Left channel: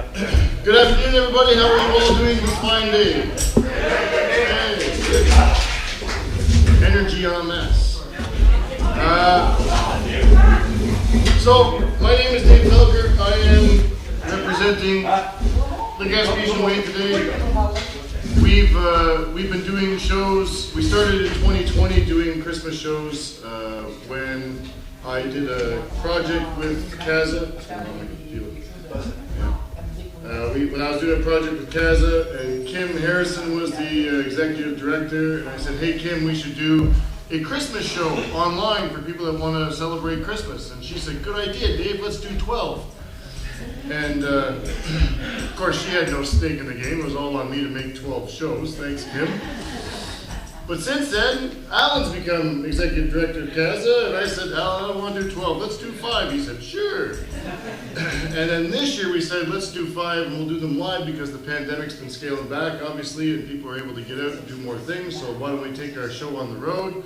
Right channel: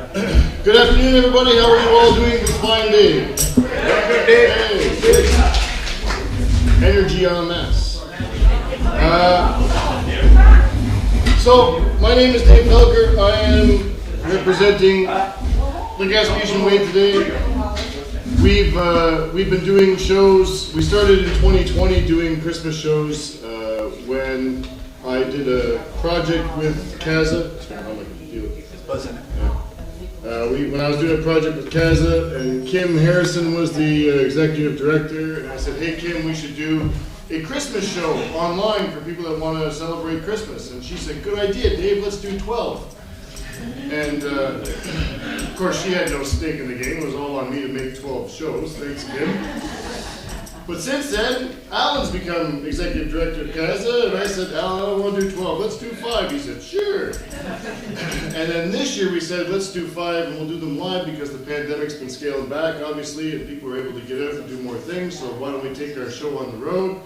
Good afternoon, everybody. How are you all doing this fine day? Good day. Good. Energy en masse. So, my name is Dave Helger. I am representing the Gaspesian Way today. We've been doing shows. We started in 2020 doing Christmas shows when I did a project with Kaza. When I was doing a project with Kaza, and Kim Harrison was the executive director, and I said, hey Kim, we should do a Christmas show online for people that want to celebrate Christmas. And she said, good idea, Dave, let's do 12. And of course she had no stake in the game. It was all on me to make 12 shows. Thanks, Kim. But since then, Alan's become executive director of Kaza, and I said, Alan, I don't want to do 12. Let's do 5. He said, sure. And then this year we said, let's do 5, and we'll do them live because the pandemic's been scaling back, obviously, and people are able to get out and do more things. So why don't we take our show on the road?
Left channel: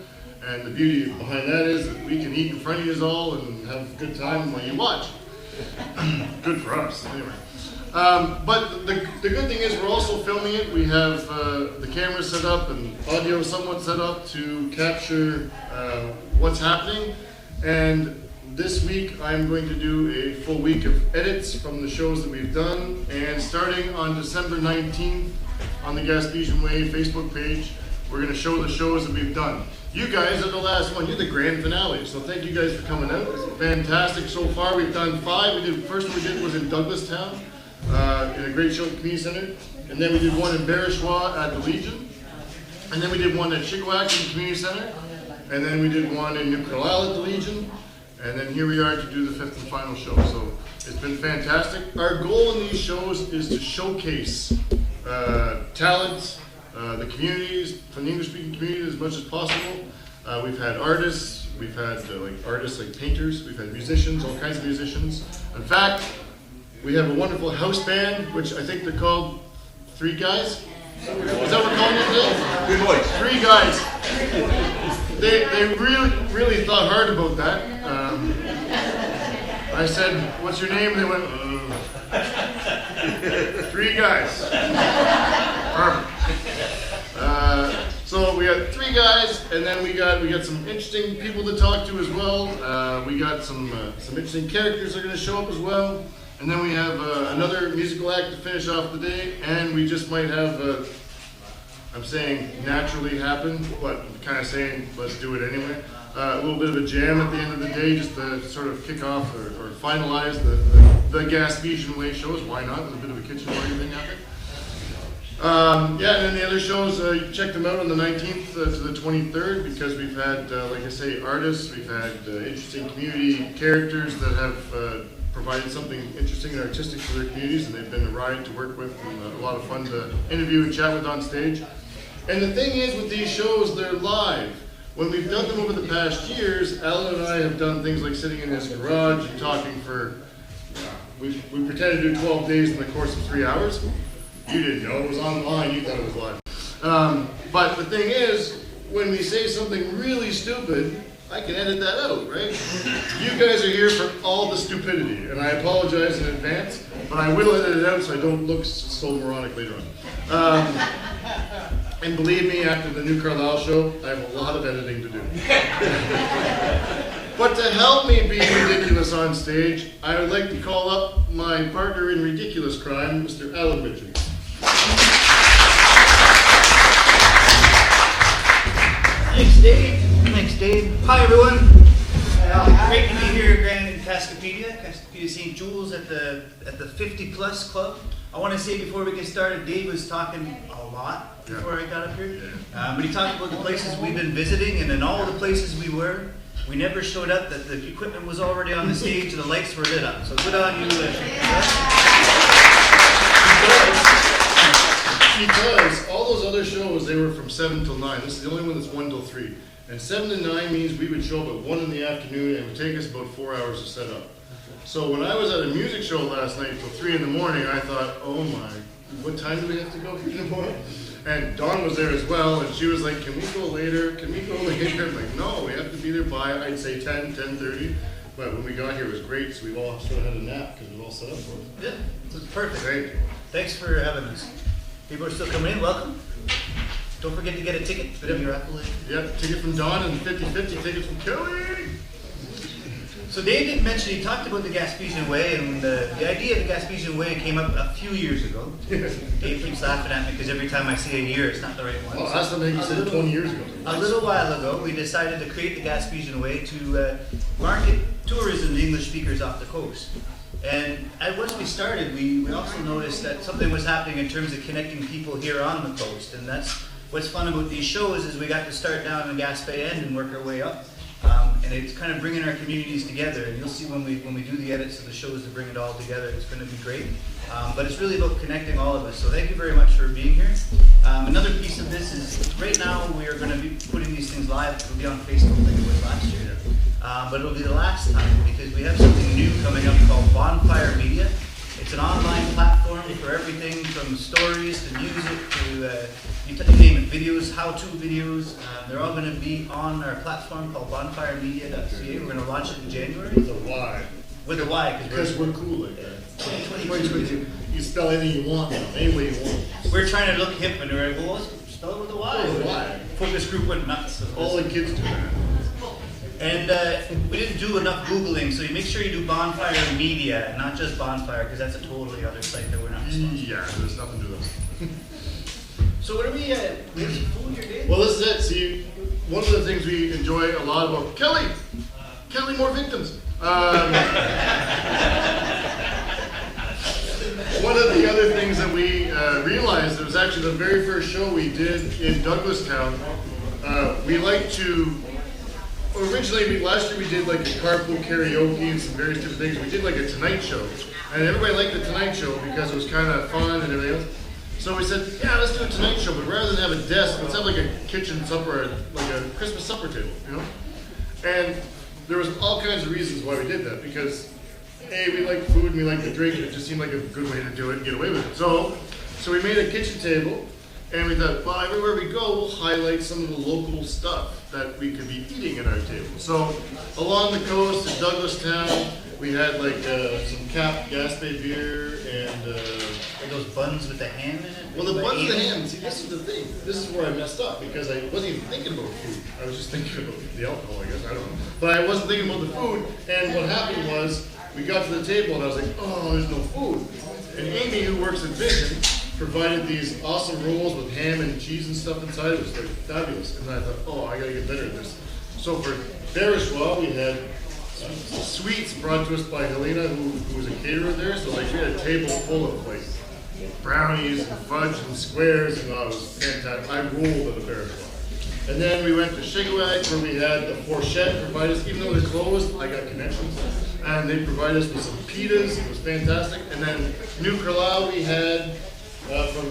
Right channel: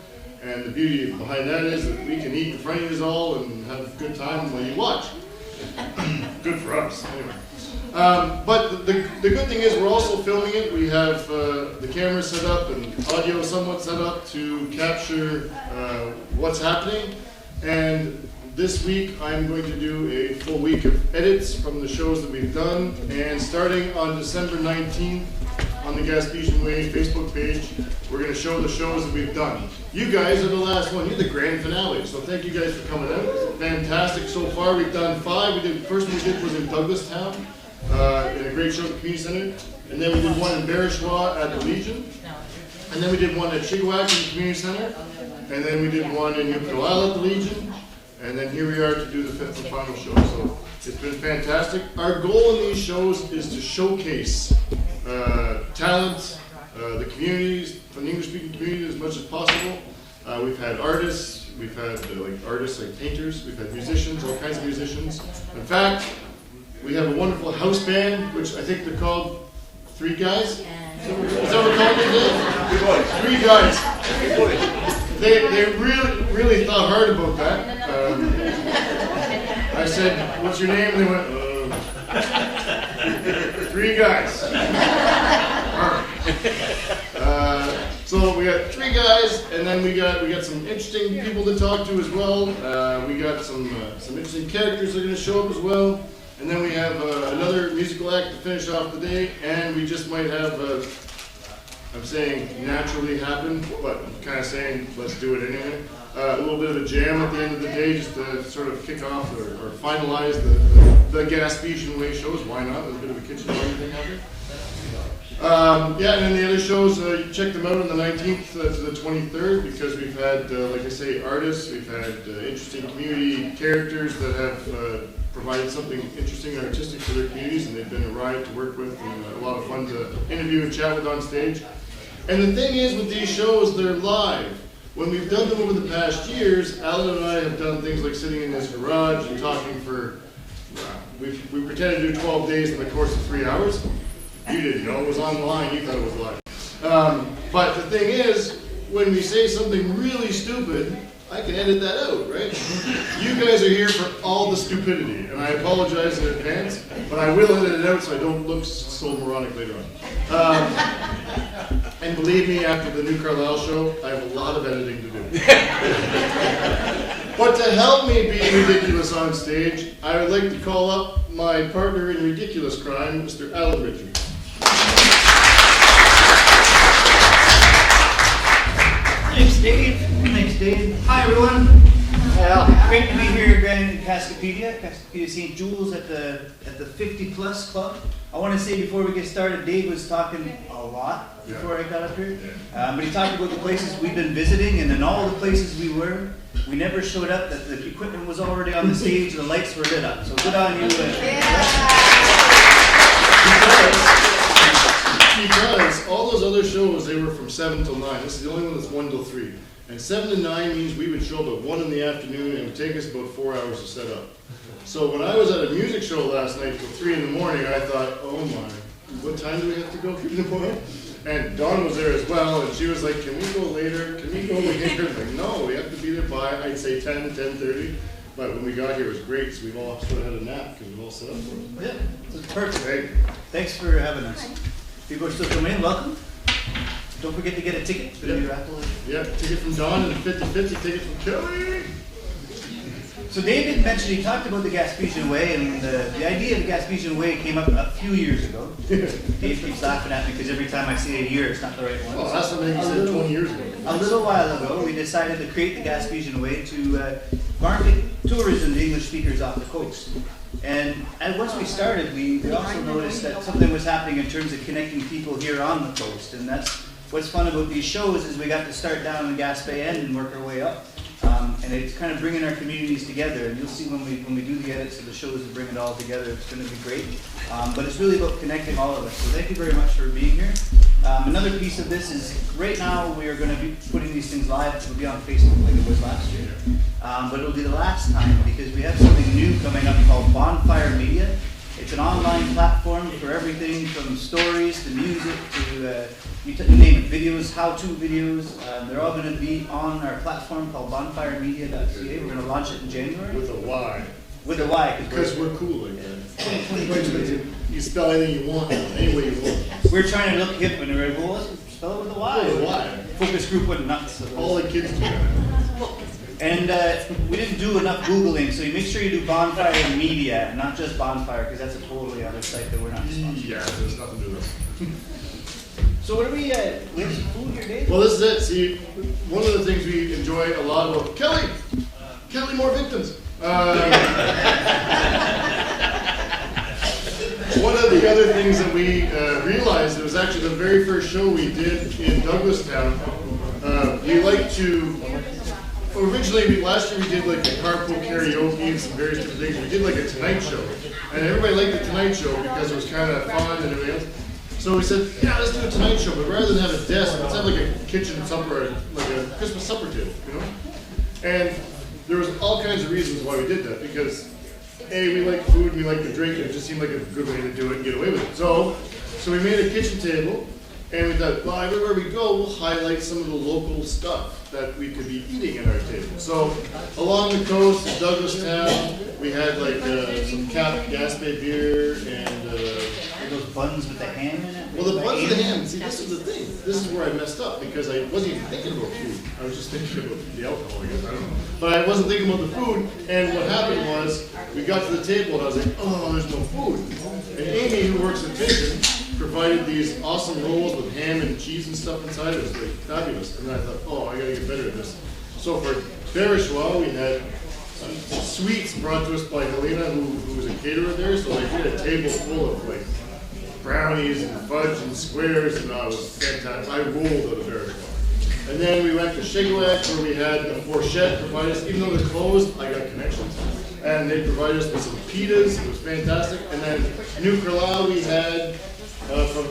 And the beauty behind that is that we can eat in front of you all and have a good time while you watch. Good for us, anyway. But the good thing is we're also filming it. We have the camera set up and audio somewhat set up to capture what's happening. And this week I'm going to do a full week of edits from the shows that we've done. And starting on December 19th on the Gaspesian Way Facebook page, we're going to show the shows that we've done. You guys are the last one. You're the grand finale. So thank you guys for coming out. It's fantastic so far. We've done 5. The first one we did was in Douglastown. In a great show at the Community Center, and then we did one in Bereshaw at the Legion, and then we did one at Chigwak at the Community Center, and then we did one in Newcastle at the Legion, and then here we are to do the 5th and final show. So it's been fantastic. Our goal in these shows is to showcase talent, the communities, the English-speaking community as much as possible. We've had artists, we've had artists like painters, we've had musicians, all kinds of musicians. In fact, we have a wonderful house band, which I think they're called 3 Guys. Is that what we're calling them today? 3 Guys. They really thought hard about that. I said, what's your name? And they went, 3 Guys. So we got 3 guys, and then we got some interesting people to talk to as well. We got some interesting characters that are going to show up as well. And then we have another musical act to finish off the day, and we just might have, I'm saying naturally happen, but I'm kind of saying let's do it anyway. A little bit of a jam at the end of the day just to sort of kick off or finalize the Gaspesian Way shows. Why not? With a bit of a kitchen party thing happening. Yeah, and then the other shows, you check them out on the 19th to the 23rd because we've had, like I say, artists, we've had interesting community characters that have provided something interesting and artistic for their communities, and they've been a riot to work with and a lot of fun to interview and chat with on stage. And the thing is with these shows, they're live. When we've done them over the past years, Alan and I have done things like sitting in his garage and talking for, we pretended to do 12 days in the course of 3 hours. You didn't know it was online, you thought it was live. But the thing is, when we say something really stupid, I can edit that out, right? You guys are here for all the stupidity, and I apologize in advance, but I will edit it out so I don't look so moronic later on. And believe me, after the New Carlisle show, I have a lot of editing to do. But to help me be ridiculous on stage, I would like to call up my partner in ridiculous crime, Mr. Alan Richards. Thanks, Dave. Thanks, Dave. Hi, everyone. Great to be here again in Cascapedia, St. Jules at the 50+ club. I want to say before we get started, Dave was talking a lot before I got up here. But he talked about the places we've been visiting, and in all the places we were, we never showed up that the equipment was already on the stage and the lights were lit up. So good on you. Because all those other shows, they were from 7 till 9. This is the only one that's 1 till 3. And 7 to 9 means we would show up at 1 in the afternoon and it would take us about 4 hours to set up. So when I was at a music show last night till 3 in the morning, I thought, oh my, what time do we have to go in the morning? And Dawn was there as well, and she was like, can we go later? Can we go later? Like, no, we have to be there by, I'd say 10, 10:30. But when we got here, it was great, so we all sort of had a nap because we've all set up for it. Yeah. Perfect. Great. Thanks for having us. People are still coming in. Welcome. Don't forget to get a ticket. Whatever your Apple is. Yeah, ticket from Don and 50-50 ticket from Kelly. So David mentioned, he talked about the Gaspesian Way, and the idea of the Gaspesian Way came up a few years ago. Dave keeps laughing at me because every time I see a year, it's not the right one. Oh, that's something you said 20 years ago. A little while ago, we decided to create the Gaspesian Way to market tourism to English speakers off the coast. And once we started, we also noticed that something was happening in terms of connecting people here on the coast. And that's what's fun about these shows, is we got to start down in Gaspé End and work our way up. And it's kind of bringing our communities together. And you'll see when we do the edits of the shows to bring it all together, it's going to be great. But it's really about connecting all of us. So thank you very much for being here. Another piece of this is, right now we are going to be putting these things live. It'll be on Facebook like it was last year. But it'll be the last time, because we have something new coming up called Bonfire Media. It's an online platform for everything from stories to music to you name it, videos, how-to videos. They're all going to be on our platform called bonfiremedia.ca. We're going to launch it in January. With a Y. With a Y. Because we're cool like that. 2022. You spell anything you want, any way you want. We're trying to look hip, and we're like, well, spell it with a Y. With a Y. Focus group went nuts. All the kids do that. And we didn't do enough Googling, so you make sure you do Bonfire Media, and not just Bonfire, because that's a totally other site that we're not responsible. Yeah, there's nothing to do with this. So what are we have some food here, Dave? Well, this is it. See, one of the things we enjoy a lot about Kelly, more victims. One of the other things that we realized, it was actually the very first show we did in Douglastown. We like to, originally last year we did like a carpool karaoke and some various different things. We did like a Tonight Show, and everybody liked the Tonight Show because it was kind of fun and everything else. So we said, yeah, let's do a Tonight Show, but rather than have a desk, let's have like a kitchen supper, like a Christmas supper table, you know? And there was all kinds of reasons why we did that, because A, we like food and we like to drink, and it just seemed like a good way to do it and get away with it. So we made a kitchen table, and we thought, well, everywhere we go, we'll highlight some of the local stuff that we could be eating at our table. So along the coast in Douglastown, we had like some Cap Gaspé beer and those buns with the ham in it? well, the buns with the ham, see, this is the thing. This is where I messed up, because I wasn't even thinking about food. I was just thinking about the alcohol, I guess, I don't know. But I wasn't thinking about the food, and what happened was, we got to the table and I was like, oh, there's no food. And Amy, who works at Vision, provided these awesome rolls with ham and cheese and stuff inside. It was like fabulous. And I thought, oh, I gotta get better at this. So for Berishwa, we had sweets brought to us by Helena, who was a caterer there. So like, we had a table full of like brownies and fudge and squares, and it was fantastic. I rolled at a Berishwa. And then we went to Shigwag, where we had the Fourchette provide us, even though it was closed, I got connections. And they provided us with some pitas. It was fantastic. And then New Carlisle, we had from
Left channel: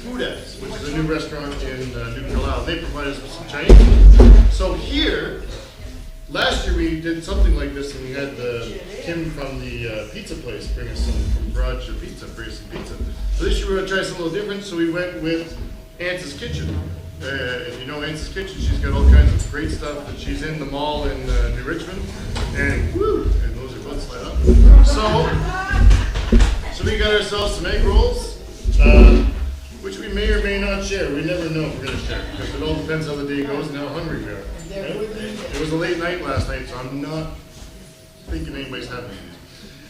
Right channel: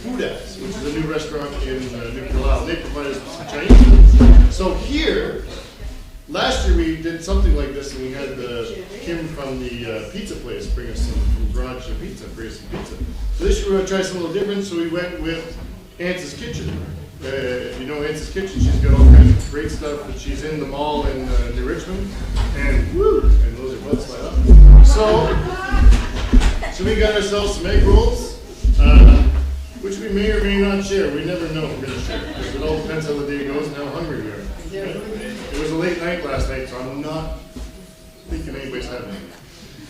Foodats, which is a new restaurant in New Carlisle. They provided us with some Chinese. So here, last year we did something like this, and we had Kim from the pizza place bring us some from Garage Pizza, bring us some pizza. So this year we're going to try something a little different, so we went with Aunt's Kitchen. If you know Aunt's Kitchen, she's got all kinds of great stuff, and she's in the mall in New Richmond, and woo, and those are butts light up. So we got ourselves some egg rolls, which we may or may not share. We never know if we're going to share, because it all depends how the day goes and how hungry we are. Right? It was a late night last night, so I'm not thinking anybody's having it.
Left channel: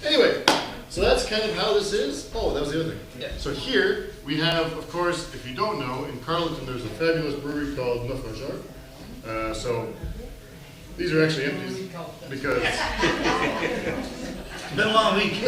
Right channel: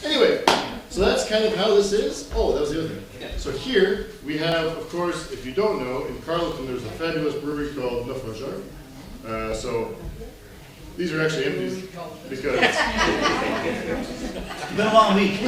Anyway, so that's kind of how this is. Oh, that was the other thing. Yeah. So here we have, of course, if you don't know, in Carleton there's a fabulous brewery called Neuf Major. So these are actually empty because It's been a long week.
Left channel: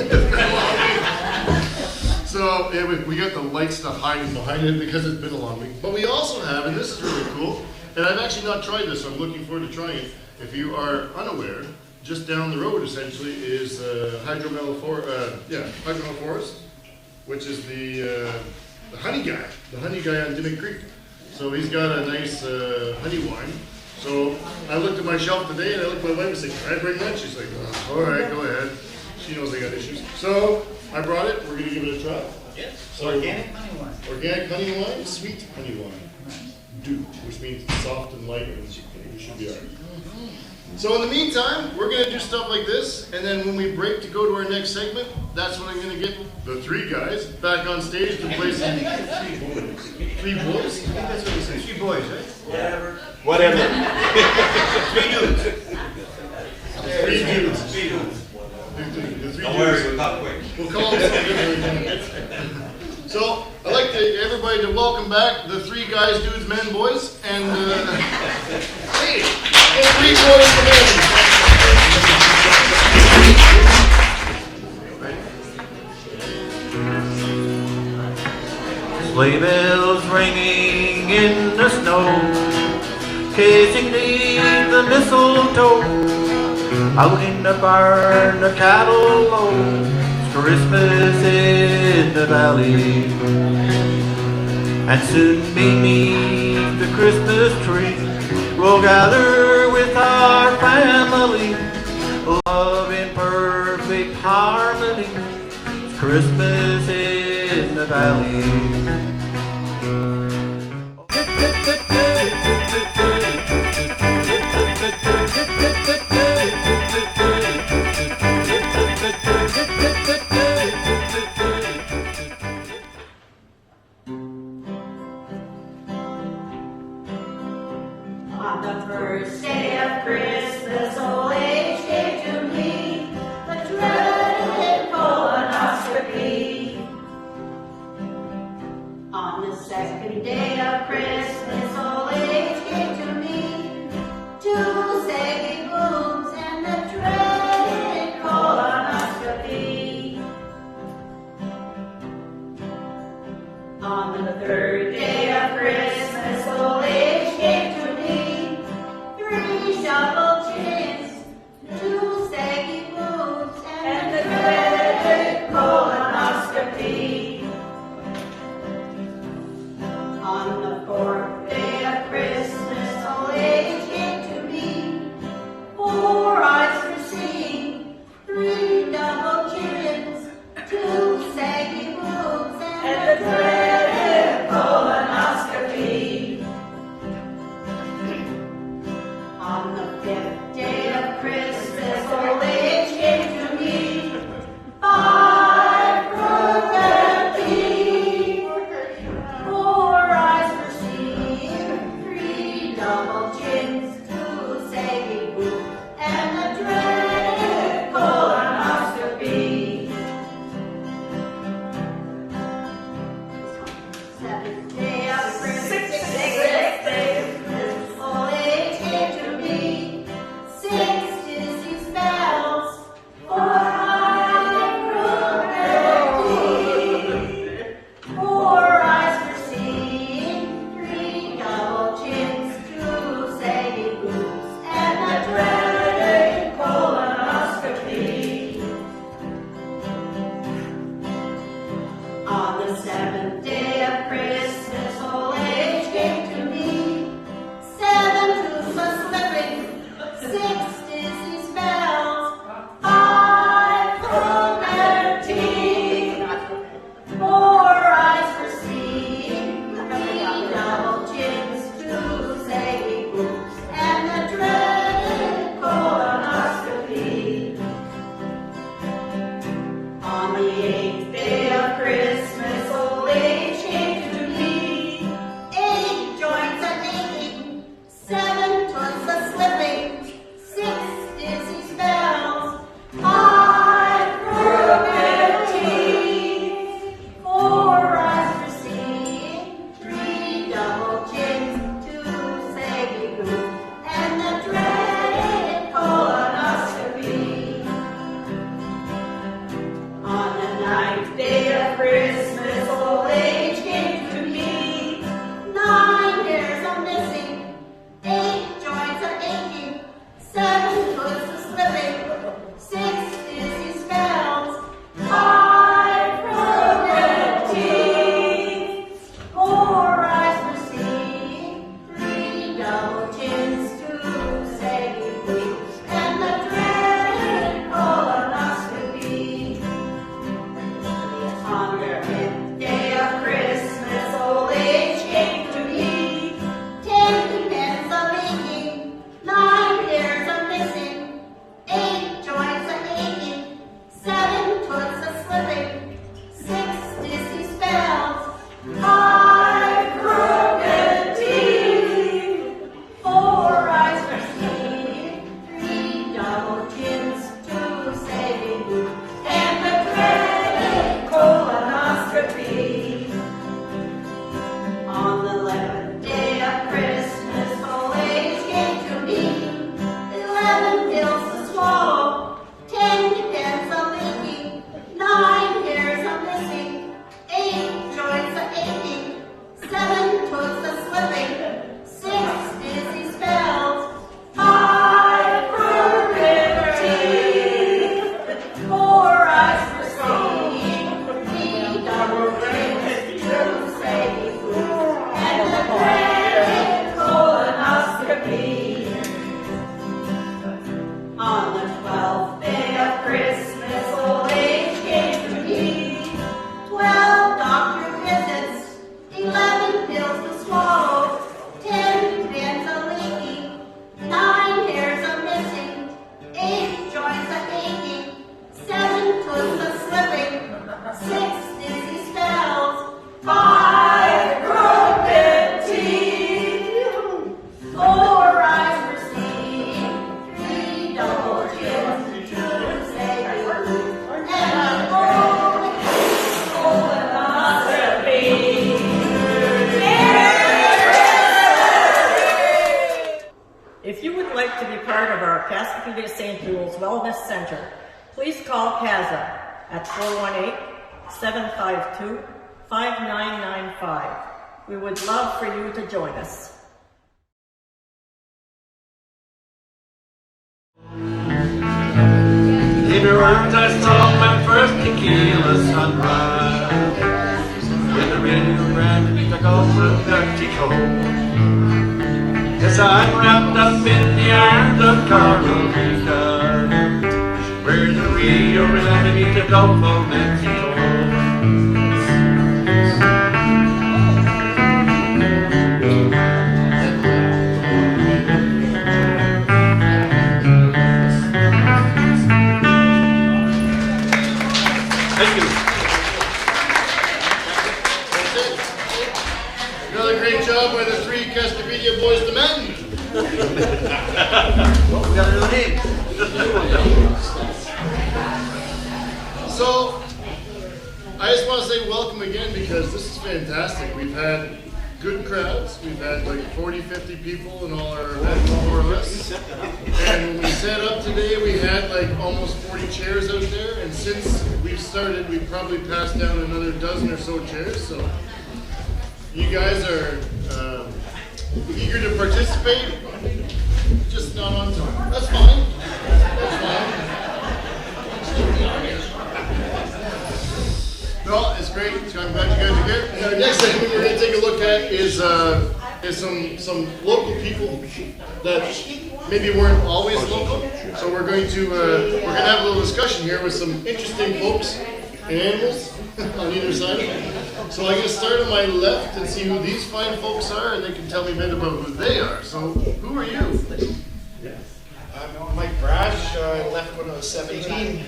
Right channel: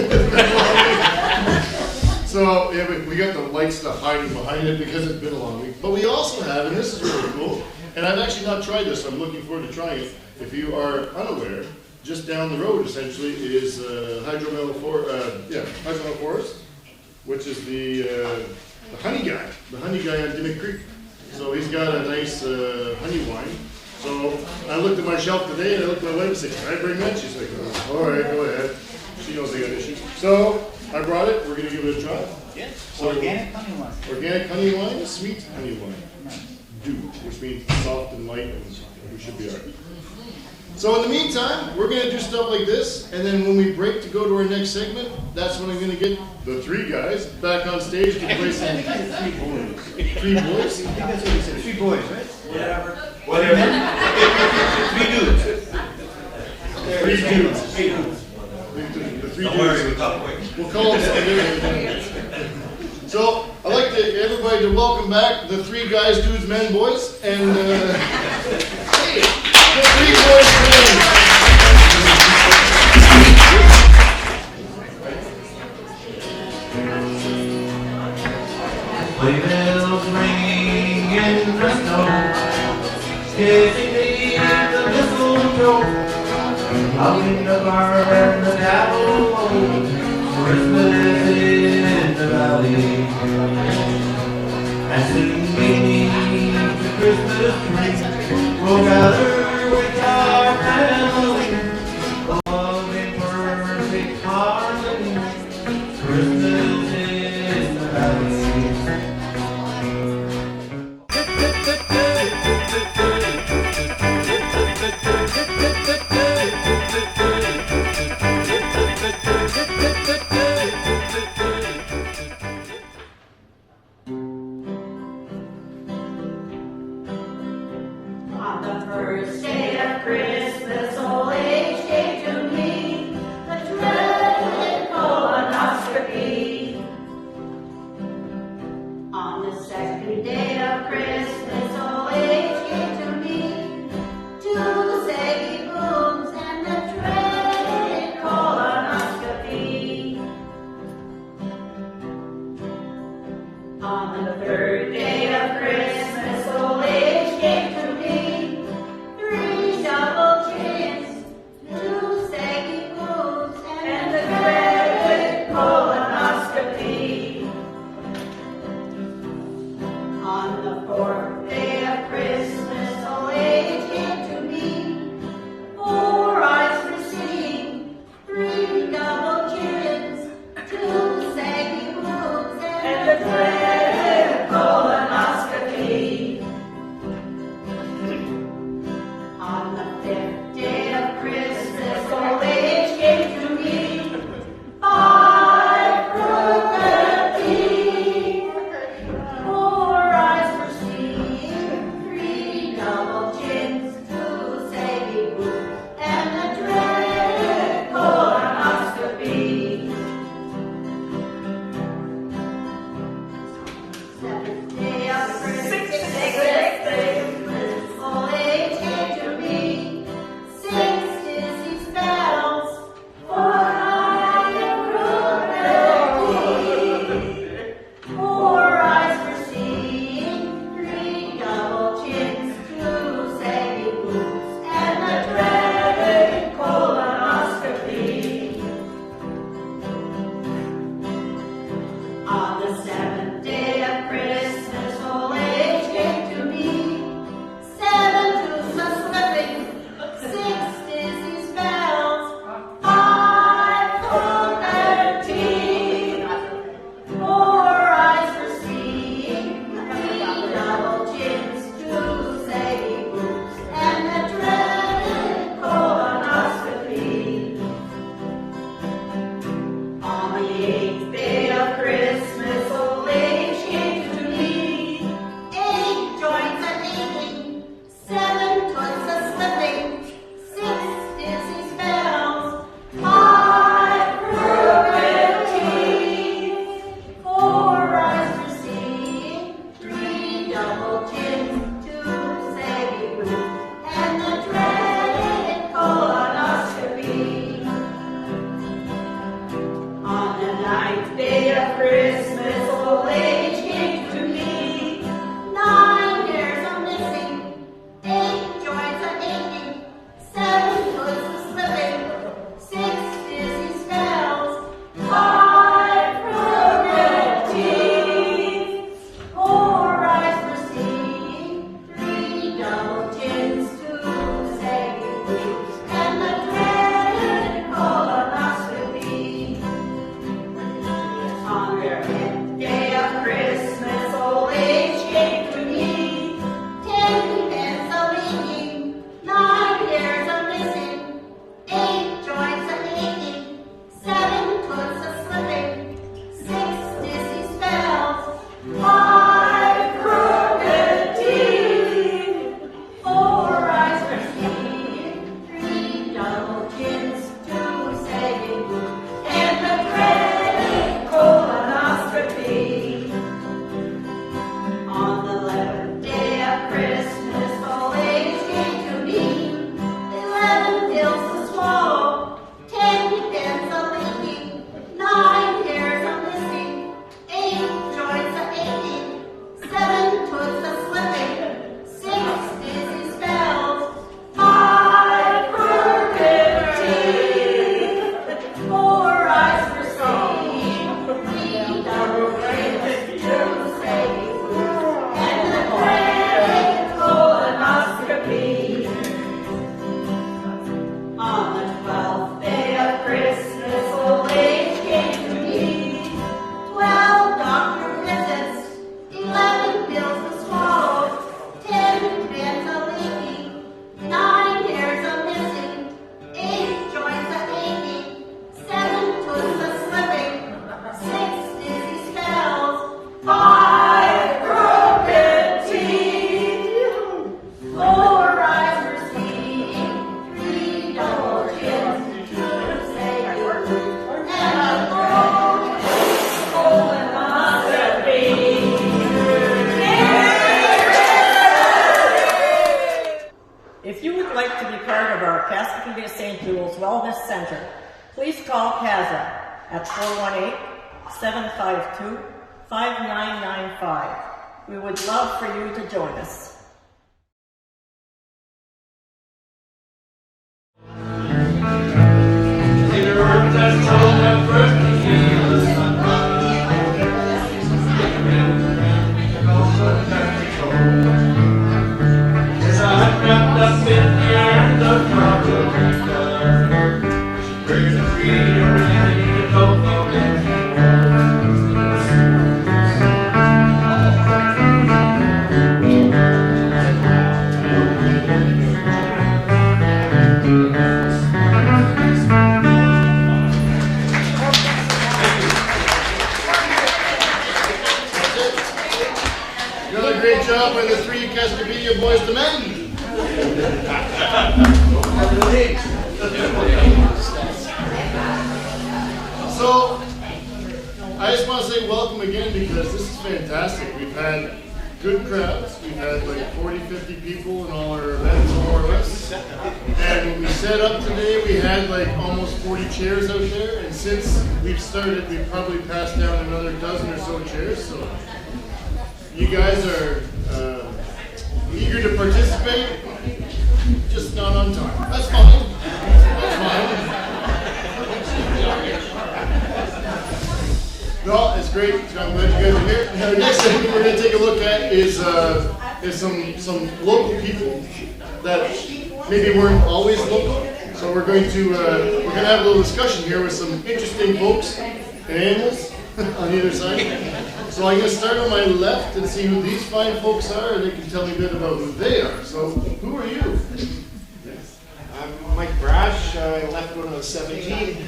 So yeah, we got the light stuff hiding behind it because it's been a long week. But we also have, and this is really cool, and I've actually not tried this, so I'm looking forward to trying it. If you are unaware, just down the road essentially is Hydromel Forest, which is the honey guy on Dimmick Creek. So he's got a nice honey wine. So I looked at my shelf today and I looked at my wife and said, can I bring that? She's like, all right, go ahead. She knows they got issues. So I brought it. We're going to give it a try. Yeah. Organic honey wine. Organic honey wine, sweet honey wine. Dew, which means soft and light, and we should be all right. So in the meantime, we're gonna do stuff like this, and then when we break to go to our next segment, that's when I'm gonna get the three guys back on stage to play some. Three boys. Three boys? I think that's what you said. 3 boys, right? Whatever. 3 dudes. Three dudes. Three dudes. The three Don't worry, dudes. we'll talk quick. We'll call it that. So I'd like everybody to welcome back the three guys, dudes, men, boys, and hey, the three boys today. Sleigh bells ringing in the snow, kissing beneath the mistletoe. Out in the barn, the cattle low, Christmas in the valley. And soon beneath the Christmas tree, we'll gather with our family, love in perfect harmony. Christmas in the valley. On the first day of Christmas, old age gave to me the dreaded colonoscopy. On the second day of Christmas, old age gave to me 2 saggy boobs and the dreaded colonoscopy. On the third day of Christmas, old age gave to me 3 shovel chins, 2 saggy boobs, and the dreaded colonoscopy. On the fourth day of Christmas, old age gave to me 4 eyes for seeing, 3 double chins, 2 saggy boobs, and the dreaded colonoscopy. Cascapedia St. Jules Wellness Center, please call CASA at 418-752-5995. We would love for you to join us. In the words I saw my first tequila sunrise. In the rain around me took off the dirty coat. Yes, I'm wrapped up in the arms of Carmelita. Where the Rio Grande to go for Mexico. Another great job by the three Cascapedia boys to men. So, I just want to say welcome again because this is fantastic. We've had good crowds. We've had like 40, 50 people in all our events, more or less. And when we set up today, we had like almost 40 chairs out there. And since we've started, we've probably passed down another dozen or so chairs. So, you guys are eager to participate, just not on time. That's fine. That's fine. No, it's great. I'm glad you guys are here. The next thing we're going to take a look at is some local people that maybe weren't always local. So we're going to have a little discussion here with some interesting folks and animals on either side. So I'm going to start on my left and see who these fine folks are, and they can tell me a bit about who they are. So, who are you? I'm Mike Brash. I left when I was 17.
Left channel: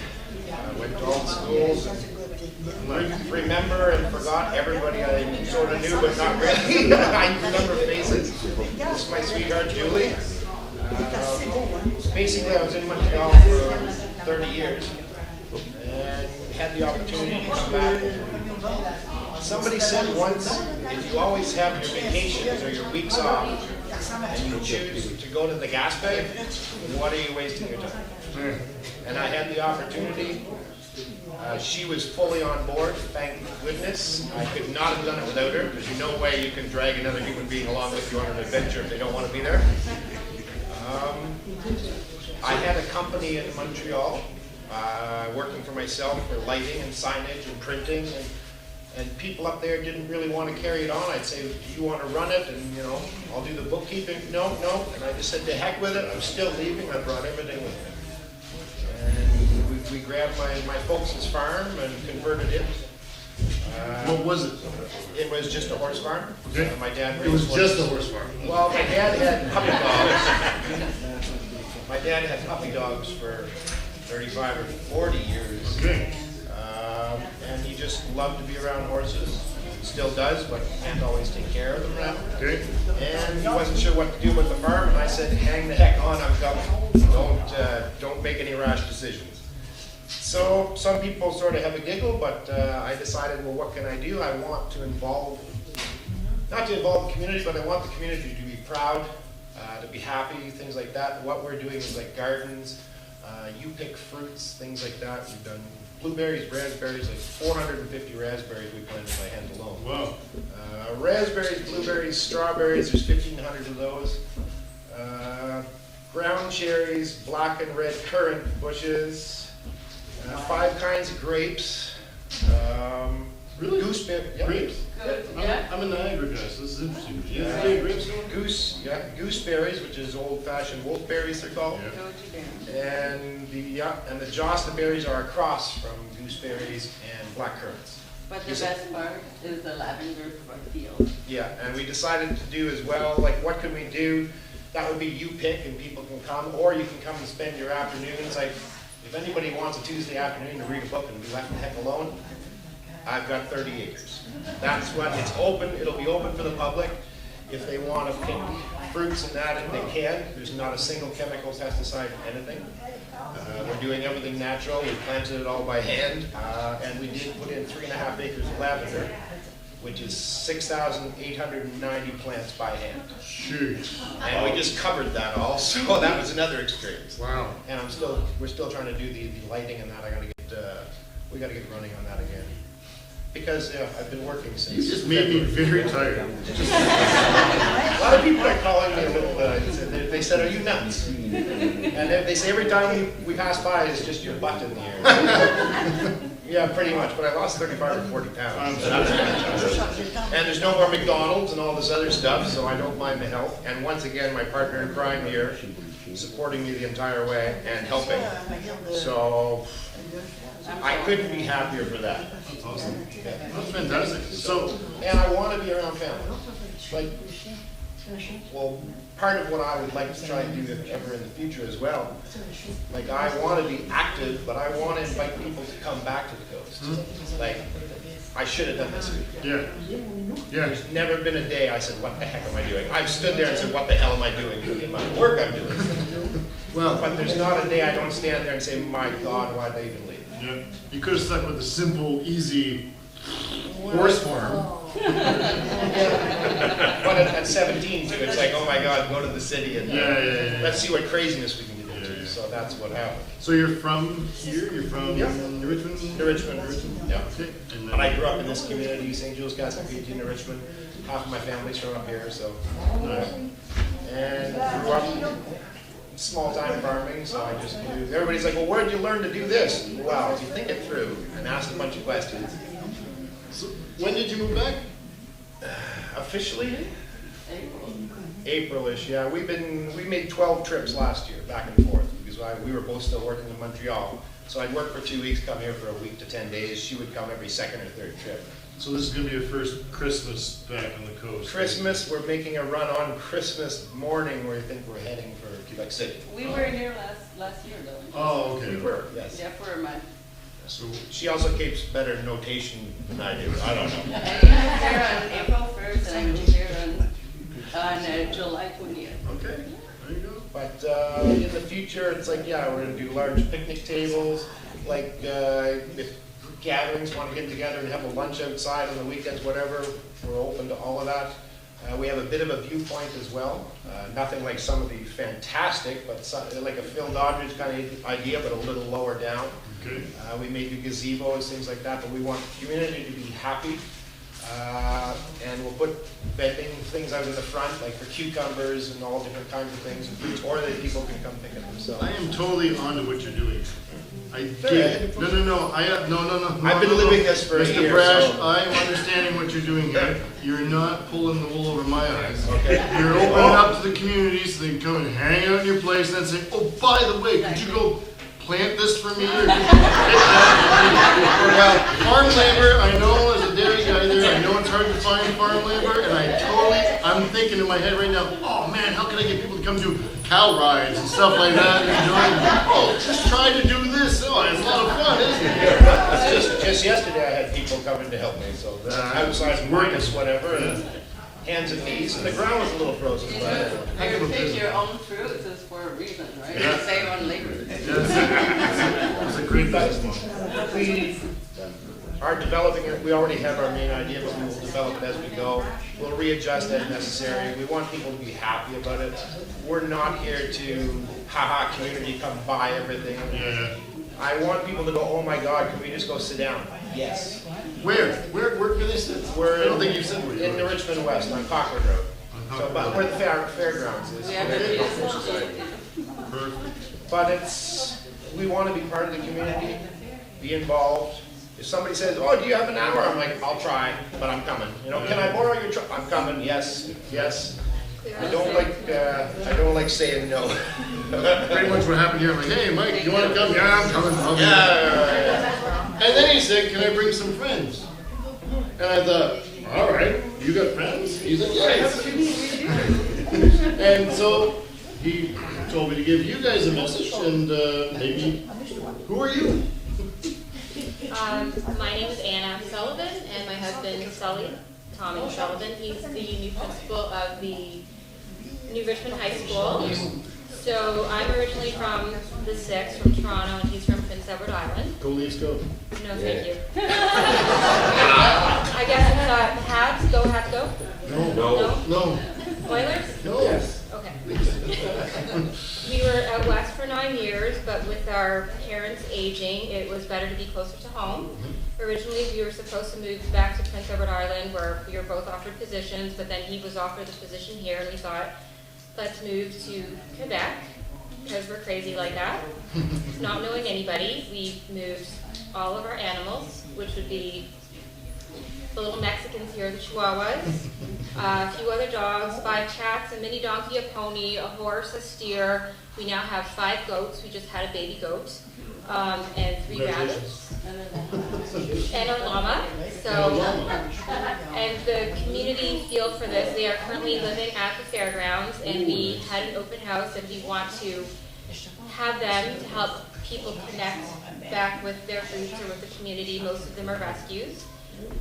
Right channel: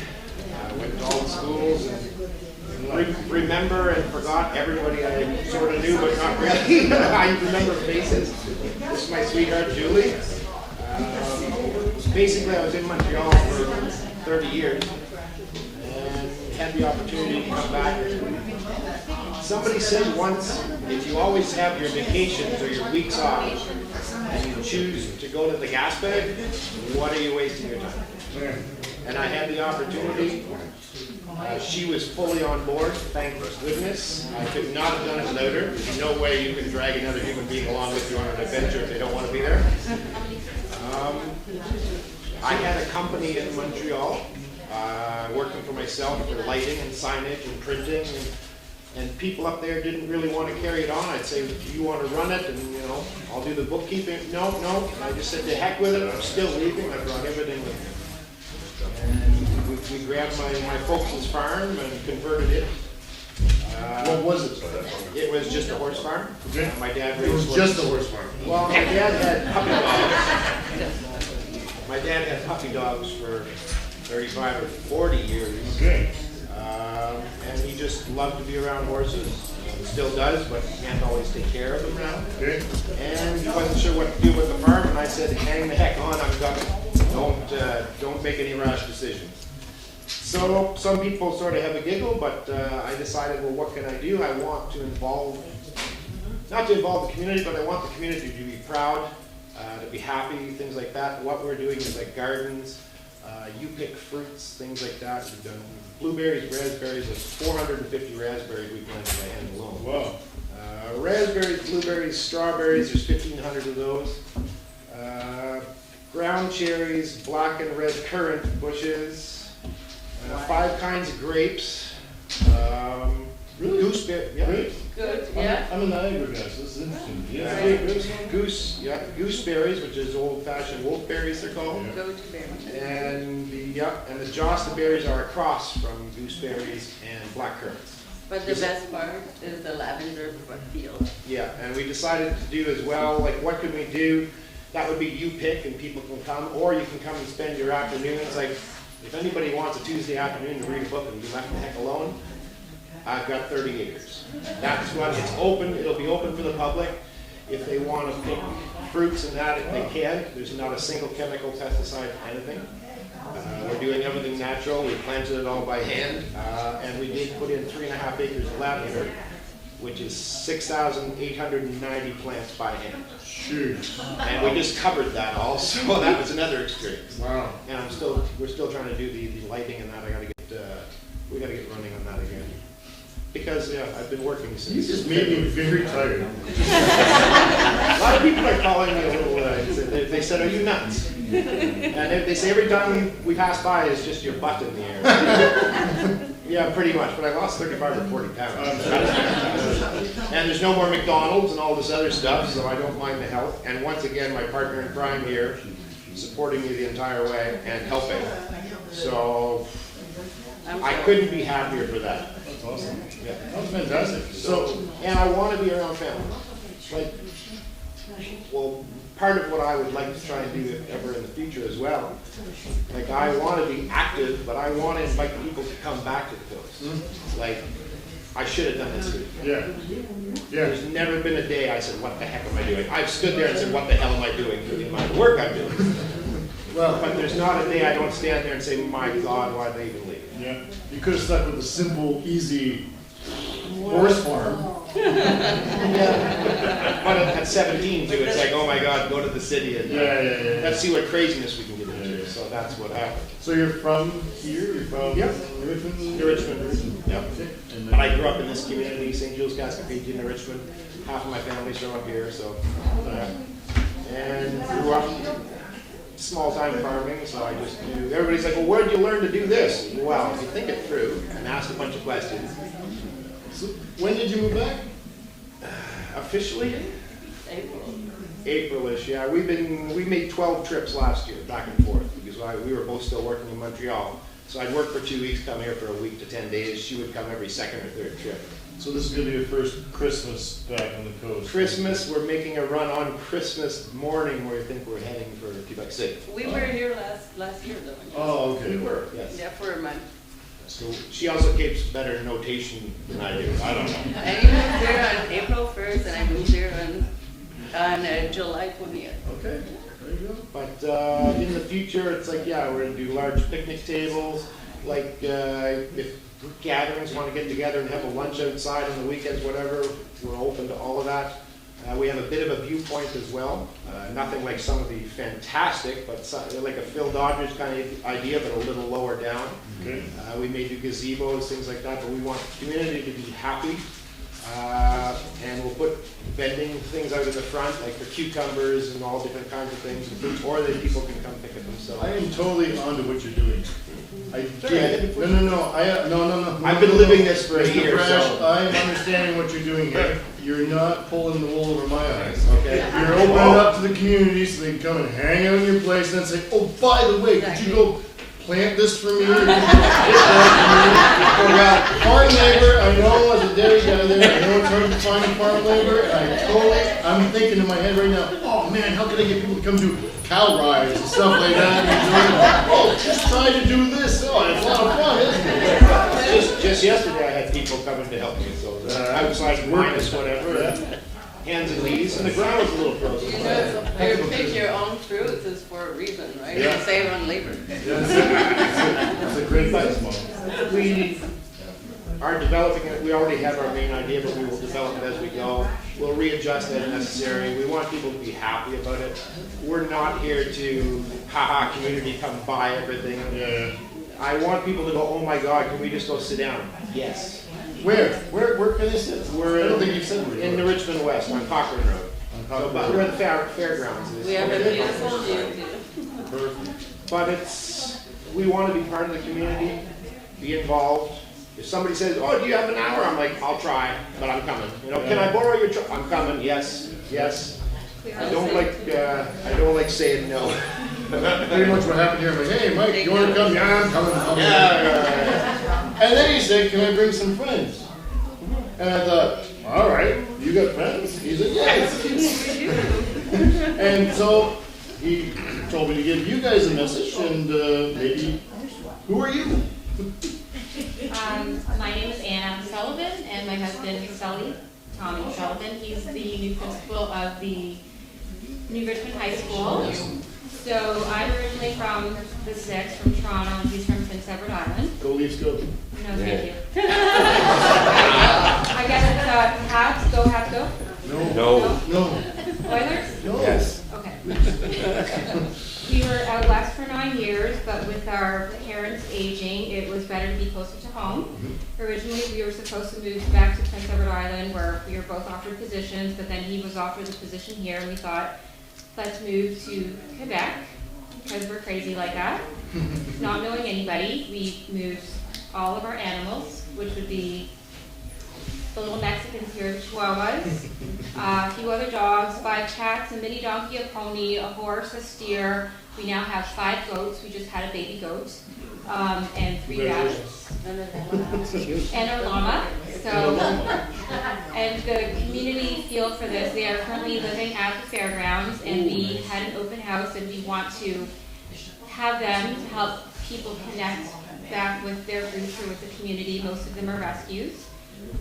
I went to all the schools and remember and forgot everybody I sort of knew, but not really. I remember faces. This is my sweetheart, Julie. Basically, I was in Montreal for 30 years and had the opportunity to come back. Somebody said once, if you always have your vacations or your weeks off and you choose to go to the Gaspé, what are you wasting your time? And I had the opportunity. She was fully on board, thank goodness. I could not have done it without her. There's no way you can drag another human being along with you on an adventure if they don't want to be there. I had a company in Montreal, working for myself for lighting and signage and printing, and people up there didn't really want to carry it on. I'd say, do you want to run it? And I'll do the bookkeeping. No. And I just said, to heck with it. I'm still leaving. I brought everything with me. And we grabbed my folks' farm and converted it. What was it? It was just a horse farm. Okay. My dad It was raised just a horses. horse farm. Well, my dad had puppy dogs. My dad had puppy dogs for 35 or 40 years. Okay. And he just loved to be around horses. Still does, but can't always take care of them now. Okay. And he wasn't sure what to do with the farm, and I said, hang the heck on, I've got it. Don't make any rash decisions. So some people sort of have a giggle, but I decided, well, what can I do? I want to not to involve the community, but I want the community to be proud, to be happy, things like that. What we're doing is like gardens, you pick fruits, things like that. We've done blueberries, raspberries, like 450 raspberries we planted by hand alone. Wow. Raspberries, blueberries, strawberries, there's 1,500 of those. Ground cherries, black and red currant bushes, 5 kinds of grapes. Really? Gooseberry, yeah. Grapes? Good, I'm a Niagara guy, so this is interesting. Gooseberries, which is old-fashioned wolfberries, they're called. Yeah. Go to them. And the Josta berries are a cross from gooseberries and black currants. But the best part is the lavender field. Yeah, and we decided to do as well, like what could we do? That would be you pick and people can come, or you can come and spend your afternoons. Like if anybody wants a Tuesday afternoon to read a book and be left the heck alone, I've got 30 acres. That's what, it's open, it'll be open for the public. If they want to pick fruits and that, if they can, there's not a single chemical, pesticide, anything. We're doing everything natural, we planted it all by hand, and we did put in 3.5 acres of lavender. which is 6,890 plants by hand. Shoot. And we just covered that all, so that was another experience. Wow. And we're still trying to do the lighting and that. We gotta get running on that again. Because I've been working since. You just made me very tired. A lot of people are calling me a little, they said, are you nuts? And they say every time we pass by, it's just your butt in the air. Yeah, pretty much, but I lost 35 or 40 pounds. And there's no more McDonald's and all this other stuff, so I don't mind the help. And once again, my partner in crime here, supporting me the entire way and helping. So I couldn't be happier for that. That's awesome. Yeah. That's fantastic. So, And I want to be around family. Like, well, part of what I would like to try and do if ever in the future as well. Like, I want to be active, but I want to invite people to come back to the coast. Like, I should have done this year. yeah. There's never been a day I said, what the heck am I doing? I've stood there and said, what the hell am I doing with the amount of work I'm doing? Well, But there's not a day I don't stand there and say, my God, why'd they even leave? yeah. You could have stuck with the simple, easy horse farm. But at 17 too, it's like, oh my God, go to the city and Yeah. let's see what craziness we can get into. Yeah. So that's what happened. So you're from here? You're from Yep. New Richmond? New Richmond. Yeah. Okay. And But I grew up in this community, St. Jules, Cascapedia, New Richmond. Half of my family's from up here, so. And grew up small time farming, so I just do. Everybody's like, well, where'd you learn to do this? Well, if you think it through and ask a bunch of questions. So when did you move back? Officially? April-ish, yeah. We made 12 trips last year, back and forth, because we were both still working in Montreal. So I'd work for 2 weeks, come here for a week to 10 days. She would come every second or third trip. So this is going to be your first Christmas back on the coast. Christmas, we're making a run on Christmas morning where I think we're heading for Quebec City. We were here last year though. Oh, okay. We were, yes. Yeah, for a month. So, She also keeps better notation than I do. I don't know. And you moved here on April 1st and I moved here on July 20th. okay. There you go. But in the future, it's like, yeah, we're gonna do large picnic tables. Like if group gatherings want to get together and have a lunch outside on the weekends, whatever, we're open to all of that. We have a bit of a viewpoint as well. Nothing like some of the fantastic, but like a Phil Doddridge kind of idea, but a little lower down. Okay. We may do gazebos, things like that, but we want the community to be happy. And we'll put vending things out in the front, like for cucumbers and all different kinds of things, and fruits, or that people can come pick it themselves. I am totally on to what you're doing. I Sorry, I get didn't it. put- No. No. I've been living this for a Mr. year, Brash, so- I am understanding what you're doing here. You're not pulling the wool over my eyes. Okay. You're opening it up to the community so they can come and hang out in your place and then say, oh, by the way, could you go plant this for me? Or could you get that for me? Or, farm labor, I know as a dairy guy there, I know it's hard to find farm labor, and I'm thinking in my head right now, oh man, how can I get people to come do cow rides and stuff like that? And oh, just try to do this. Oh, it's a lot of fun, isn't it? Just yesterday, I had people coming to help me, so outside minus whatever, and hands and knees, and the ground was a little frozen. You pick your own fruits is for a reason, right? Yeah. You save on labor. It's a great business model. We are developing it. We already have our main idea, but we will develop it as we go. We'll readjust as necessary. We want people to be happy about it. We're not here to, haha, community, come buy everything. Yeah. I want people to go, oh my God, can we just go sit down? Yes. Where can they sit? We're I don't think you said where you in were. the Richmond West on Cochrane Road. So, but where the fairgrounds is. We have a beautiful view. But we want to be part of the community, be involved. If somebody says, oh, do you have an hour? I'm like, I'll try, but I'm coming. You know, can I borrow your truck? I'm coming, yes. I don't like saying no. Pretty much what happened here. I'm like, hey, Mike, you want to come? Yeah, I'm coming. Yeah. And then he said, can I bring some friends? And I thought, all right, you got friends? He's like, yes. And so he told me to give you guys a message, and maybe, who are you? My name is Anna Sullivan, and my husband Sully, Tommy Sullivan. He's the new principal of the New Richmond High School. So I'm originally from the 6th, from Toronto, and he's from Prince Edward Island. Go Leafs, go. No, thank you. I guess have to go? No. No. Oilers? No. Yes. Okay. We were out west for 9 years, but with our parents aging, it was better to be closer to home. Originally, we were supposed to move back to Prince Edward Island, where we were both offered positions, but then he was offered the position here, and we thought, let's move to Quebec, because we're crazy like that. Not knowing anybody, we moved all of our animals, which would be the little Mexicans here, the Chihuahuas, a few other dogs, 5 cats, a mini donkey, a pony, a horse, a steer. We now have 5 goats. We just had a baby goat, and 3 rabbits, and a llama. So, and the community feel for this. They are currently living at the fairgrounds, and we had an open house, and we want to have them to help people connect back with their roots or with the community. Most of them are rescues.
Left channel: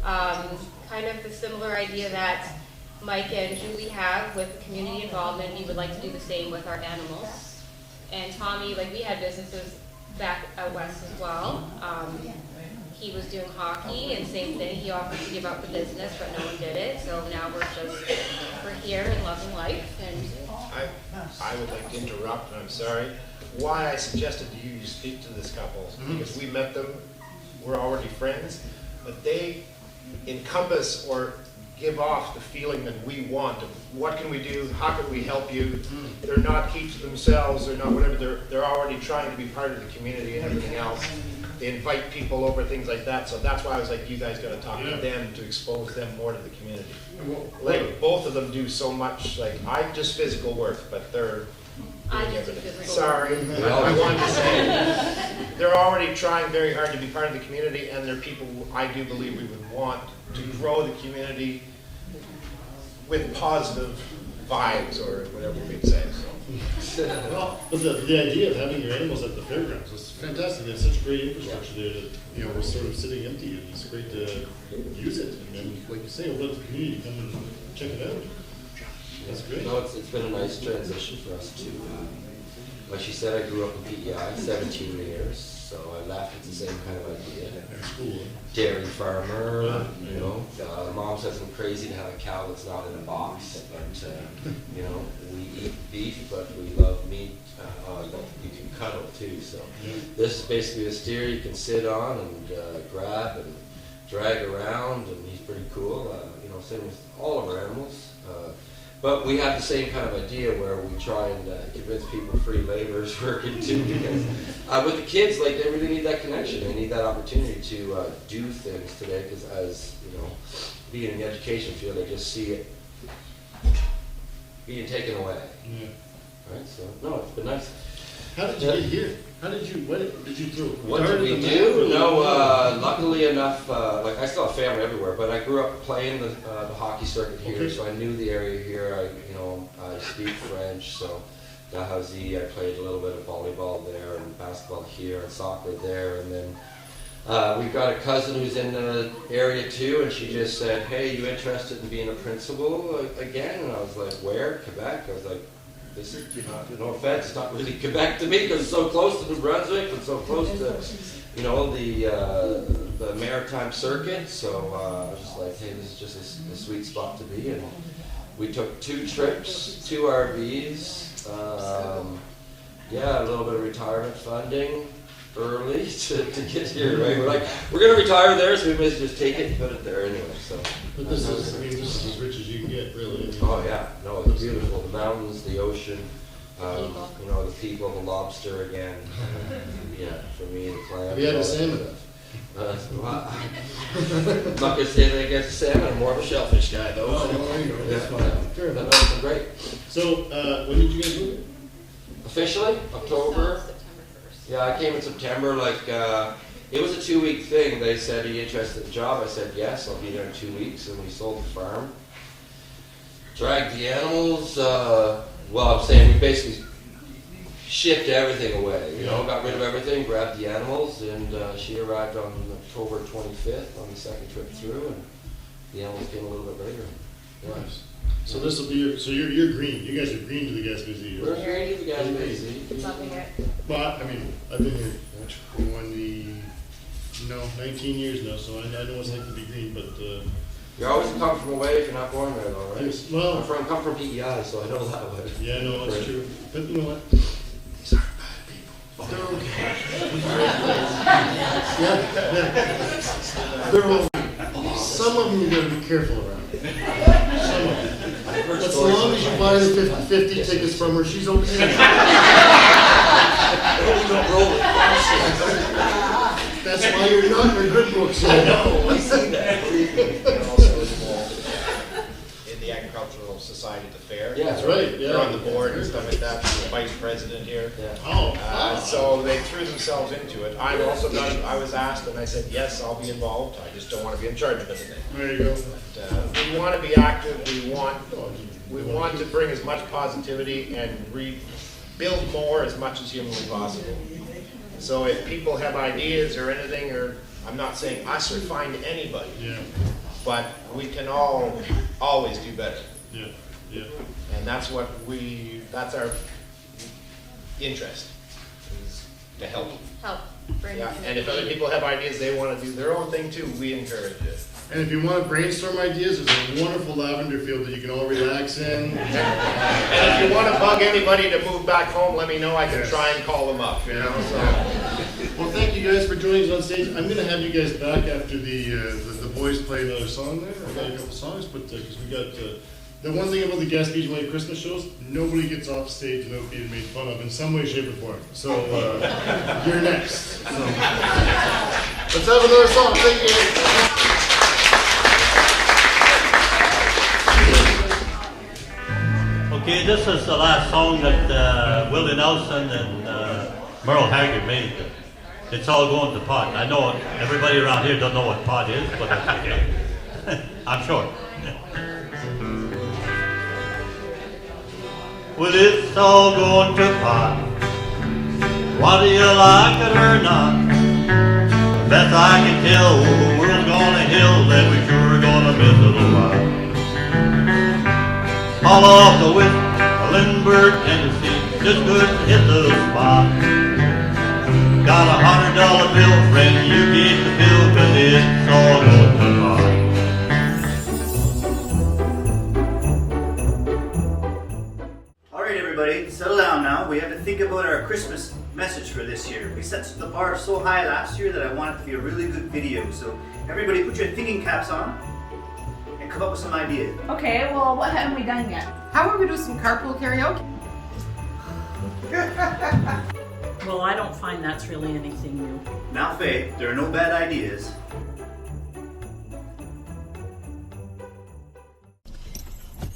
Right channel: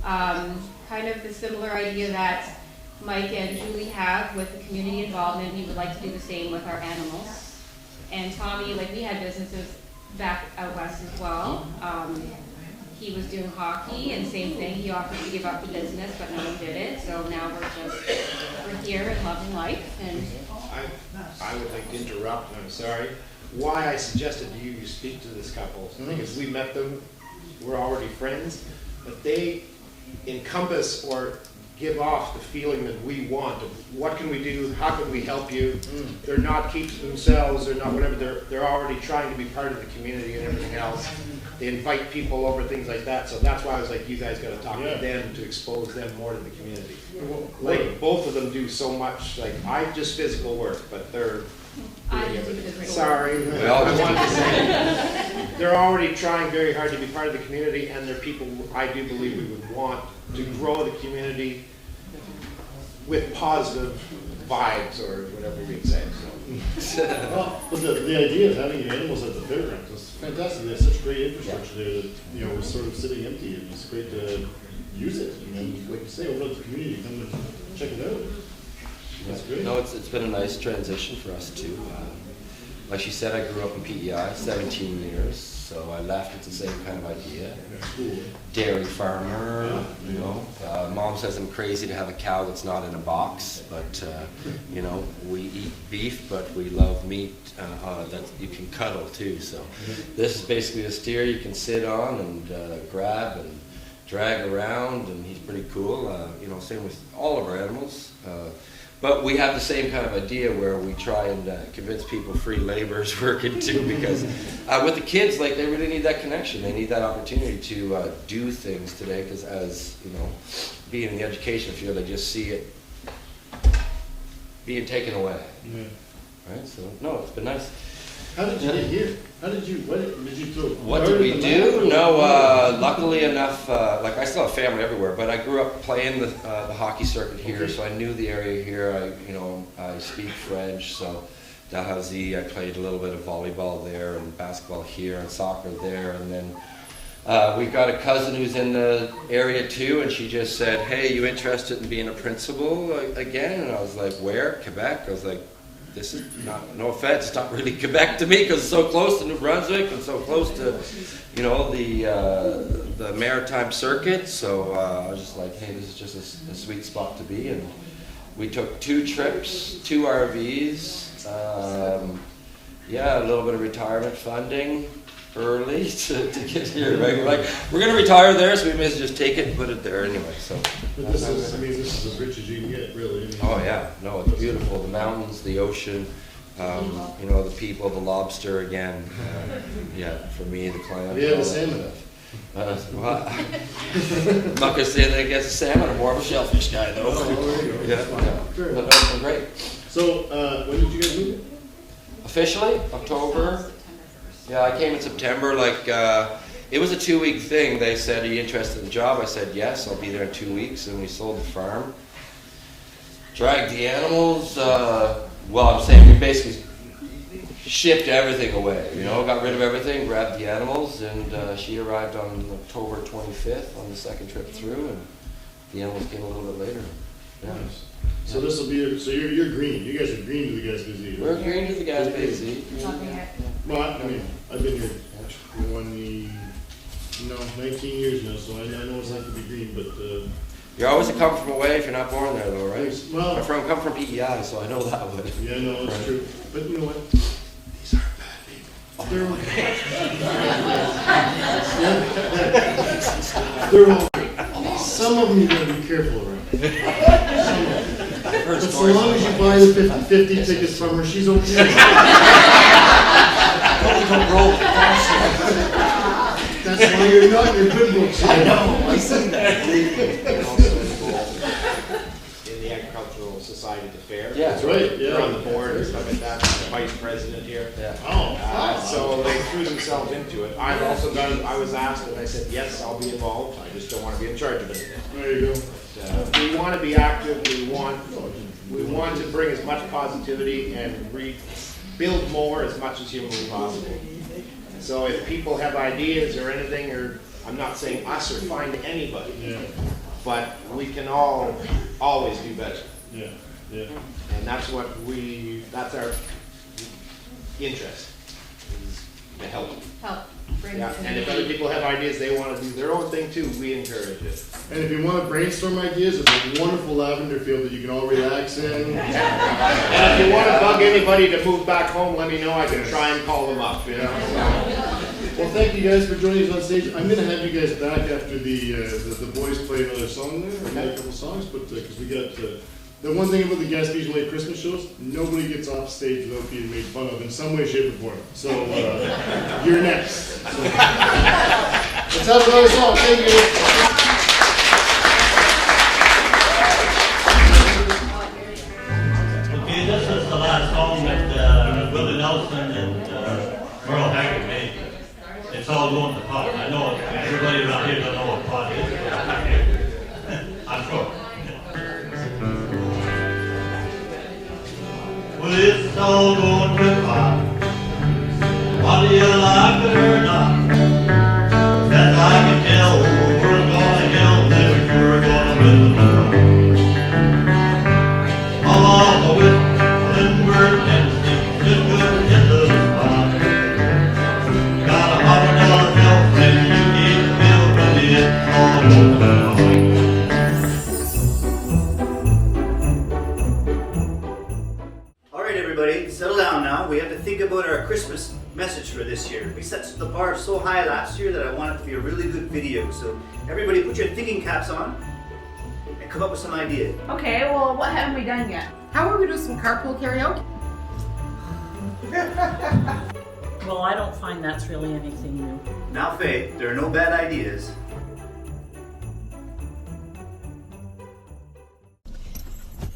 Kind of the similar idea that Mike and Julie have with the community involvement. We would like to do the same with our animals. And Tommy, like, we had businesses back out west as well. He was doing hockey, and same thing, he offered to give up the business, but no one did it. So now we're here and loving life. And I would like to interrupt, and I'm sorry. Why I suggested to you speak to this couple, because we met them, we're already friends, but they encompass or give off the feeling that we want of what can we do, how can we help you. They're not keeping themselves, they're not whatever, they're already trying to be part of the community and everything else. They invite people over, things like that, so that's why I was like, you guys gotta talk to them to expose them more to the community. Like, both of them do so much, like, I just physical work, but they're I do physical. Sorry, I wanted to say, they're already trying very hard to be part of the community, and they're people who I do believe we would want to grow the community with positive vibes, or whatever we'd say. So. Well, but the idea of having your animals at the fairgrounds is fantastic. They have such great infrastructure there that, you know, we're sort of sitting empty, and it's great to use it. And then, like you say, open up the community, come and check it out. That's great. You know, it's been a nice transition for us too. Like she said, I grew up in PEI, 17 years, so I left. It's the same kind of idea. Cool. Dairy farmer, you know. Mom says I'm crazy to have a cow that's not in a box, but you know, we eat beef, but we love meat that you can cuddle too. So this is basically a steer you can sit on and grab and drag around, and he's pretty cool. You know, same with all of our animals. But we have the same kind of idea where we try and convince people free labor is working too, because with the kids, like, they really need that connection. They need that opportunity to do things today, because as, you know, being in the education field, they just see it being taken away. Yeah. Right? So, no, it's been nice. How did you get here? What did you do? What did we do? No, luckily enough, like, I still have family everywhere, but I grew up playing the hockey circuit here, so I knew the area here. I speak French, so Dalhousie, I played a little bit of volleyball there, and basketball here, and soccer there, and then we've got a cousin who's in the area too, and she just said, "Hey, you interested in being a principal again?" And I was like, "Where? Quebec?" I was like, this is not, no offense, not really Quebec to me, because it's so close to New Brunswick and so close to, you know, the maritime circuit. So I was just like, hey, this is just a sweet spot to be. And we took 2 trips, 2 RVs, yeah, a little bit of retirement funding early to get here, right? We're like, we're going to retire there, so we may as well just take it and put it there anyway. So. But this is as rich as you can get, really. Oh yeah, no, it's beautiful. The mountains, the ocean, you know, the people, the lobster again. Yeah, for me, the clams. Yeah, the salmon. Well, I'm not gonna say that against salmon. I'm more of a shellfish guy, though. Yeah, Fair but enough. that's been great. So, when did you get moving? Officially, October. September 1st. Yeah, I came in September. Like, it was a 2-week thing. They said, "Are you interested in the job?" I said, "Yes, I'll be there in 2 weeks." And we sold the farm, dragged the animals. Well, I'm saying we basically shipped everything away. You know, got rid of everything, grabbed the animals, and she arrived on October 25th on the second trip through, and the animals came a little bit later. Yeah. Nice. So this will be so you're green. You guys are green to the Gaspesian. We're green to the Gaspesian. Nothing yet. Well, I mean, I've been here 19 years now, so I know it's like to be green, but You're always a come from away if you're not born there, though, right? Yes, well- come from PEI, so I know that one. Yeah, no, it's true. But you know what? These aren't bad people. They're okay. They're okay. Some of them you gotta be careful around. But as long as you buy the 50 tickets from her, she's okay. That's why you're not in your good books. I know. I see that. In the Agricultural Society at the fair. Yeah, That's right, They're yeah. on the board and stuff like that, I'm the vice president here. Yeah. Oh, So they threw themselves into it. I'm also not, I was asked and I said, yes, I'll be involved, I just don't want to be in charge of it. there you go. We want to be active, we want to bring as much positivity and build more as much as humanly possible. So if people have ideas or anything, or I'm not saying us or find anybody, Yeah, but we can all always do better. yeah, yeah. And that's that's our interest, is to help. Help. Bring Yeah, us in. and if other people have ideas, they want to do their own thing too, we encourage it. And if you want to brainstorm ideas, there's a wonderful lavender field that you can all relax in. And if you want to bug anybody to move back home, let me know, I can try and call them up, you know, so. Well, thank you guys for joining us on stage. I'm going to have you guys back after the boys play another song there, or play a couple songs, but because we got the one thing about the Gaspesian Way Christmas shows, nobody gets off stage without being made fun of in some way, shape, or form. So you're next. So. Let's have another song. Thank you. Okay, this is the last song that Willie Nelson and Merle Haggard made. It's all going to pot. I know everybody around here doesn't know what pot is, but I'm sure. Well, it's all going to pot. Whether you like it or not, best I can tell, we're gonna hell, and we're sure gonna miss a lot. All off the whip, Lindbergh, Tennessee, just couldn't hit the spot. Got $100 bill, friend, you gave the bill, but it's all over the lot. All right, everybody, settle down now. We have to think about our Christmas message for this year. We set the bar so high last year that I want it to be a really good video. So everybody put your thinking caps on and come up with some ideas. Okay, well, what haven't we done yet? How about we do some carpool karaoke? Well, I don't find that's really anything new. Now, Faye, there are no bad ideas.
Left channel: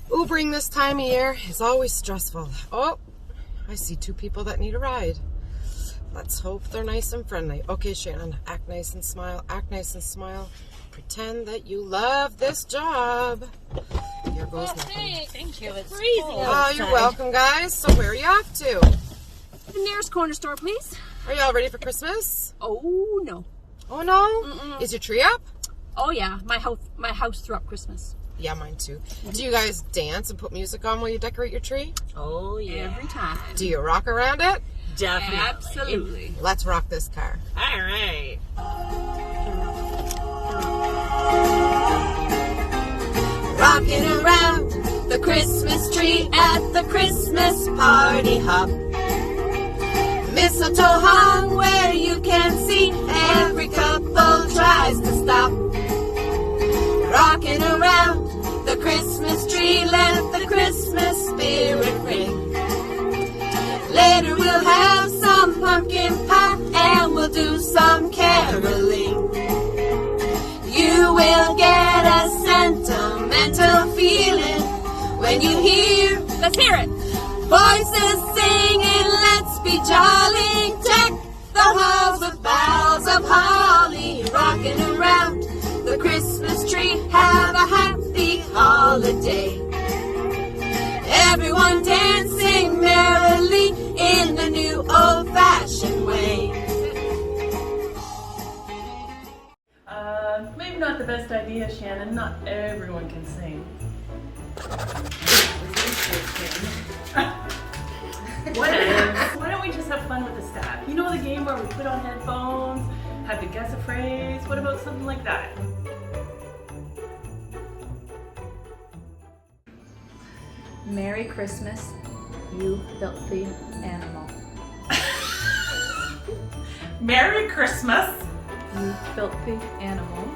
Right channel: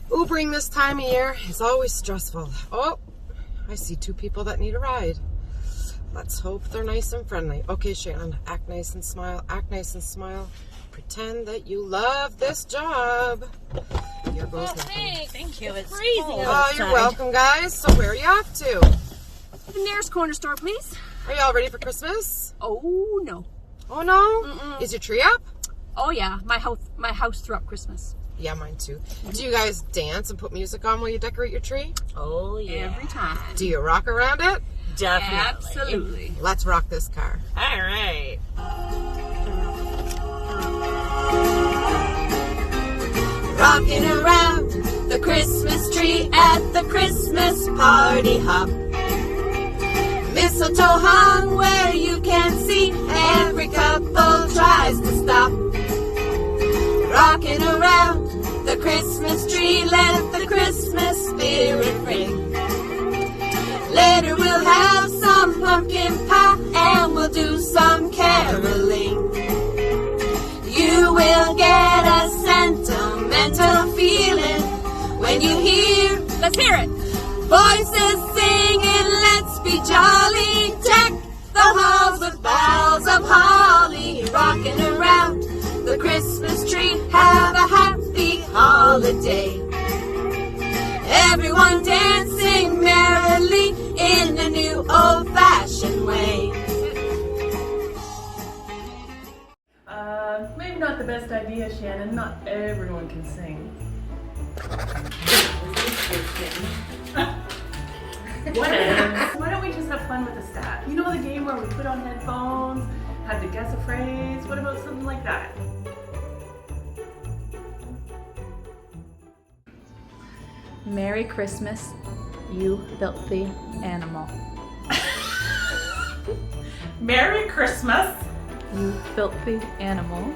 Ubering this time of year is always stressful. Oh, I see two people that need a ride. Let's hope they're nice and friendly. Okay, Shannon, act nice and smile. Act nice and smile. Pretend that you love this job. Here goes nothing. Hey, thank you. It's freezing Oh, outside. you're welcome, guys. So where are you off to? The nearest corner store, please. Are you all ready for Christmas? Oh, no. Oh, no? Mm-mm. Is your tree up? Oh, yeah. My house threw up Christmas. Yeah, mine too. Do you guys dance and put music on while you decorate your tree? Oh, yeah. Every time. Do you rock around it? Definitely. Absolutely. Let's rock this car. All right. Rocking around the Christmas tree at the Christmas party hop. Mistletoe hung where you can see, every couple tries to stop. Rocking around the Christmas tree, let the Christmas spirit ring. Later we'll have some pumpkin pie and we'll do some caroling. You will get a sentimental feeling when you hear, let's hear it, voices singing, let's be jolly. Deck the halls with boughs of holly. Rocking around the Christmas tree, have a happy holiday. Everyone dancing merrily in the new old-fashioned way. Maybe not the best idea, Shannon. Not everyone can sing. Whatever. Why don't we just have fun with the staff? You know the game where we put on headphones, have to guess a phrase? What about something like that? Merry Christmas, you filthy animal. Merry Christmas. You filthy animal.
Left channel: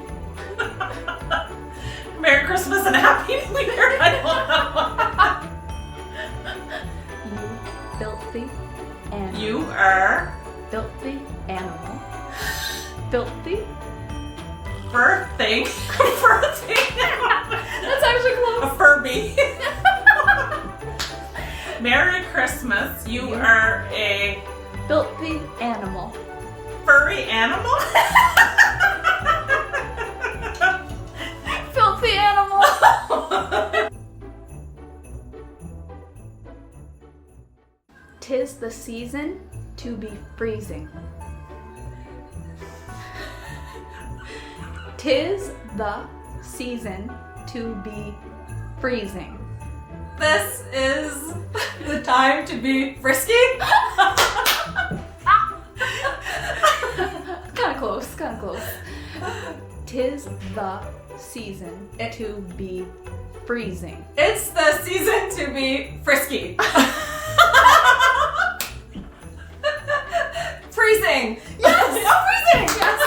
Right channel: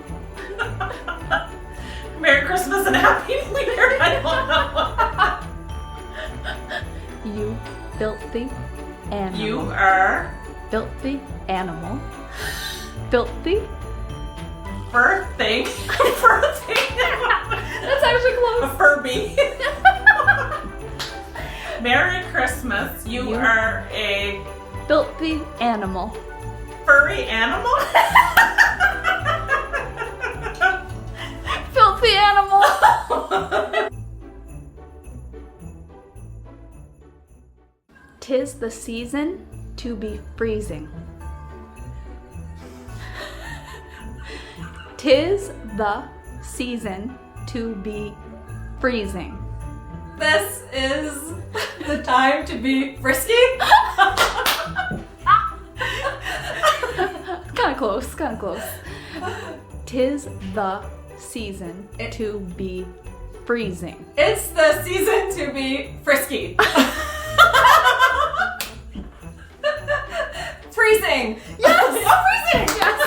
Merry Christmas and Happy New Year. I don't know. You filthy animal. You are filthy animal. Filthy. birthing. Birthing. That's actually close. A Furby. Merry Christmas. You are a filthy animal. Furry animal? Filthy animal. Tis the season to be freezing. Tis the season to be freezing. This is the time to be frisky? Kinda close. Tis the season to be freezing. It's the season to be frisky. Freezing. Yes. Oh, freezing. Yes.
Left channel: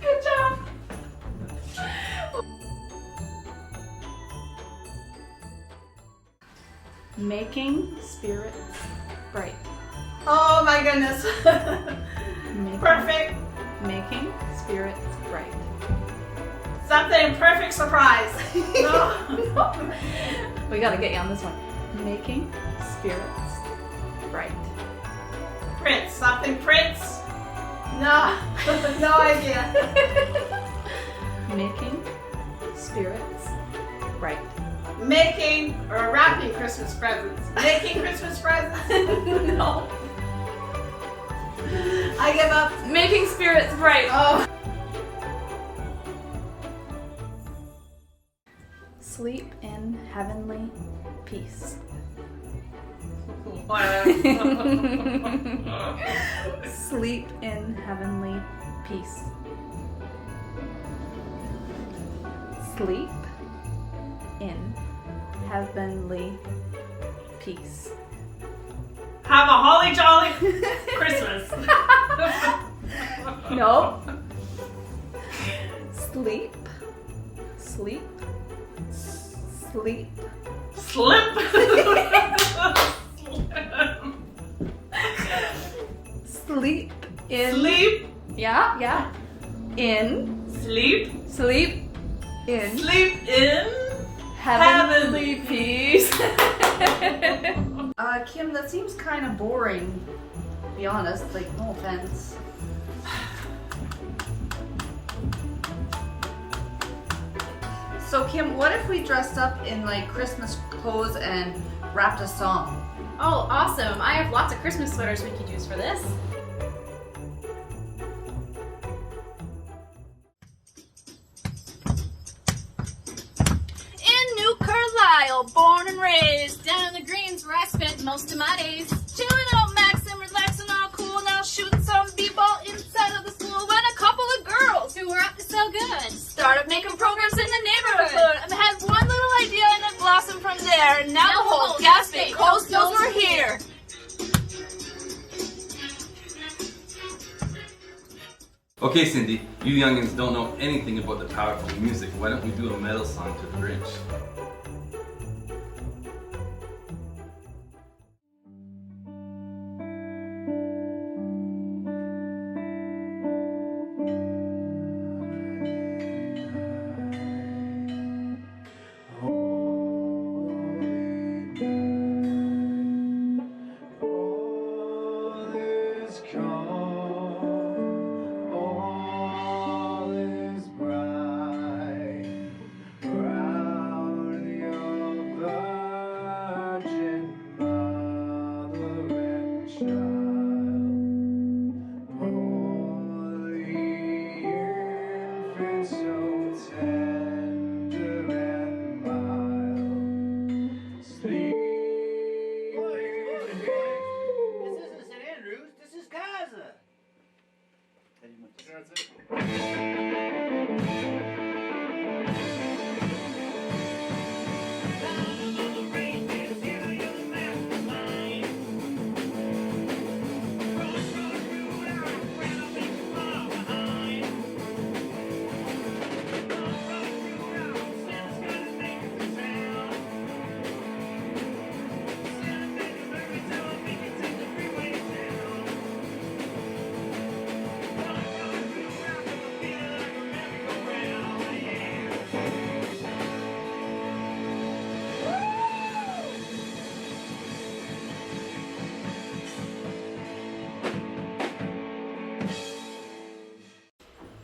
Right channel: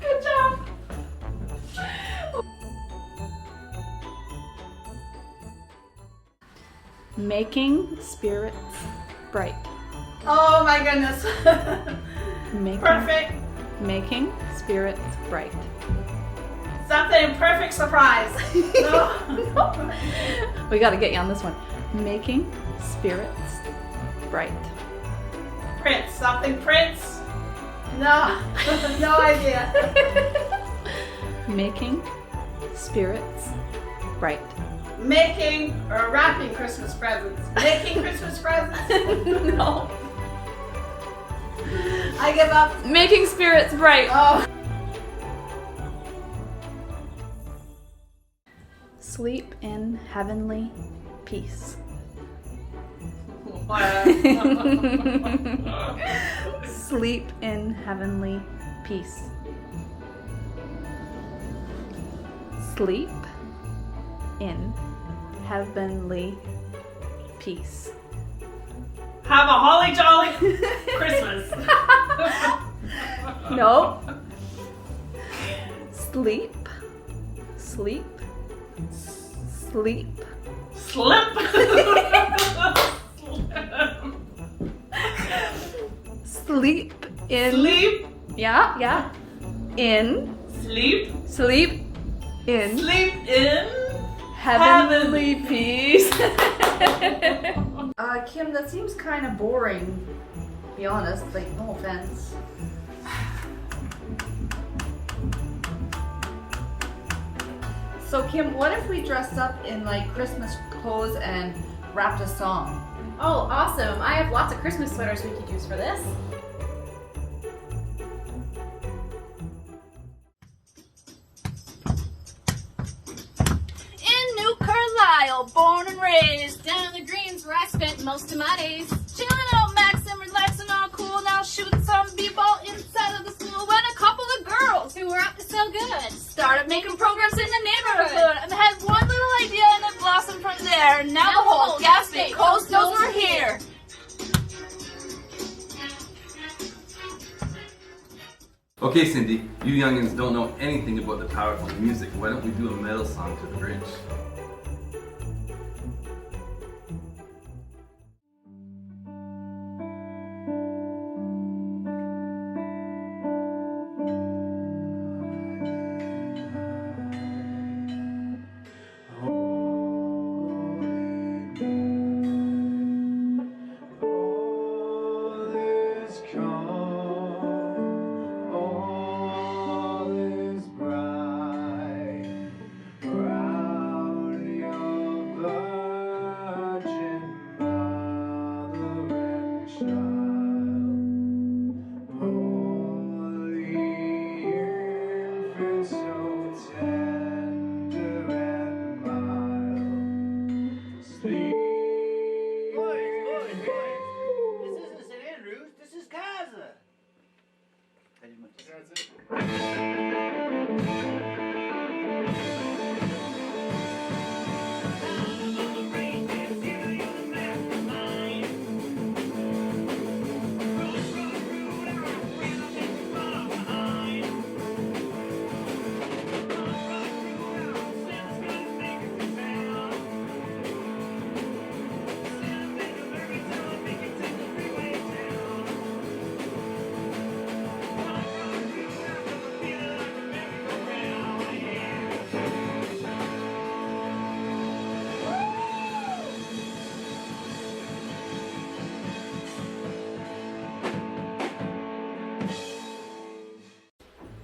Good job. Making spirits bright. Oh my goodness. Perfect. Making spirits bright. Something perfect surprise. No. We gotta get you on this one. Making spirits bright. Prince. Something Prince. No. No idea. Making spirits bright. Making or wrapping Christmas presents. Making Christmas presents. No. I give up. Making spirits bright. Oh. Sleep in heavenly peace. Sleep in heavenly peace. Sleep in heavenly peace. Have a holly jolly Christmas. Nope. Sleep. Sleep. Sleep. Slip. Sleep in. Sleep. Yeah. In. Sleep. Sleep in. Sleep in. Heavenly peace. Kim, that seems kind of boring, to be honest, like, no offense. So Kim, what if we dressed up in like Christmas clothes and rapped a song? Oh, awesome. I have lots of Christmas sweaters we could use for this. In New Carlisle, born and raised, down in the Greens where I spent most of my days. Chilling out, maxing, relaxing, all cool, now shooting some b-ball inside of the school. When a couple of girls who were up to so good started making programs in the neighborhood. And had one little idea and it blossomed from there. And now the whole Gaspé coast knows we're here. Okay, Cindy, you youngins don't know anything about the powerful music. Why don't we do a metal song to the Grinch? All is bright, proud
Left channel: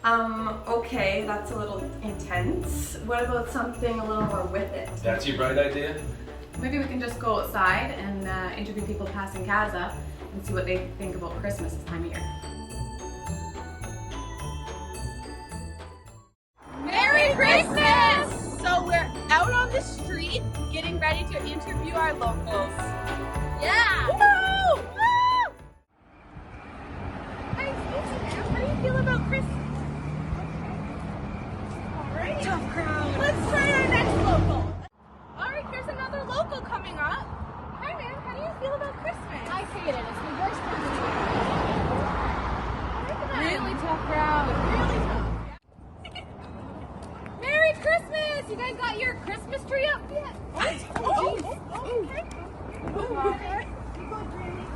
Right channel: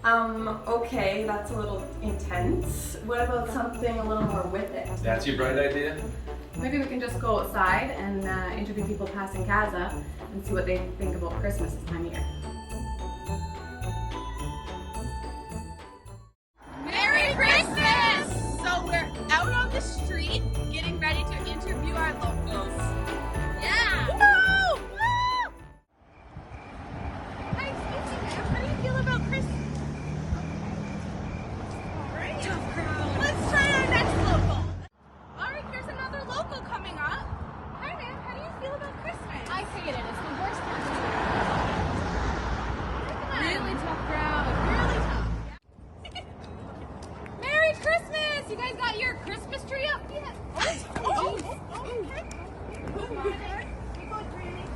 Okay, that's a little intense. What about something a little more with it? That's your bright idea? Maybe we can just go outside and interview people passing Casa and see what they think about Christmas this time of year. Merry Christmas! So we're out on the street getting ready to interview our locals. Yeah! Woo! Woo! Hi, excuse me, ma'am. How do you feel about Christmas? Alright. Tough crowd. Let's try our next local. Alright, there's another local coming up. Hi, ma'am. How do you feel about Christmas? I figured it. It's the worst time of year. Really tough crowd. Really tough. Merry Christmas! You guys got your Christmas tree up yet? Okay. You go, Granny.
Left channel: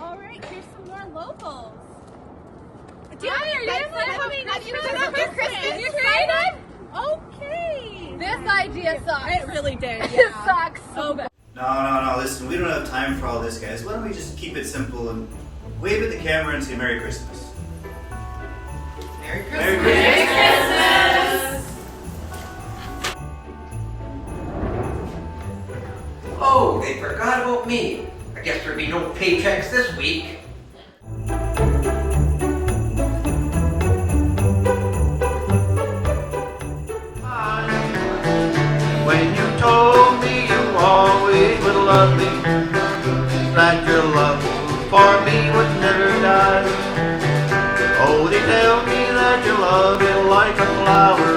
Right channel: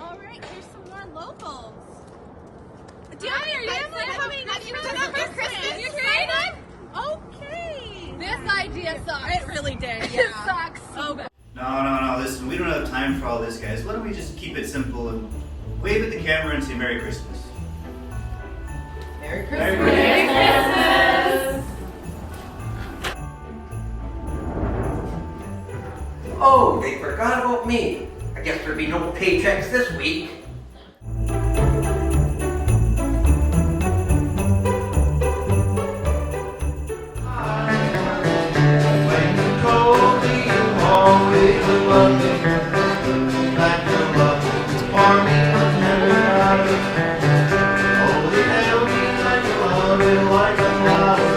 All right, here's some more locals. Hi, are you excited about Christmas? You excited? Okay. This idea sucks. It really did. Yeah. It sucks so bad. No, listen, we don't have time for all this, guys. Why don't we just keep it simple and wave at the camera and say Merry Christmas? Merry Christmas! Merry Christmas! Oh, they forgot about me. I guess there'd be no paychecks this week. When you told me you always will love me, that your love for me would never die. Oh, they tell me that your love is like a flower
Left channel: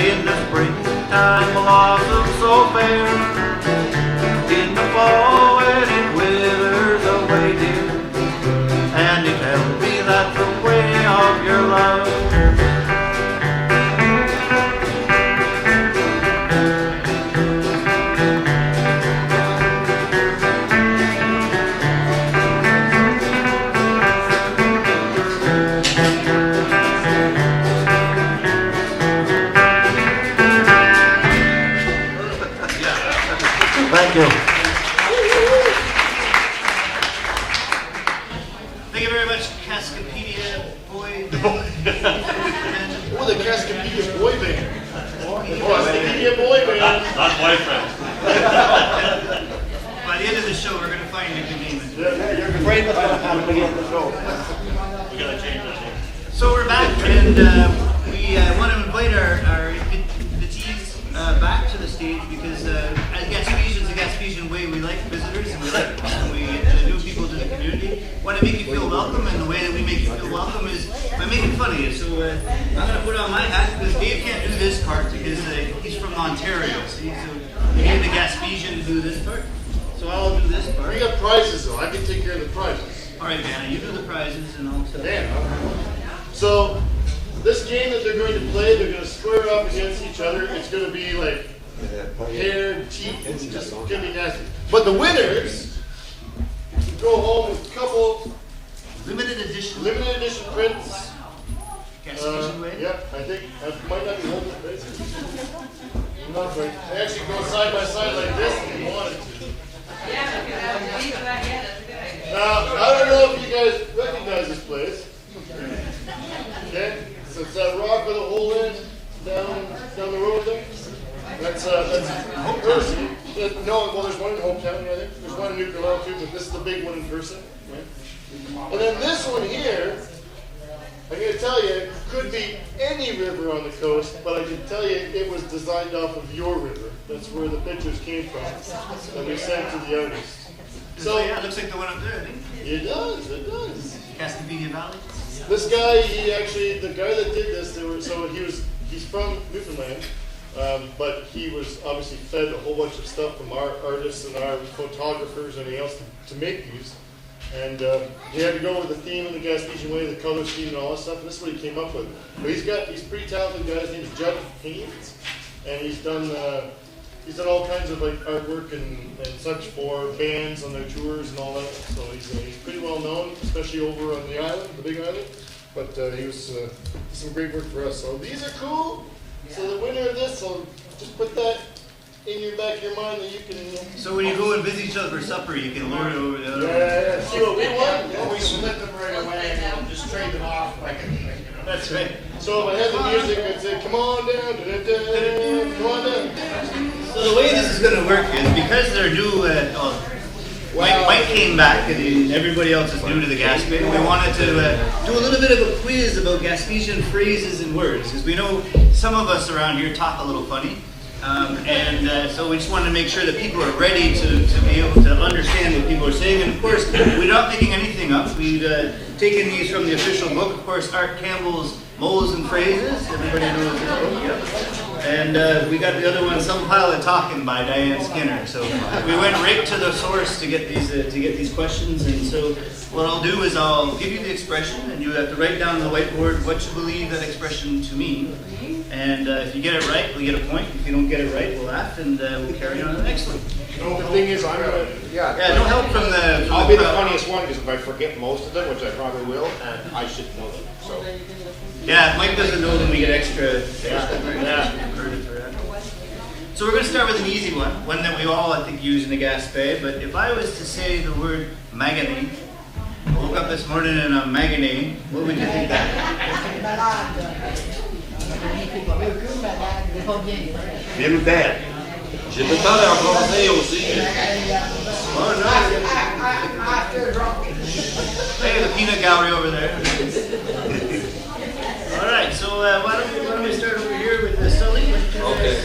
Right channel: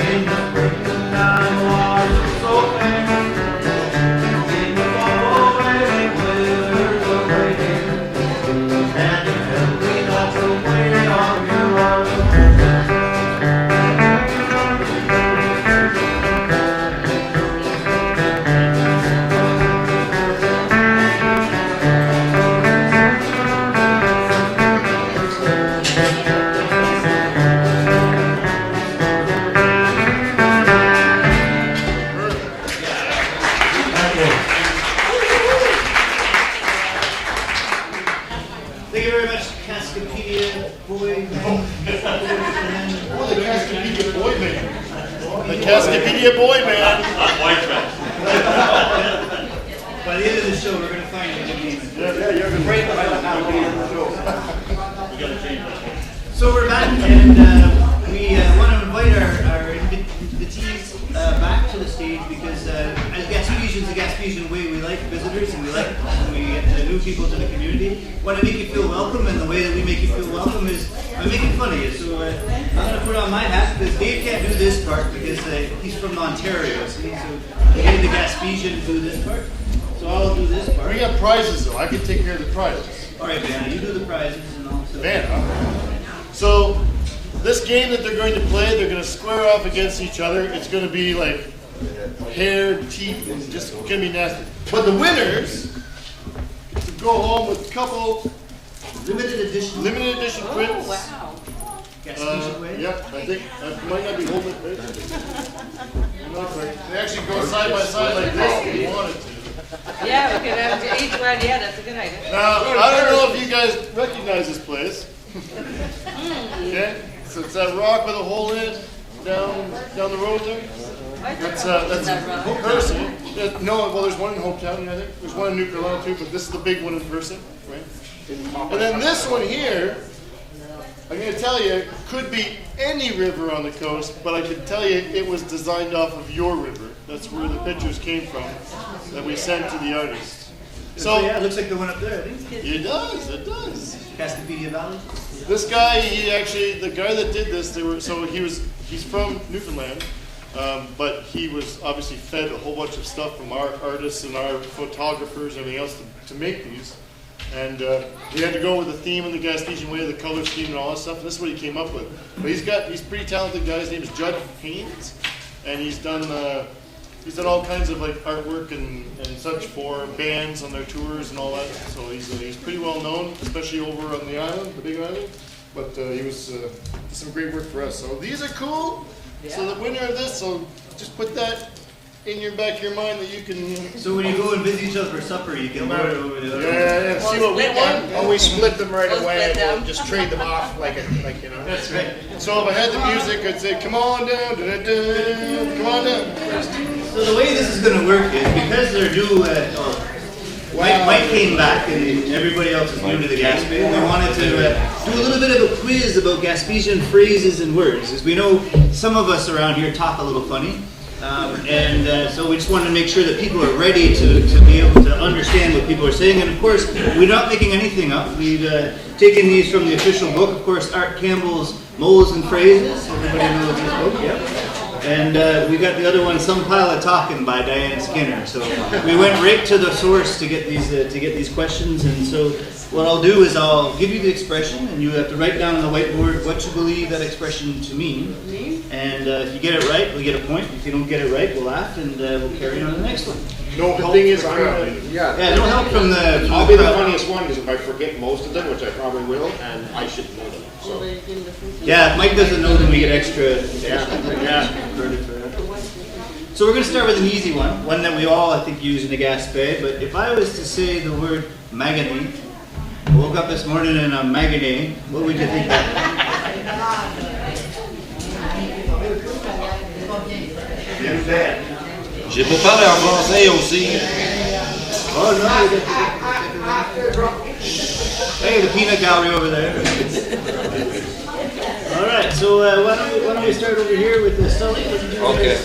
in the springtime, blossoms so fair. In the fall when it withers away, dear, and you tell me that's the way of your love. Thank you. Thank you very much, Cascapedia Boy Band. Oh, the Cascapedia Boy Band. The Cascapedia Boy Band. Not boyfriend. By the end of the show, we're going to find a good name. Yeah, you're going to find a good name. So we're back, and we want to invite our invitees back to the stage because as Gaspesians, the Gaspesian Way, we like visitors and we like new people to the community. Want to make you feel welcome, and the way that we make you feel welcome is by making fun of you. So I'm going to put on my hat because Dave can't do this part because he's from Ontario, so he's the Gaspesian do this part. So I'll do this part. We got prizes though. I can take care of the prizes. All right, man, you do the prizes and I'll set Man, so this game that they're going to play, they're going to square off against each other. It's going to be like hair, teeth, and just going to be nasty. But the winners to go home with a couple limited edition prints. Oh, wow. Gaspesian Way? Yeah, I think I might not be holding it. Not quite. They actually go side by side like this if you wanted to. Yeah, we could have each one. Yeah, that's a good idea. Now, I don't know if you guys recognize this place. Okay, so it's that rock with a hole in it down the road there. That's Person. No, well, there's one in Hope County, I think. There's one in Newfoundland too, but this is the big one in Person, right? And then this one here, I'm going to tell you, could be any river on the coast, but I can tell you it was designed off of your river. That's where the pictures came from that we sent to the artist. So yeah, it looks like the one up there, I think. It does, it does. Cascapedia Valley. This guy, the guy that did this, he's from Newfoundland, but he was obviously fed a whole bunch of stuff from our artists and our photographers and everything else to make these. And we had to go with the theme in the Gaspesian Way, the color scheme and all that stuff, and this is what he came up with. But he's a pretty talented guy. His name is Judd Haynes, and he's done all kinds of like artwork and such for bands on their tours and all that. So he's pretty well known, especially over on the island, the big island. But he was did some great work for us. So these are cool. Yeah. So the winner of this, so just put that in your back of your mind that you can. So when you go and visit each other for supper, you can order over the other. Yeah, see what we want. And we split them right away, we'll just trade them off like, you know. That's right. So if I had the music, I'd say, come on down, da-da-da, come on down. So the way this is going to work is because they're new, Mike came back and everybody else is new to the Gaspesian. We wanted to do a little bit of a quiz about Gaspesian phrases and words. As we know, some of us around here talk a little funny. So we just wanted to make sure that people are ready to be able to understand what people are saying. And of course, we're not making anything up. We've taken these from the official book. Of course, Art Campbell's Moles and Phrases. Everybody knows this book, yeah. And we got the other one, Some Pile of Talking by Diane Skinner. So we went right to the source to get these questions. And so what I'll do is I'll give you the expression, and you have to write down on the whiteboard what you believe that expression to mean. And if you get it right, we get a point. If you don't get it right, we'll laugh and we'll carry on to the next one. No help. The thing is, no help from the. I'll be the funniest one because if I forget most of them, which I probably will, and I should know them. So. Yeah, if Mike doesn't know, then we get extra. So we're going to start with an easy one that we all, I think, use in the Gaspé. But if I was to say the word maganate, I woke up this morning and I'm maganate, what would you think that? Bien bad. Je peux parler en français aussi. Oh no! Hey, the peanut gallery over there. All right, so why don't we start over here with Sully? Okay.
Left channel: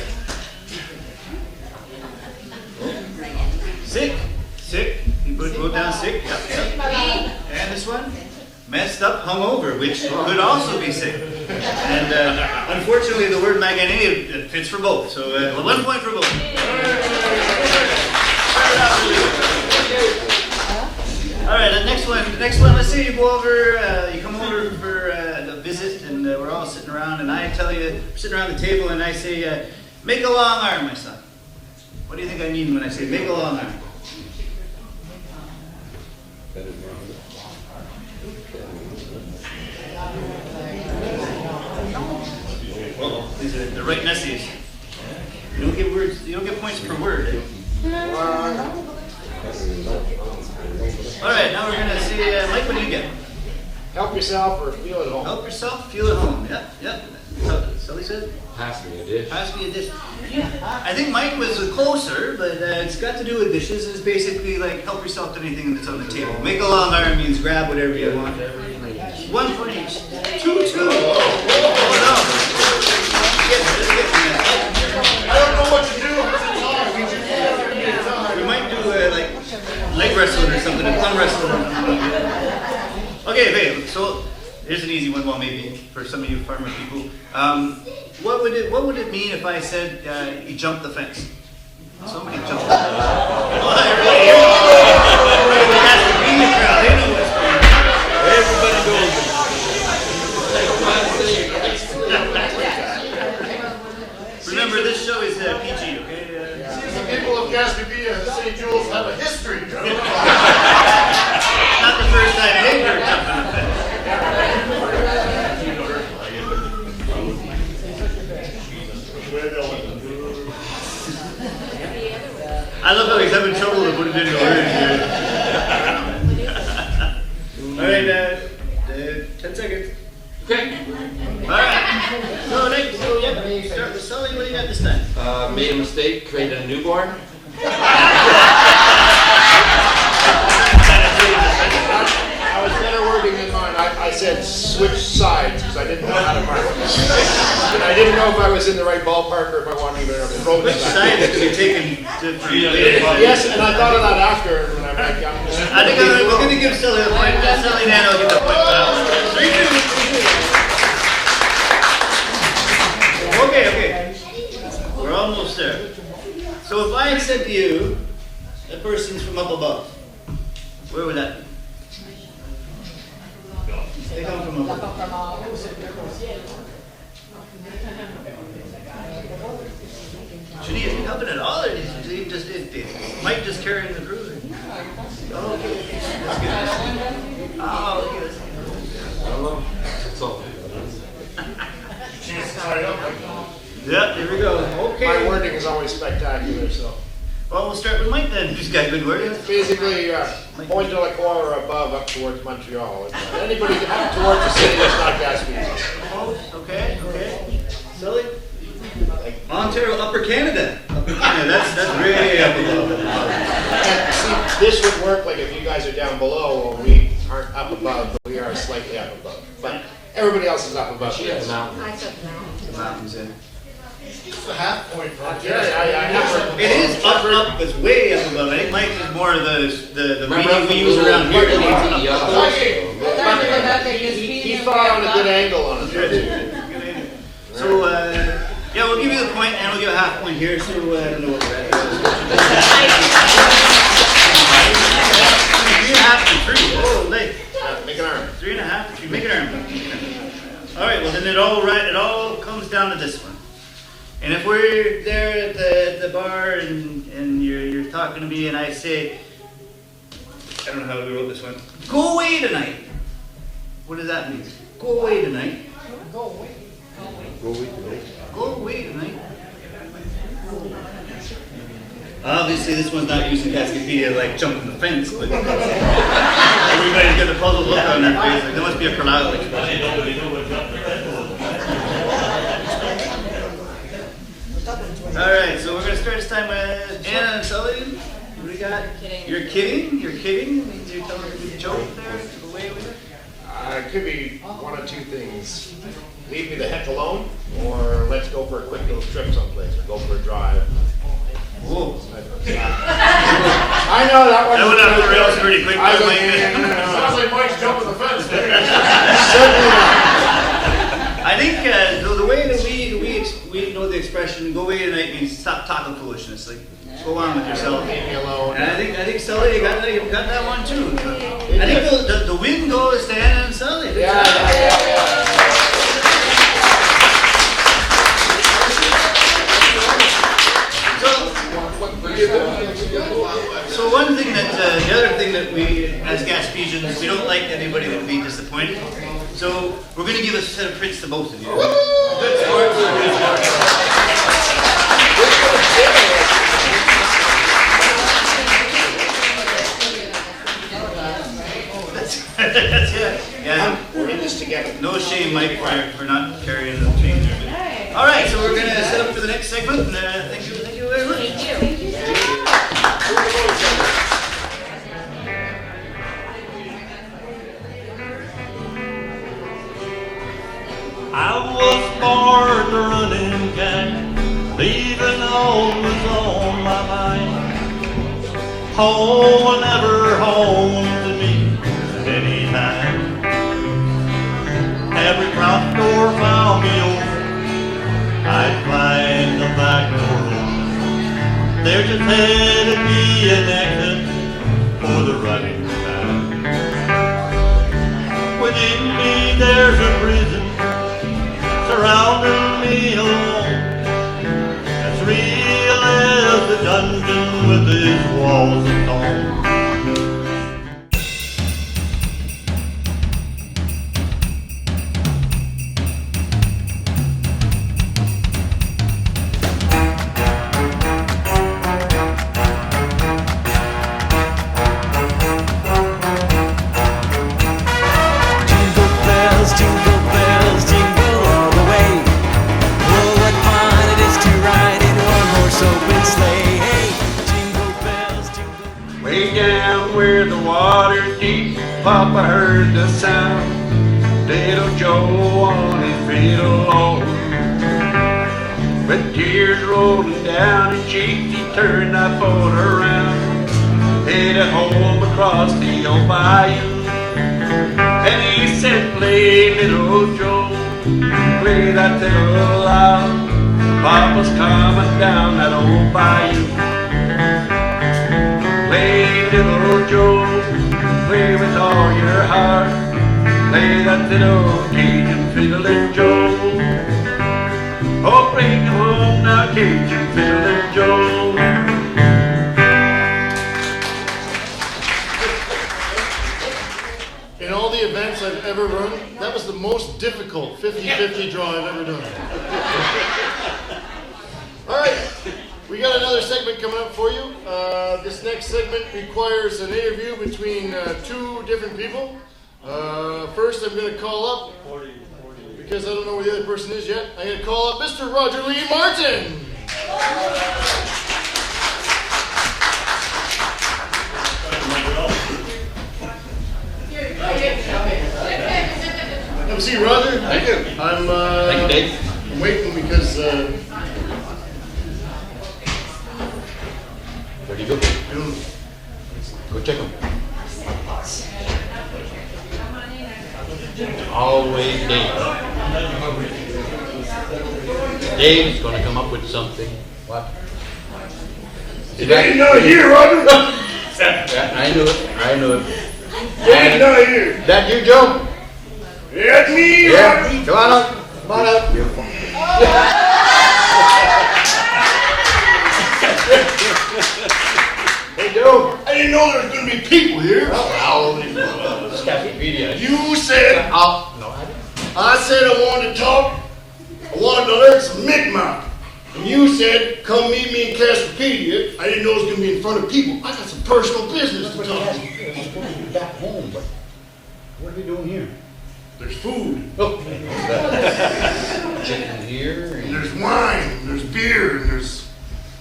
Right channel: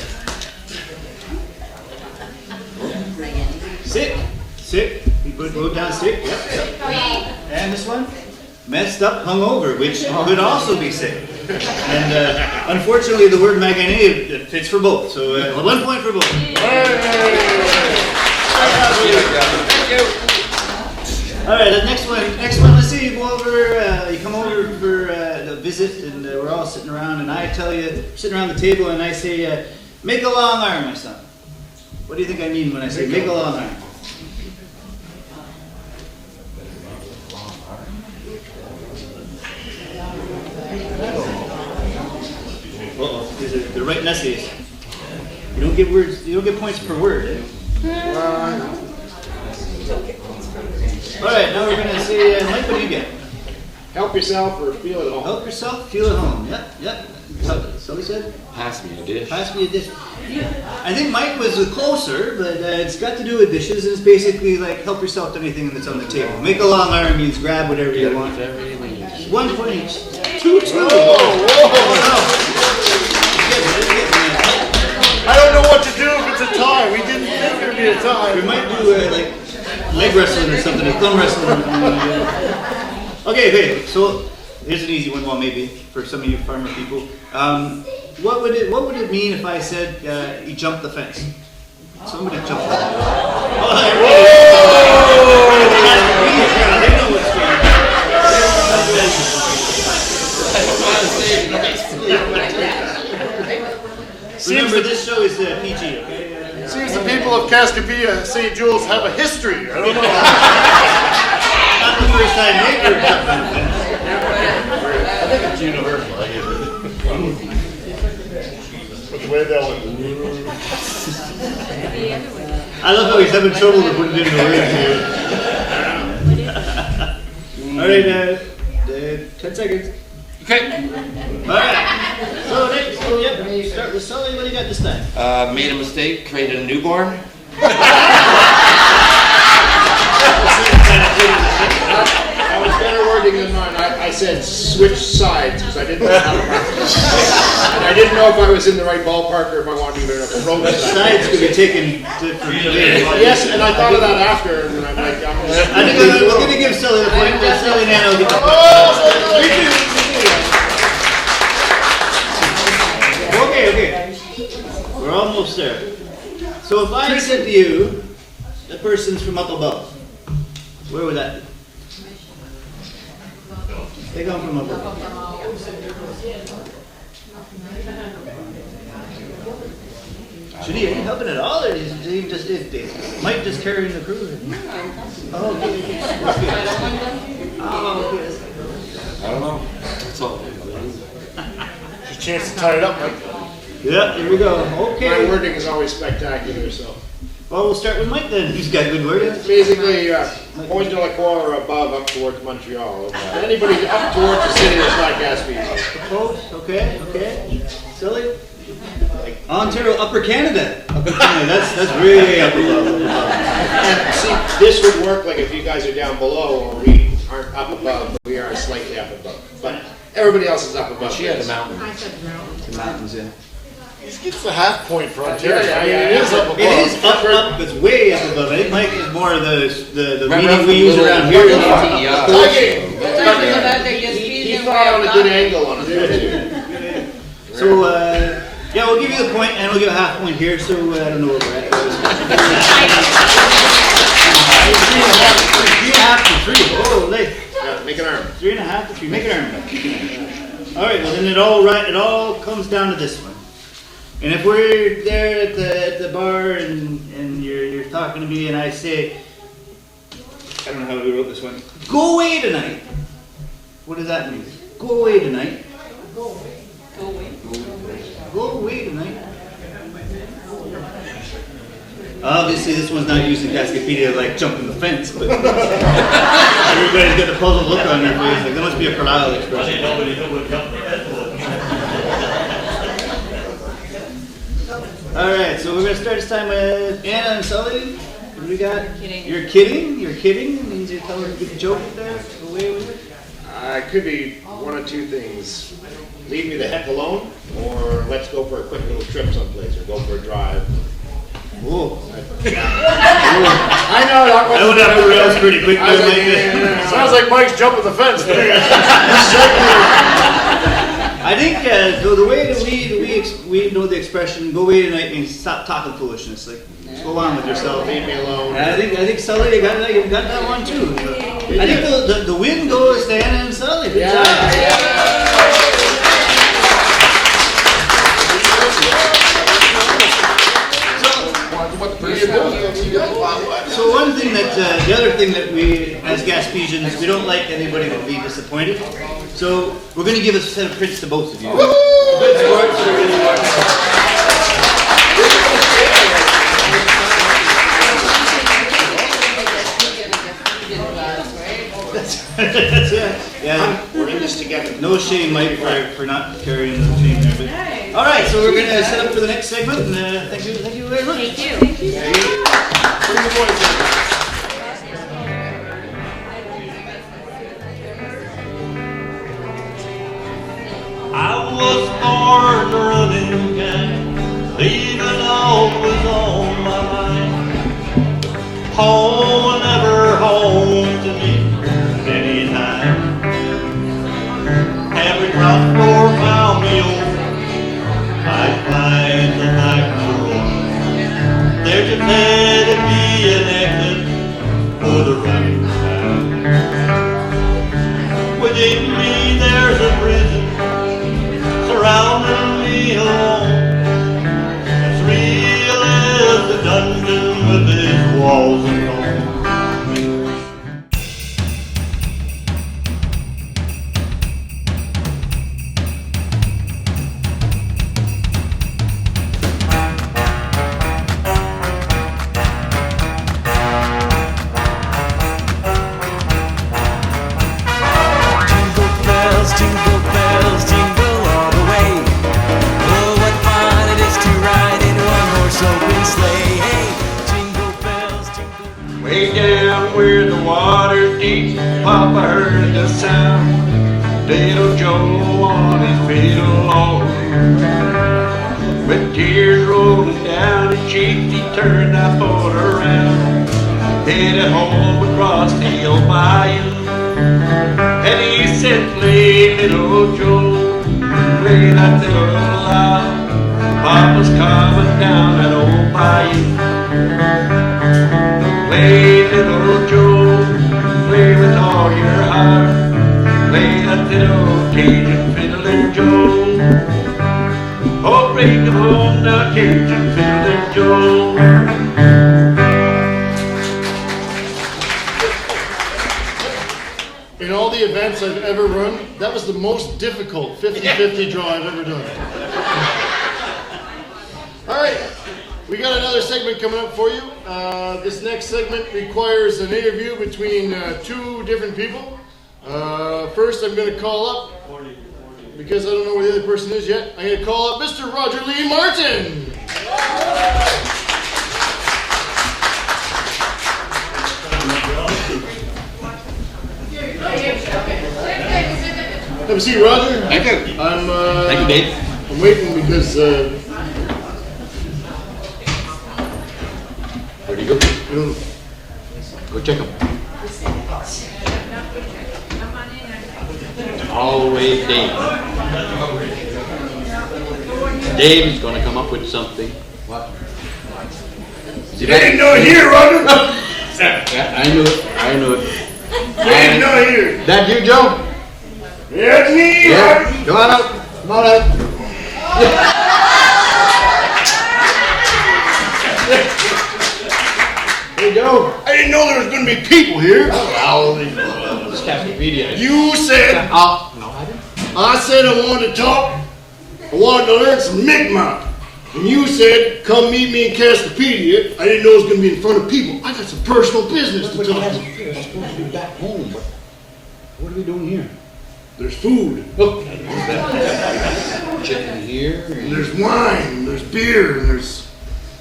Sick. You put down sick. Yep. And this one, messed up, hungover, which could also be sick. And unfortunately, the word maganate fits for both. So 1 point for both. All right, the next one. Let's say you go over, you come over for a visit, and we're all sitting around, and I tell you, sitting around the table, and I say, make a long arm, my son. What do you think I mean when I say make a long arm? They're writing essays. You don't get words. You don't get points per word. Eh? All right, now we're gonna say, Mike, what do you get? Help yourself or feel at home. Help yourself, feel at home. Yep. Somebody said. Pass me a dish. Pass me a dish. Yeah, I think Mike was closer, but it's got to do with dishes. It's basically like help yourself to anything that's on the table. Make a long arm means grab whatever you want. 1 point each. 2-2. I don't know what to do if it's a tie. We didn't think it would be a tie. We might do like leg wrestling or something, or thumb wrestling. Okay, so here's an easy one, well maybe, for some of you farmer people. What would it mean if I said he jumped the fence? Somebody jumped the fence. They know what's going on. Remember, this show is PG, okay? Seems the people of Cascapedia, St. Jules, have a history. I don't know. Not the first time they were jumping the fence. I love how he's having trouble to put it into words here. All right, 10 seconds. Okay. All right. So next, start with Sully. What do you got this time? Made a mistake, created a newborn. I was better wording than mine. I said switch sides because I didn't know how to mark it. And I didn't know if I was in the right ballpark or if I wanted to approach it. Sides could be taken different. Yes, and I thought of that after. And I'm like, we're going to give Sully the point. Sully now will get the point. Okay. We're almost there. So if I said to you, the person's from up above, where would that be? They come from up above. Should he ain't helping at all, or is he just Mike just carrying the cruiser? Oh, okay. That's good. Oh, okay. I don't know. So. Chance to tie it up, Mike. Yeah, here we go. Okay. My wording is always spectacular, so. Well, we'll start with Mike then. Who's got good wording? Basically, Point de la Croix or above, up towards Montreal. Anybody up towards the city that's not Gaspesian. Close. Okay. Silly. Ontario, Upper Canada. Upper Canada. That's way up below. And see, this would work like if you guys are down below, or we aren't up above, but we are slightly up above. But everybody else is up above. She had the mountain. I said no. The mountains, yeah. It's the half point for Ontario. Yeah, It is up above. It is up. It's way up above. I think Mike is more of the Remember meaning we use around here. He thought on a good angle on it there too. So, yeah, we'll give you the point, and we'll give a half point here, so I don't know what we're at. You have to 3. Oh, late. Yeah, make an arm. 3.5 to 3. Make an arm. All right, well then it all comes down to this one. And if we're there at the bar and you're talking to me and I say, I don't know how we wrote this one. Go away tonight. What does that mean? Go away tonight. Go away tonight. Obviously, this one's not using Cascapedia like jumping the fence, but everybody's got a puzzled look on their face. Like, there must be a Carlisle expression. All right, so we're gonna start this time with Anna and Sully. What do we got? You're kidding. You're kidding. It means you're telling a good joke there. Away with it. It could be one of two things. Leave me the heck alone, or let's go for a quick little trip someplace, or go for a drive. Whoa. I know that one. I went off the rails pretty quick. Sounds like Mike's jumping the fence there. I think the way that we know the expression "go away tonight" means stop talking foolishness. Like, go on with yourself. Leave me alone. And I think Sully, you got that one too. I think the win goes to Anna and Sully. Good job. So one thing that, the other thing that we, as Gaspesians, we don't like anybody to be disappointed. So we're going to give a set of prints to both of you. Good sports. That's it. Yeah, we're in this together. No shame, Mike, for not carrying the team there. But, all right, so we're going to set up for the next segment. And thank you very much. Thank you. I was born running cat, leaving all was on my mind. Home, never home to me at any time. Every drop or found me over, I'd climb the back road. There's a head of me an exit for the running time. Within me there's a prison surrounding me alone, as real as the dungeon with its walls of stone. Jingle bells, jingle all the way. Oh, what fun it is to ride in one-horse open sleigh. Hey, jingle bells, jingle. Way down where the water's deep, Papa heard the sound. Little Joe on his fiddle all with tears rolling down his cheeks, he turned that boat around, headed home across the old bayou. And he said, play little Joe, play that little loud. Papa's coming down that old bayou. Play little Joe, play with all your heart. Play that little Cajun fiddling Joe. Oh, bring them home now, Cajun fiddling Joe. In all the events I've ever run, that was the most difficult 50-50 draw I've ever done. We got another segment coming up for you. This next segment requires an interview between two different people. First, I'm going to call up, because I don't know where the other person is yet, I'm going to call up Mr. Roger Lee Martin. Have a seat, Roger. Thank you. Thank you, Dave. I'm waiting because... Where'd he go? I don't know. Go check him. Always Dave. Dave's gonna come up with something. What? You ain't no here, Roger. I knew it. I knew it. You ain't no here. That you, Joe? That's me, Yeah. Roger. Come on up. Come on up. Hey, Joe. I didn't know there was going to be people here. Oh, Cascapedia. You said... No, I didn't. I said I wanted to talk. I wanted to learn some Mi'kmaq. And you said, come meet me in Cascapedia. I didn't know it was going to be in front of people. I got some personal business to talk to. We're supposed to be back home, but what are we doing here? There's food. Look. Chicken here. And There's wine. And there's beer. And there's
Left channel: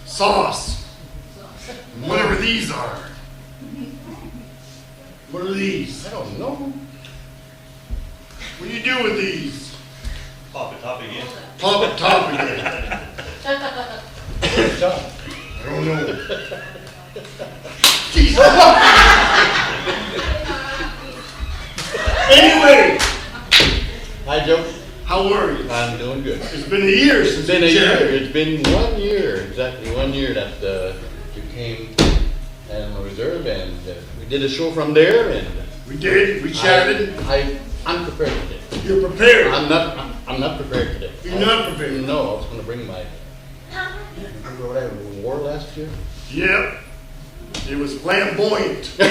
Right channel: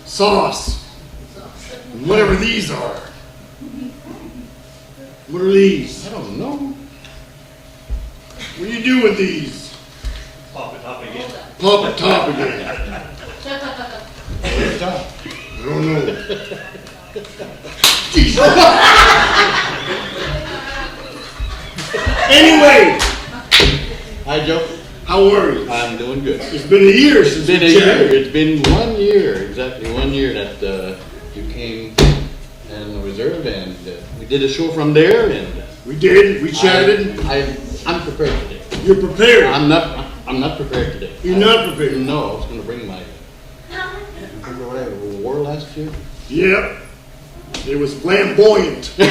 sauce. And whatever these are. What are these? I don't know. What do you do with these? Pop it up again. Pop it top again. I don't know. Anyway. Hi, Joe. How are you? I'm doing good. It's been a year since It's been a we year. chatted. It's been 1 year, exactly 1 year that you came and reserve, and we did a show from there, and we did. We chatted. I'm prepared today. You're prepared. I'm not prepared today. You're not prepared. No, I was going to bring my. Remember what I wore last year? Yep. It was flamboyant. It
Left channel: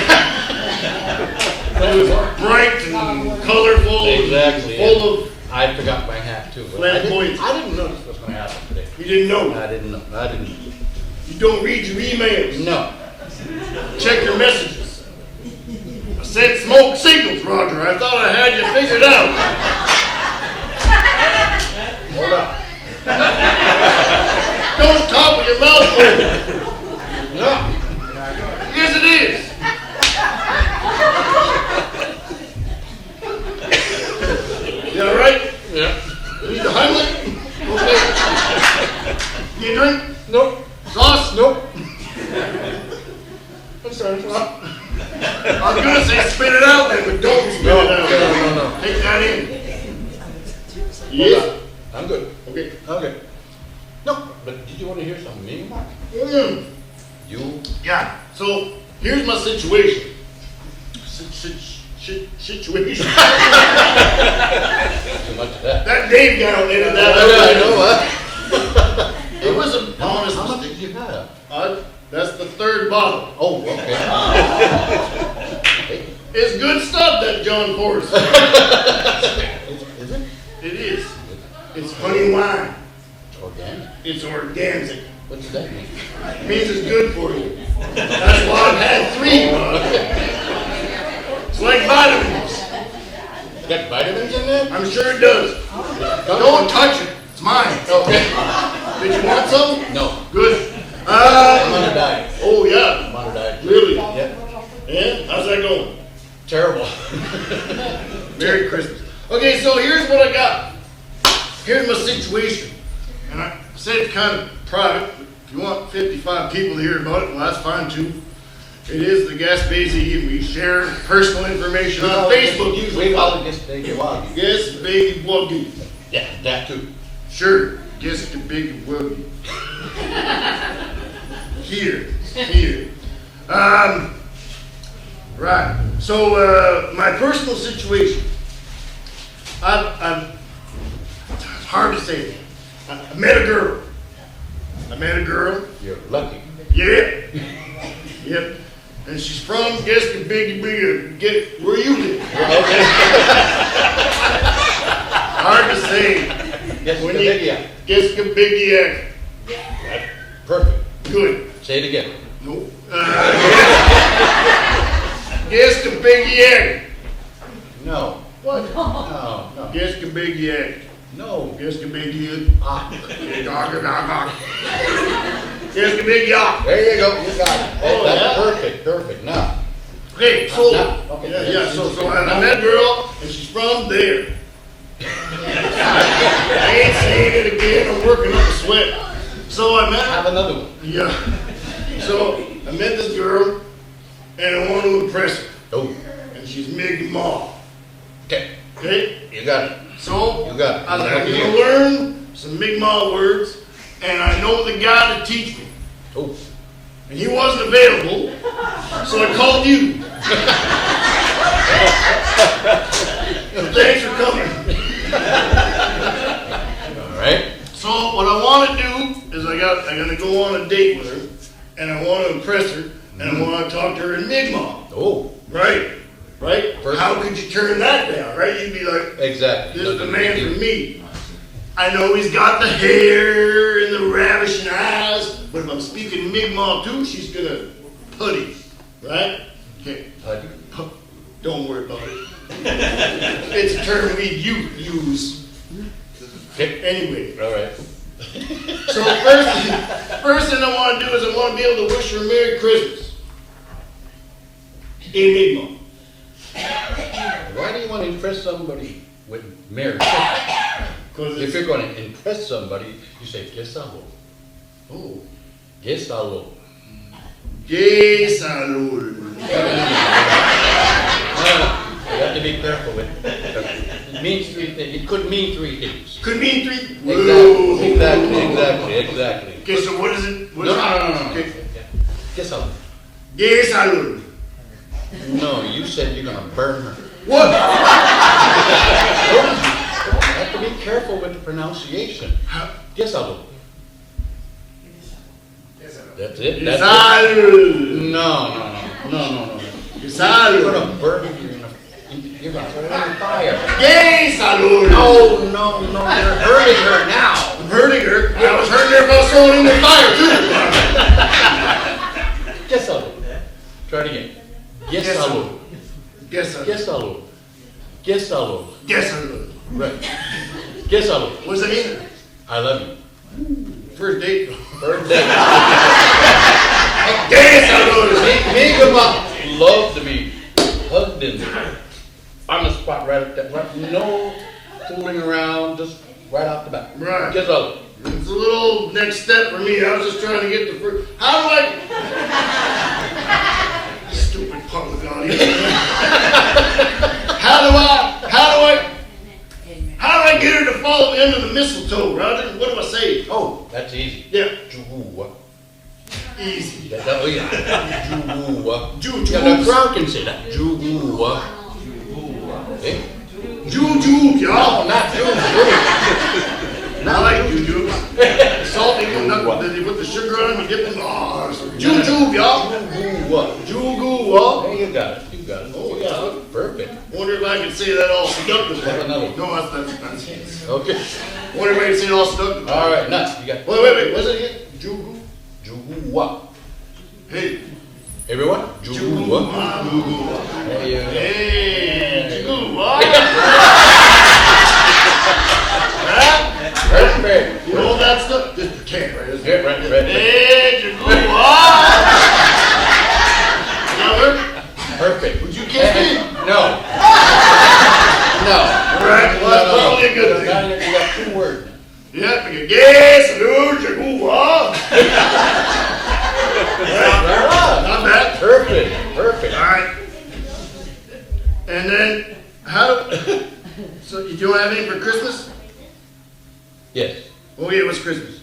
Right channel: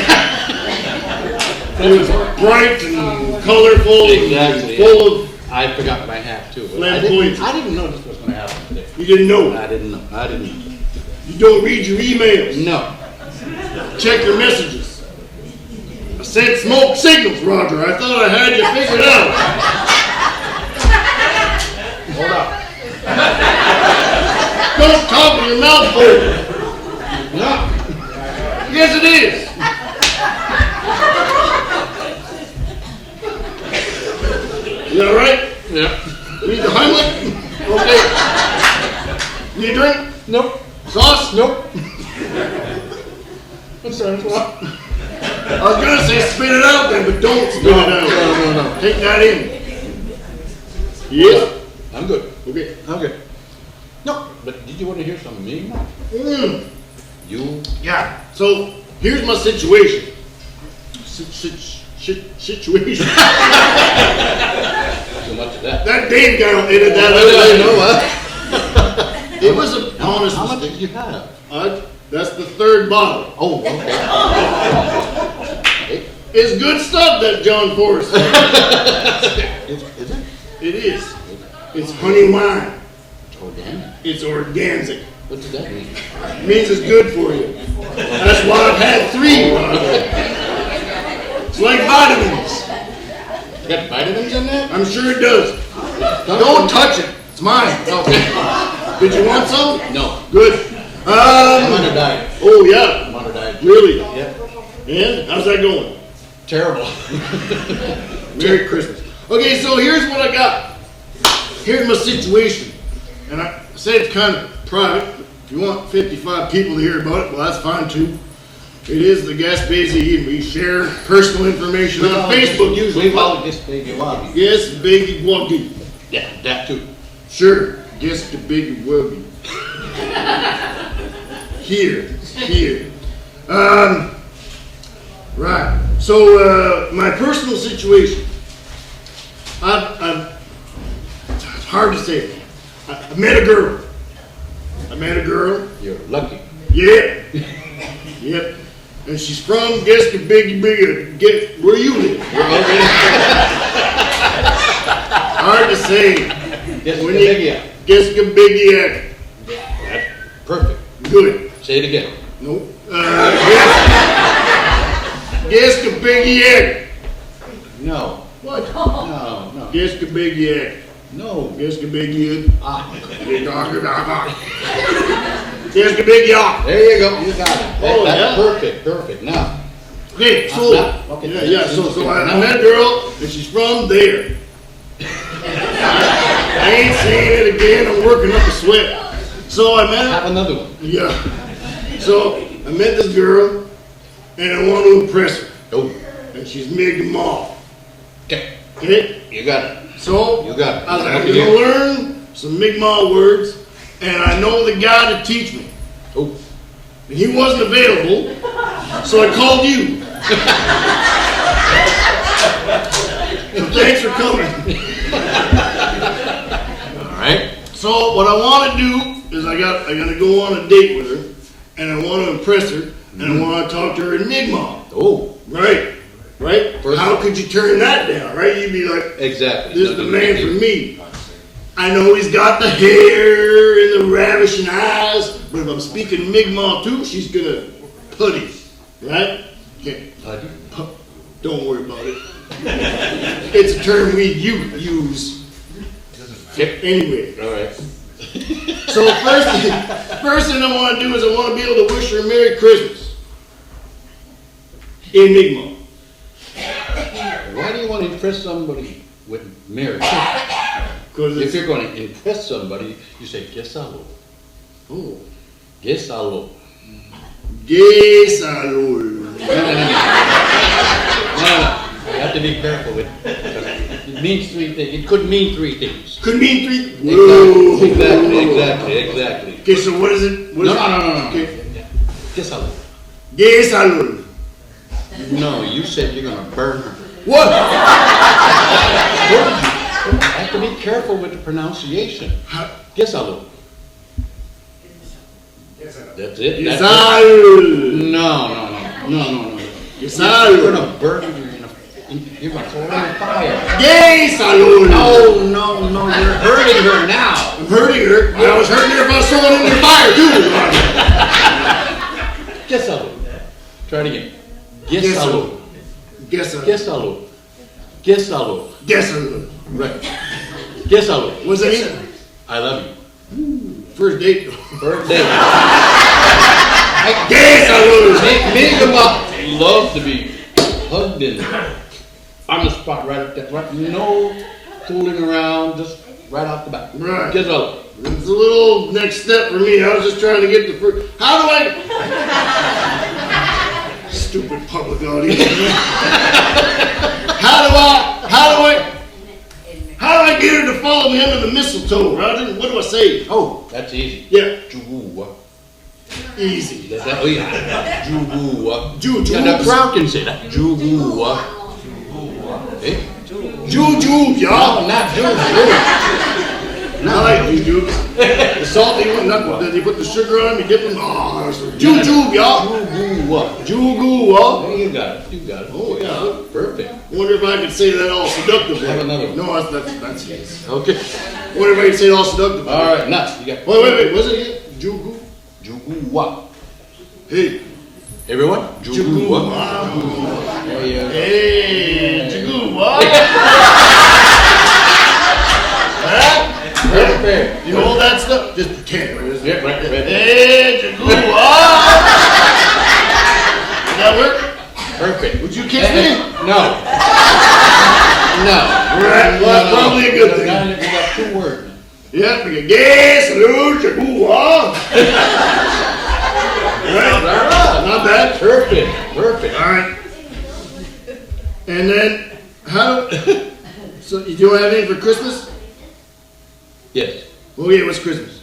was bright and colorful. Exactly. And full of. I forgot my hat too. Flamboyant. I didn't know this was going to happen today. You didn't know. I didn't know. You don't read your emails. No. Check your messages. I sent smoke signals, Roger. I thought I had you figured out. Hold up. Don't talk with your mouth full. No. Yes, it is. You all right? Yeah. Need the Heimlich? Okay. Need a drink? Nope. Sauce? Nope. What's that? I was gonna say spit it out there, but don't spit it out. No. Take that in. Yes? I'm good. Okay. Okay. No, but did you want to hear something mean? You? Yeah. So here's my situation. Situation. So much of that. That Dave guy will edit that out. I know, huh? It was an honest How much mistake. did you have? That's the third bottle. Oh, okay. It's good stuff, that John Forrest. Is it? It is. It's honey wine. It's organic? It's organic. What does that mean? It means it's good for you. That's why I've had 3. It's like vitamins. You got vitamins in there? I'm sure it does. Don't touch it. It's mine. Okay. Did you want some? No. Good. I'm on a diet. Oh, yeah. I'm on a diet. Really? Yep. And how's that going? Terrible. Merry Christmas. Okay, so here's what I got. Here's my situation. And I said it's kind of private. If you want 55 people to hear about it, well, that's fine too. It is the Gaspesian, and we share personal information on Facebook usually. We call it just Biggie Woggy. Yes, Biggie Woggy. Yeah, that too. Sure, guess the Biggie Woggy. Here. Right. So, my personal situation. It's hard to say. I met a girl. You're lucky. Yeah. Yep. And she's from Gaspesian. Get where you live. Okay. Hard to say. Gaspesian. Gaspesian. That's perfect. Good. Say it again. Nope. Gaspesian. No. What? No. Gaspesian. No. Gaspesian. Ah. Gaspesian. There you go. You got it. Oh, That's yeah? perfect. Perfect. Now. Okay, so Okay. yeah. So I met a girl, and she's from there. I ain't saying it again. I'm working up a sweat. So I met. Have another one. Yeah. So I met this girl, and I want to impress her. Oh. And she's Mig Ma. Okay. Okay. You got it. So You got it. I was like, I'm gonna learn some Mi'kmaq words, and I know the guy to teach me. Oh. And he wasn't available, so I called you. Thanks for coming. All right. So what I want to do is I gotta go on a date with her, and I want to impress her, and I want to talk to her in Mi'kmaq. Oh. Right. Right? How could you turn that down, right? You'd be like, Exactly. this is the man for me. I know he's got the hair and the ravishing eyes, but if I'm speaking Mi'kmaq too, she's gonna putty, right? Okay. Putty? Don't worry about it. It's a term we use. Anyway. All right. So first thing I want to do is I want to be able to wish her a Merry Christmas in Mi'kmaq. Why do you want to impress somebody with Merry Christmas? If you're going to impress somebody, you say, Gesalo. Oh. Gesalo. Gesalo. No. You have to be careful with it. It means three things. It could mean three things. Could mean three. Exactly. Okay, so what is it? No. Okay. Gesalo. Gesalo. No, you said you're going to burn her. What? You have to be careful with the pronunciation. Gesalo. That's it. That's it. No. Gesalo. You're going to burn her. You're going to throw her in the fire. Gesalo. No. You're hurting her now. I'm hurting her. I was hurting her if I was throwing her in the fire too. Gesalo. Try it again. Gesalo. Right. Gesalo. What's that mean? I love you. First date. Gesalo. Me and my love to be hugged in on the spot right at that. Right, no fooling around, just right off the bat. Right. Gesalo. It's a little next step for me. I was just trying to get the first. How do I? Stupid public audience. How do I get her to follow me under the mistletoe? Right? What do I say? Oh, that's easy. Yeah. Jugu. Easy. Jugu. Yeah, the crowd can say that. Jugu. Eh? Juju, y'all. No, not juju. I like juju. The salty one, then you put the sugar on, you dip them. Oh, juju, y'all. Jugu. There you got it. Oh, yeah. Perfect. Wonder if I can say that all seductively. Have another one. No, that's his. Okay. Wonder if I can say it all seductively. All right, nuts. You got. Wait. What's it again? Jugu. Jugu. Hey. Everyone? Jugu. Hey, Jugu. Perfect. You know all that stuff? Just pretend, right? Yeah, right. Hey, Jugu. That work? Perfect. Would you kiss me? No. Right. Well, probably a good thing. You got 2 words. Yeah, we can guess, Jugu. Right. Not bad. Perfect. All right. And then, so you don't have anything for Christmas? Yes. Oh yeah, what's Christmas?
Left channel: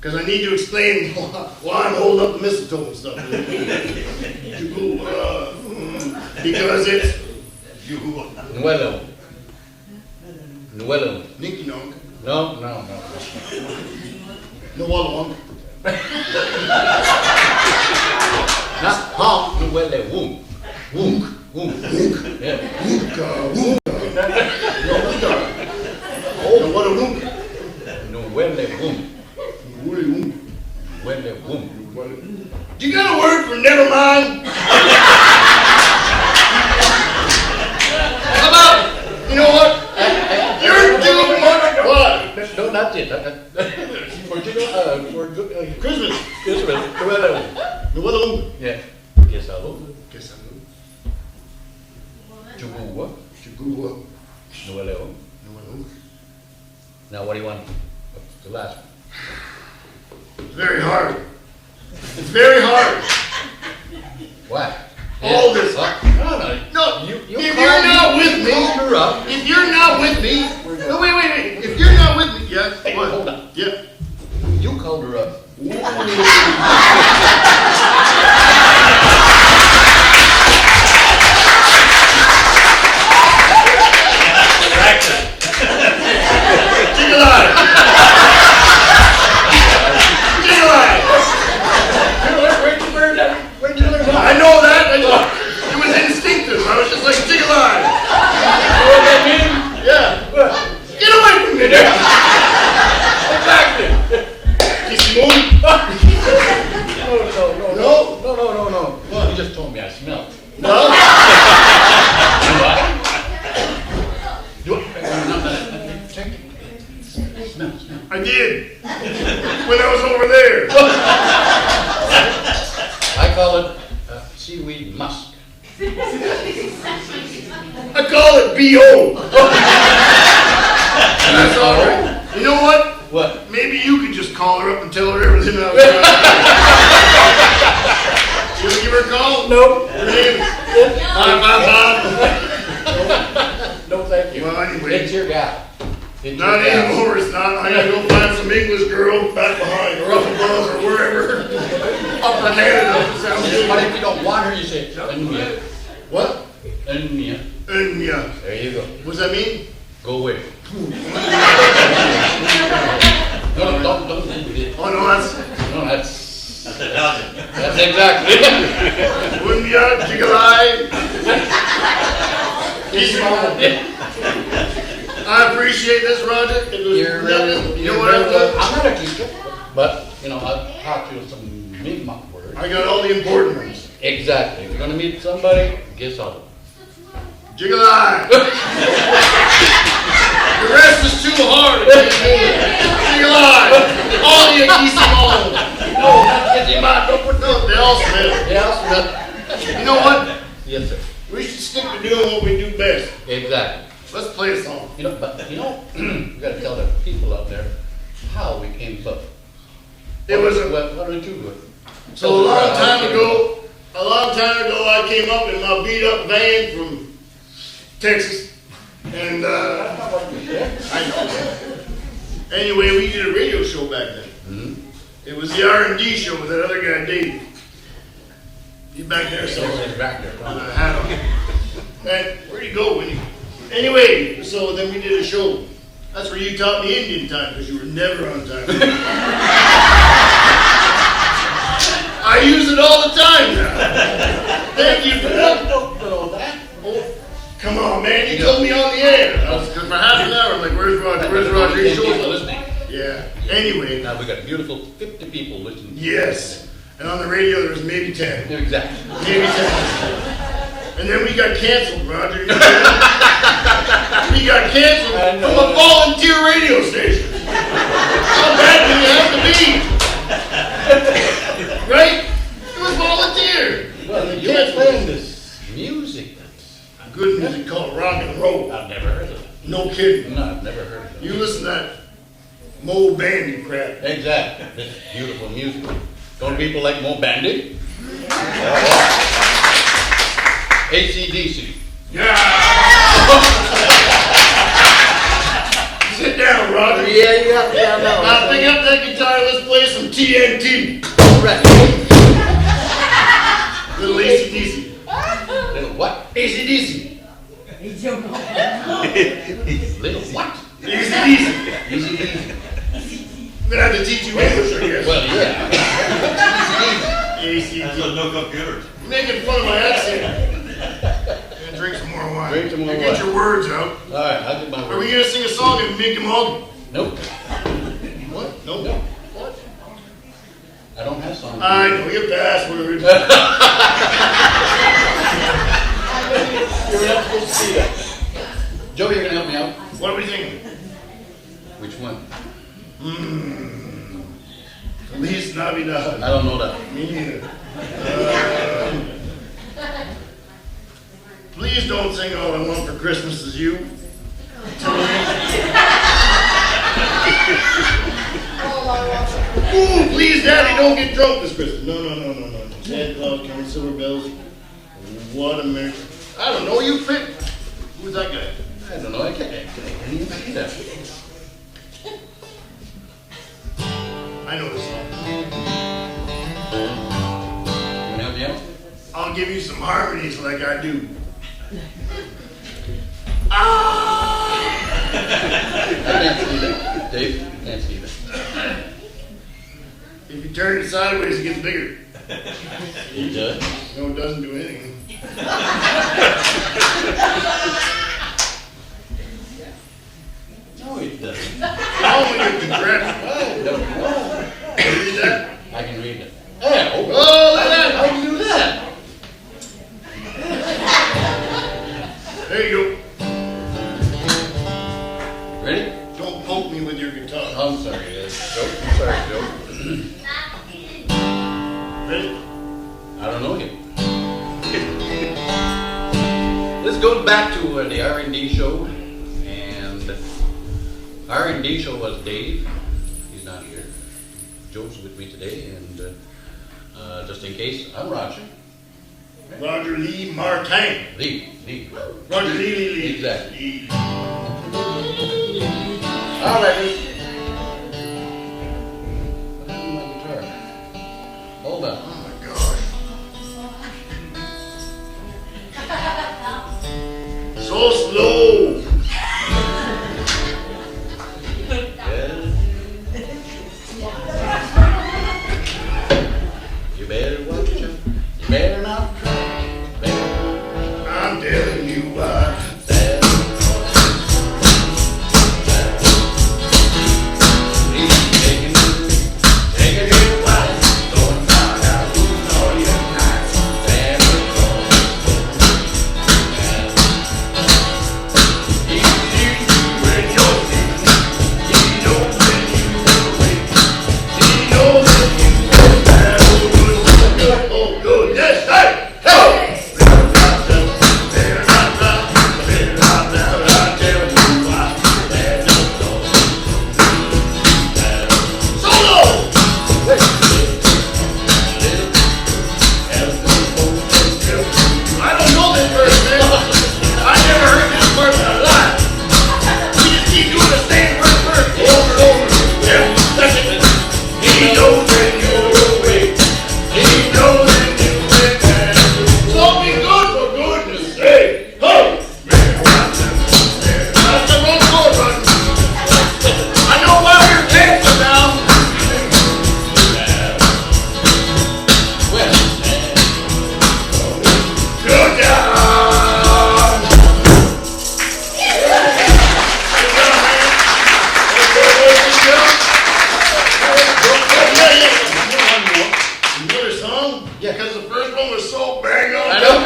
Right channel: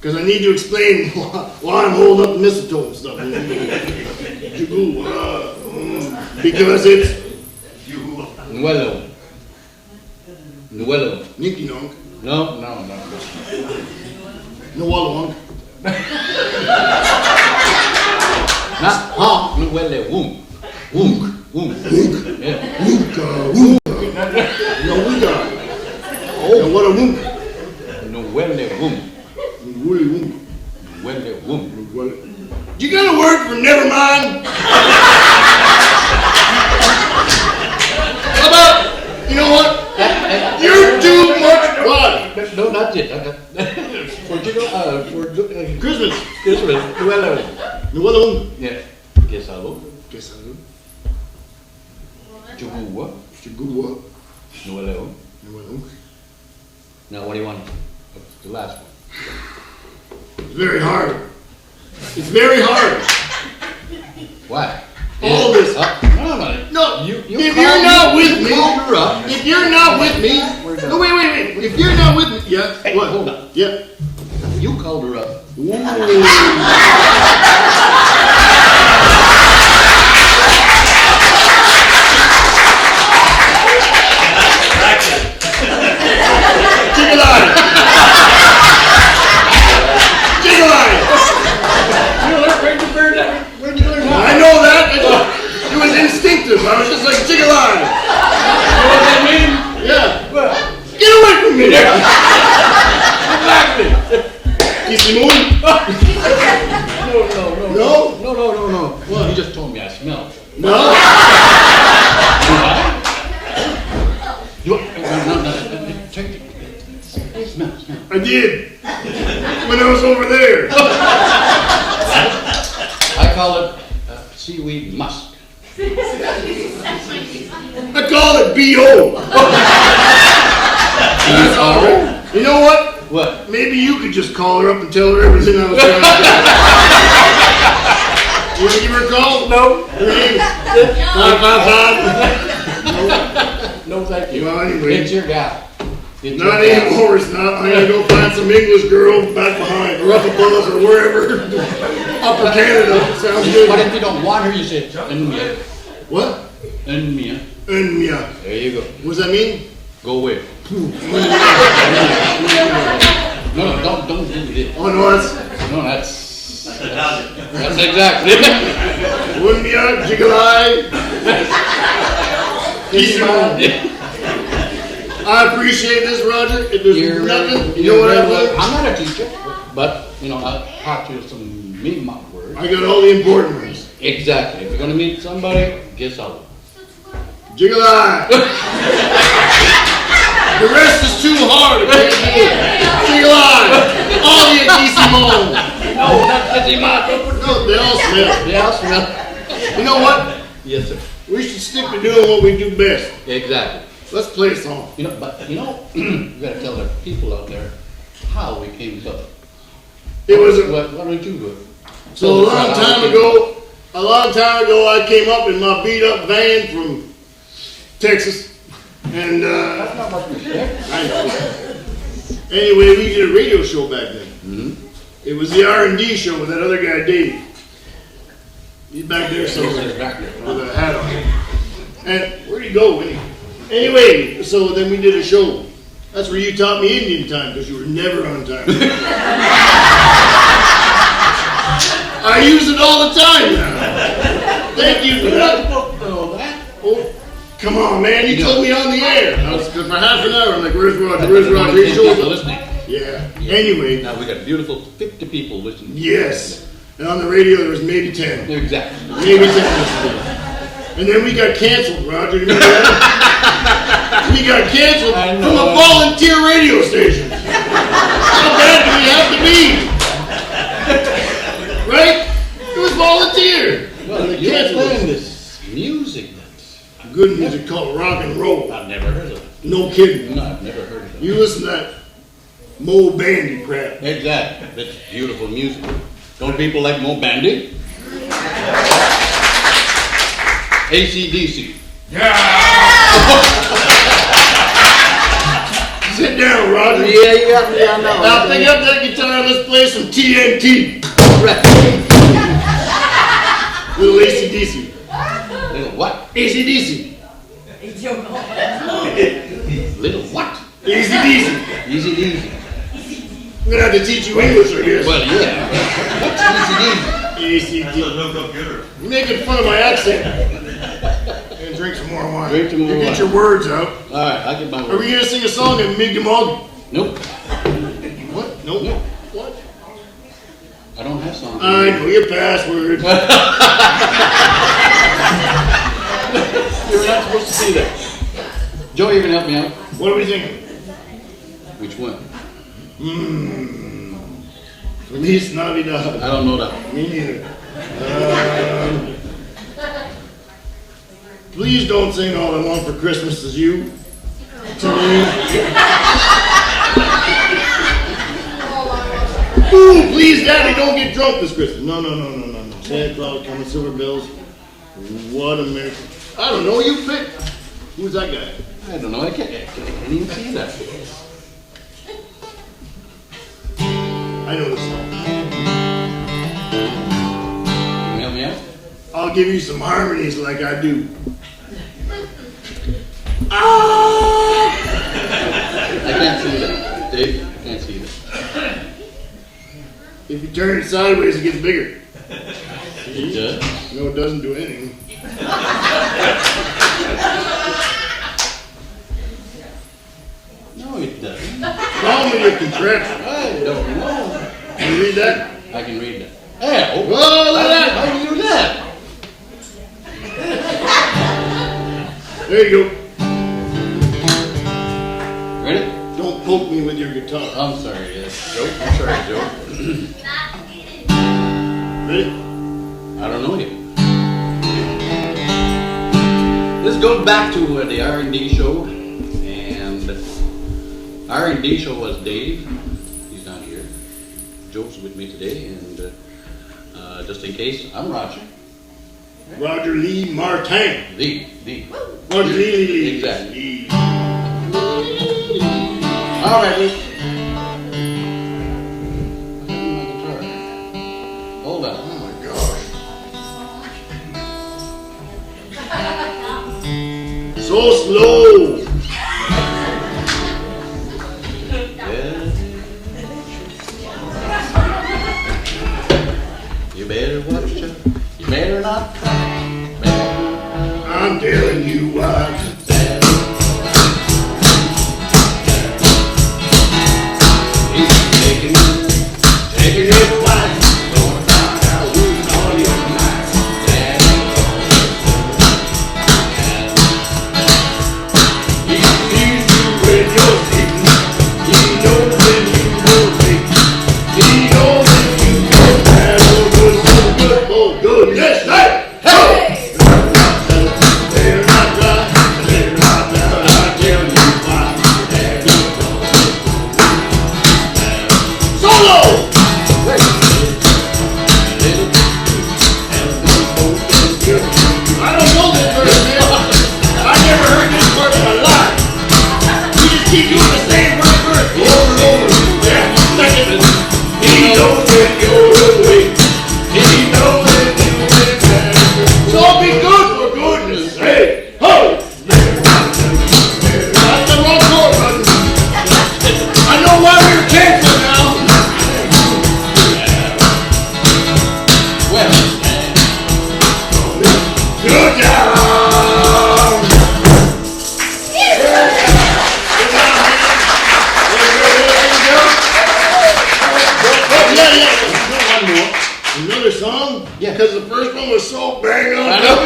Because I need to explain why I'm holding up the mistletoe and stuff. Because it's Nuelo. Ninky Nonk. No. No Wallawonk. Not honk. Nuele woonk. Yeah. Woonk. No Woonka. Oh, what a woonk. Nuele woonk. Woonk. Nuele No, not yet. For Christmas. Christmas. Nuelo. Yeah. Quesado. Quesado. Chugua. Chugua. Nuelo. Nuelo. Now, what do you want? The last one. It's very hard. It's very hard. Why? All this. No. If you're not with me, if you're not with me, no, wait. If you're not with me, yeah. Hey, what? hold on. Yeah. You called her up. Ooh. I know that. It was instinctive. I was just like, jig alive. You know what that means? Yeah. Get away from me there. Exactly. Keep me moving. No. Well, you just told me I smell. No. Do I? No. Check it. Smell. I did. When I was over there. I call it seaweed musk. I call it B.O. That's all right. You know what? What? Maybe you could just call her up and tell her everything I was going to do. You want to give her a call? No. No, thank you. Well, anyway. It's your gal. Not anymore, it's not. I gotta go find some English girl back behind, or up above, or wherever. Upper Canada. Sounds good. But if you don't want her, you say, Enmia. What? Enmia. Enmia. There you go. What does that mean? Go away. No, don't do it. Oh, no, that's exactly. Enmia, Jigalai. Easy home. I appreciate this, Roger. It was nothing. You know what I learned? I'm not a teacher, but I taught you some Mi'kmaq words. I got all the important ones. Exactly. If you're gonna meet somebody, guess how. Jigalai. The rest is too hard. I can't do it. Jigalai. All the Agissimo. No, that's Agissimo. No, they all smell. They all smell. You know what? Yes, sir. We should stick to doing what we do best. Exactly. Let's play a song. You gotta tell the people out there how we came to it. It was why don't you do it? So a long time ago, I came up in my beat up van from Texas. And that's not much respect. I know. Anyway, we did a radio show back then. Mm-hmm. It was the R&D show with that other guy, Dave. He's back there somewhere with a hat on. And where'd he go, Winnie? Anyway, so then we did a show. That's where you taught me Indian time, because you were never on time. I use it all the time now. Thank you for that. Oh, come on, man. You told me on the air. I was, for half an hour, I'm like, where's Roger? Where's Roger? He's listening. Yeah. Anyway. Now we got a beautiful 50 people listening. Yes. And on the radio, there's maybe 10. Exactly. Maybe 10. And then we got canceled, Roger. You know that? We got canceled from a volunteer radio station. How bad do we have to be? Right? It was volunteer. Well, you're playing this music that's good music called rock and roll. I've never heard of it. No kidding. No, I've never heard of it. You listen to that Mo Bandy crap. Exactly. This beautiful music. Don't people like Mo Bandy? AC/DC. Yeah. Sit down, Roger. Yeah, you got me on that one. Now pick up that guitar. Let's play some TNT. Right. Little AC/DC. Little what? AC/DC. Little what? AC/DC. AC/DC. I'm gonna have to teach you English, I guess. Well, yeah. AC/DC. You're making fun of my accent. And drink some more wine. Drink some more Get wine. your words out. All right, I get my words. Are we gonna sing a song at Mi'kmaq? Nope. What? Nope. Nope. What? I don't have songs. I know your password. You're not supposed to be there. Joe, you can help me out. What are we thinking? We Which one? Feliz Navidad. I don't know that. Me neither. Please don't sing All I Want for Christmas Is You to me. Ooh, please, Daddy, don't get drunk this Christmas. No. Santa Claus coming, silver bells. What a merry. I don't know, you pick. Who's that guy? I don't know. I can't even see that. I know this song. Meow meow. I'll give you some harmonies like I do. I can't see that. Dave, I can't see that. If you turn it sideways, it gets bigger. It does. No, it doesn't do anything. No, it doesn't. How many compressed? I don't know. Can you read that? I can read that. Yeah. Oh, look at that. How do you do that? There you go. Ready? Don't poke me with your guitar. I'm sorry, Joe. I'm sorry, Joe. Ready? I don't know yet. Let's go back to the R&D show. And R&D show was Dave. He's not here. Joe's with me today. And just in case, I'm Roger. Roger Lee Martin. Lee. Roger Lee. Exactly. All right, Luke. Hold on. Oh my God. So slow. You better watch it. You better not try. I'm telling you what. Taking it wide. Going down how losing all your nights. He sees you when you're sleeping. He knows when you will wake. He knows that you feel bad. Oh, good. Yes, hey! Hey! They're not right. They're not right. I tell you why. Solo! I don't know this verse, man. I never heard this part in my life. You just keep doing the same word over and over. Yeah, second. He knows when you're awake. He knows when you went back. So be good for goodness sake. Ho! That's the wrong chord, brother. I know why we're cancer now. Well, good job. Another song? Yeah. Because the first one was so bang on. I know.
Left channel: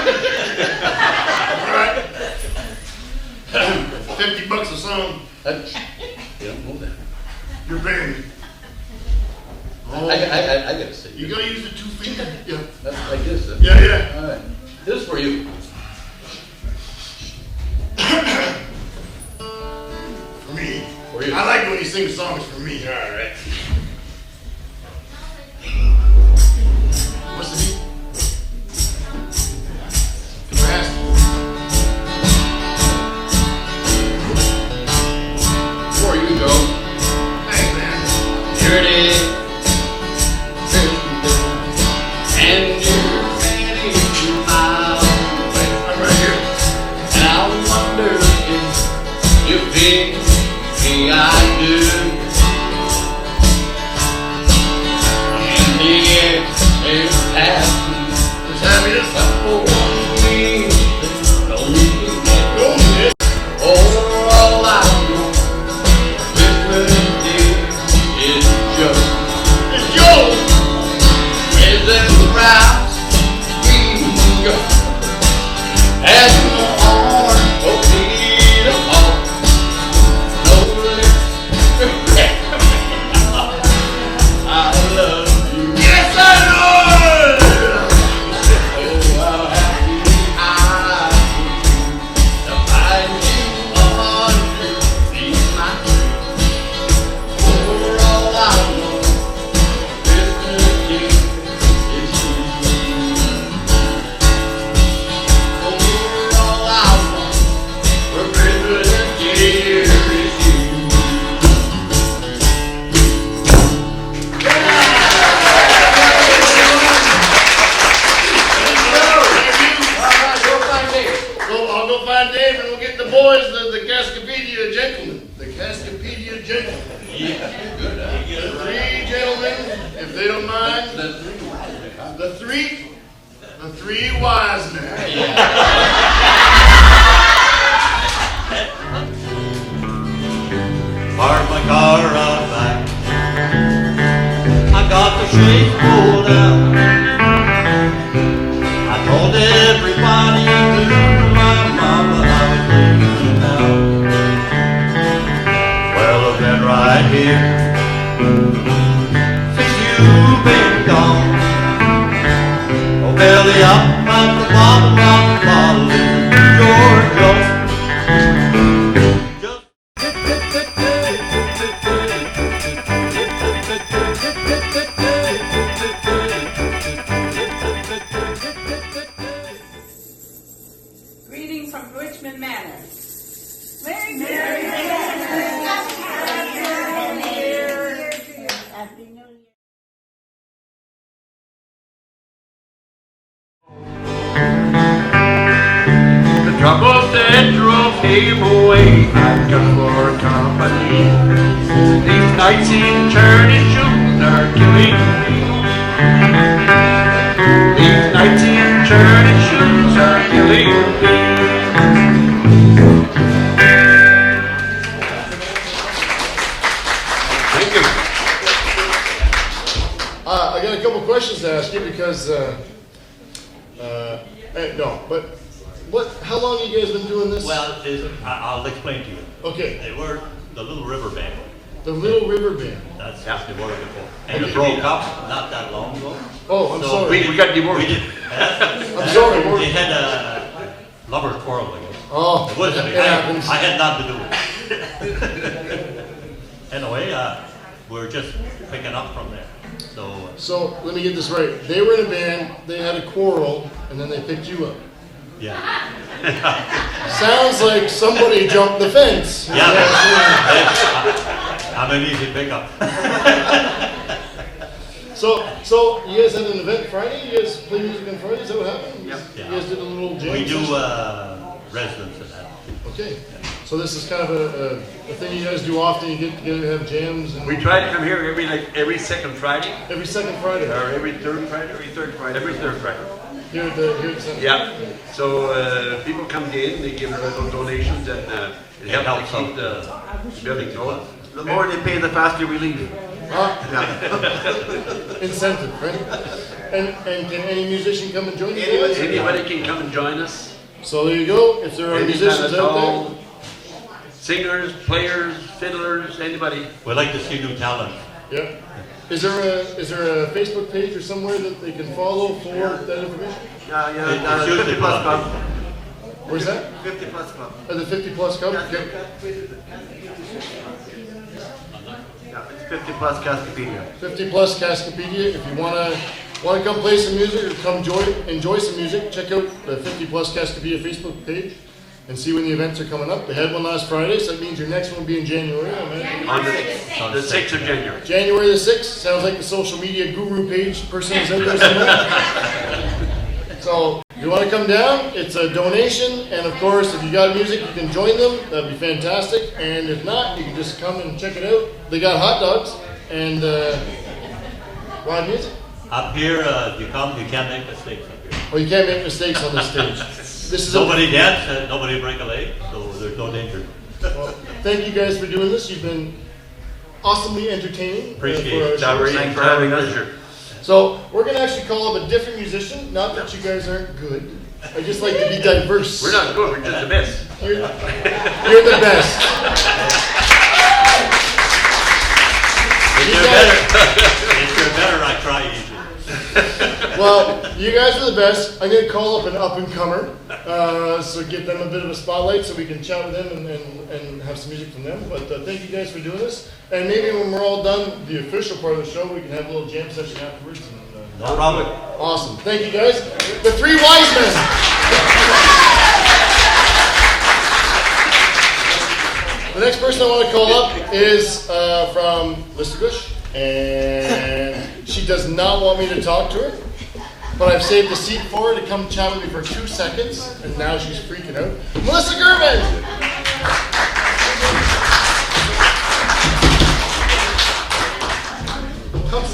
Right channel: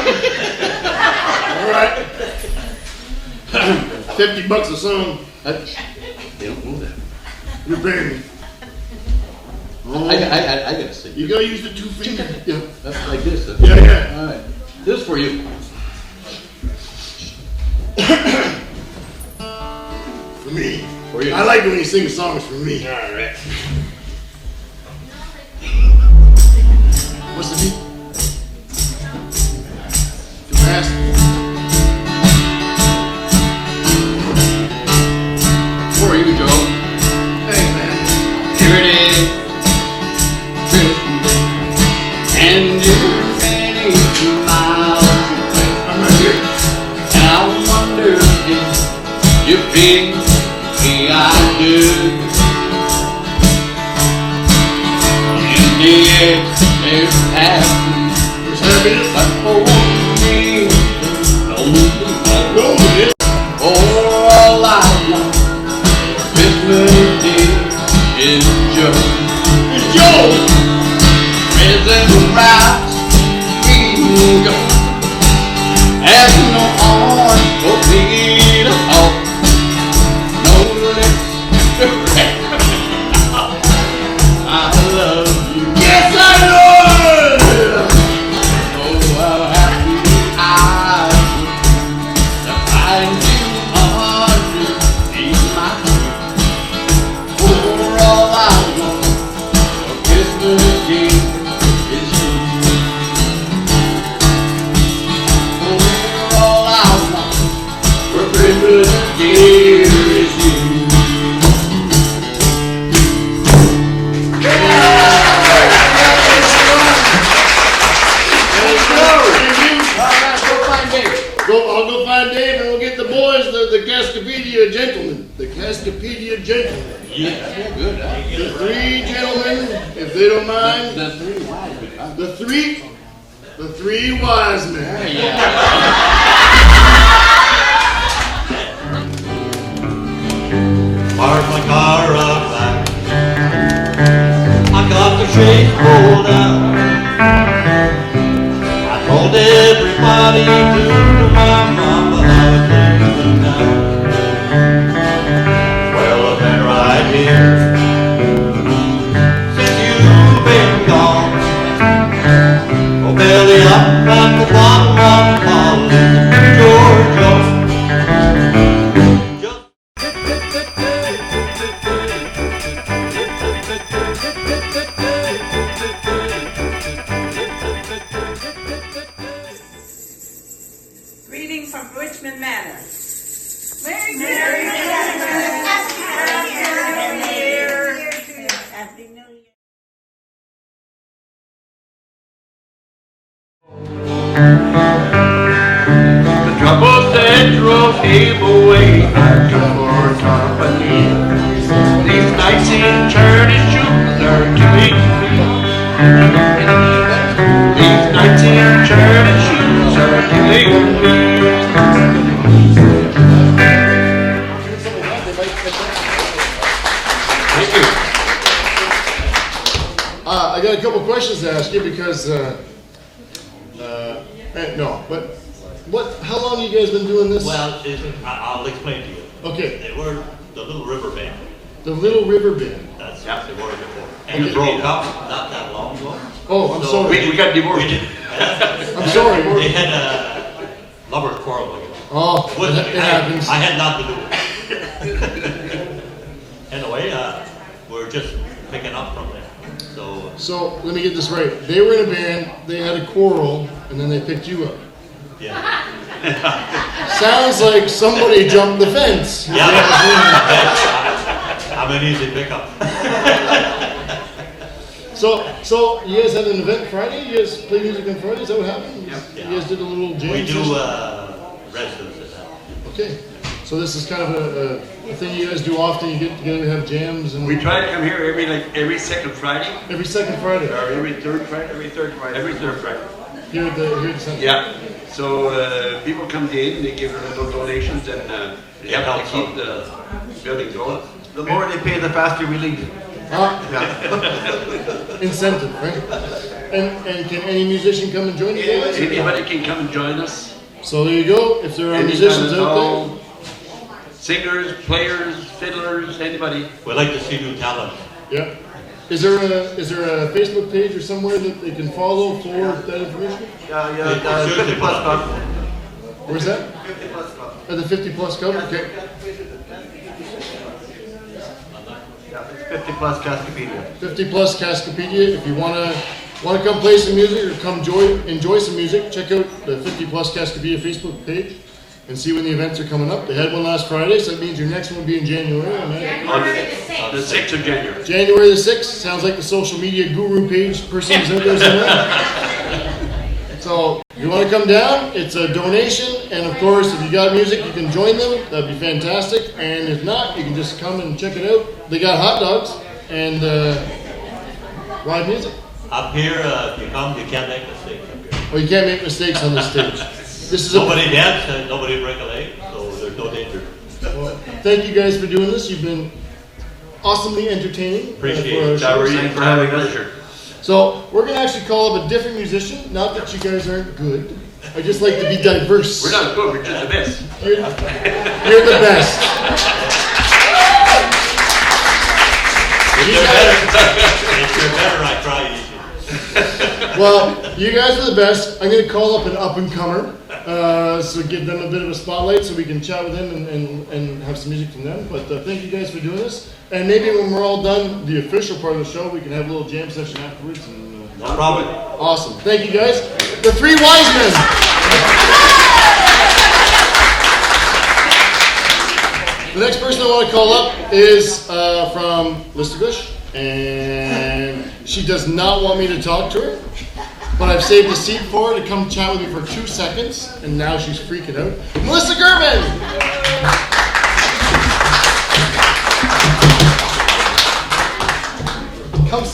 All right. $50 a song. You don't know that. You're paying me. I gotta say. You gotta use the two fingers. Yeah. That's like this. Huh? Yeah. All right. This for you. For me. For you. I like when you sing songs for me. All right. What's the beat? Fast. For you, Joe. Thanks, man. Here it is. And you're many miles away. I'm right here. And I wonder if you think me I do. In the air, there's happiness. There's happiness. But for me, there's Loneliness. all I want for Christmas Day is just It's Joe. presents wrapped in gold. Has no arms for me to hold. No lips to Cascapedia gentlemen. Yeah, good. The three gentlemen, if they don't mind. The three wise men. Park my car up back. I got the shades pulled down. I told everybody to my mama I was leaving now. Well, I've been right here since you've been gone. Oh, belly up at the bottom of the bottle, Georgia. Greetings from Richmond Manor. Merry Happy New Year. The trouble central gave away for company. These nights in churning shoes are killing me. These nights in churning shoes are killing me. Thank you. I got a couple questions to ask you because, no, but how long have you guys been doing this? Well, I'll explain to you. Okay. They were the Little River Band. The Little River Band. That's what they were before. And it broke up not that long ago. Oh, I'm sorry. We got divorced. I'm sorry. They had a lover's quarrel, I guess. Oh, It wasn't it me. happens. I had nothing to do with it. Anyway, we're just picking up from there. So let me get this right. They were in a band, they had a quarrel, and then they picked you up. Yeah. Sounds like somebody jumped the fence. Yeah. I'm an easy pickup. So you guys had an event Friday? You guys play music on Friday? Is that what happened? Yep. You guys did a little jam? We do session? residents at that. Okay. So this is kind of a thing you guys do often. You get together and have jams. And We try to come here every second Friday. Every second Friday. Or every third Friday. Every third Friday. Here at the center. Yeah. So people come in, they give their little donations, and it helps to keep the building going. The more they pay, the faster we leave. Incentive, right? And can any musician come and join you guys? Anybody can come and join us. So there you go. If there are musicians out there. Singers, players, fiddlers, anybody. We like to see new talent. Yeah. Is there a Facebook page or somewhere that they can follow for that information? 50 Plus Club. Where's that? 50 Plus Club. The 50 Plus Club? Okay. Yeah, it's 50 Plus Cascapedia. 50 Plus Cascapedia. If you wanna come play some music or come enjoy some music, check out the 50 Plus Cascapedia Facebook page and see when the events are coming up. They had one last Friday, so that means your next one will be in January. On the 6th of January. January the 6th. Sounds like the social media guru page person is out there somewhere. So, if you want to come down, it's a donation, and of course, if you got music, you can join them. That'd be fantastic. And if not, you can just come and check it out. They got hot dogs and live music. Up here, if you come, you can't make mistakes up here. Well, you can't make mistakes on this stage. Nobody dance, nobody break a leg, so there's no danger. Well, thank you guys for doing this. You've been awesomely entertaining. Appreciate it. For having us. So we're gonna actually call up a different musician. Not that you guys aren't good. I just like to be diverse. We're not good. We're just the best. You're the best. If you're better, I try easier. Well, you guys are the best. I'm gonna call up an up and comer, so give them a bit of a spotlight so we can chat with them and have some music from them. But thank you guys for doing this. And maybe when we're all done, the official part of the show, we can have a little jam session afterwards. And, no problem. Awesome. Thank you guys. The three wise men. The next person I want to call up is from Listerbush, and she does not want me to talk to her, but I've saved a seat for her to come chat with me for 2 seconds, and now she's freaking out. Melissa German!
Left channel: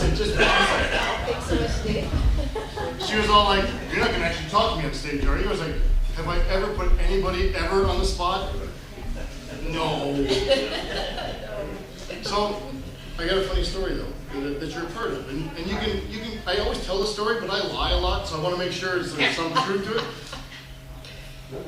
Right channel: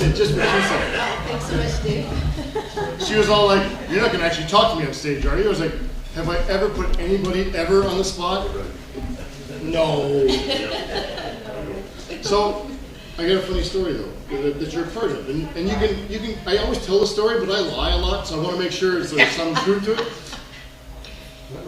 it, just what she said. Thanks so much, Dave. She was all like, "You're not gonna actually talk to me on stage, are you?" I was like, "Have I ever put anybody ever on the spot?" No. So, I got a funny story though that you're a part of, and you can. I always tell the story, but I lie a lot, so I want to make sure there's some truth to it.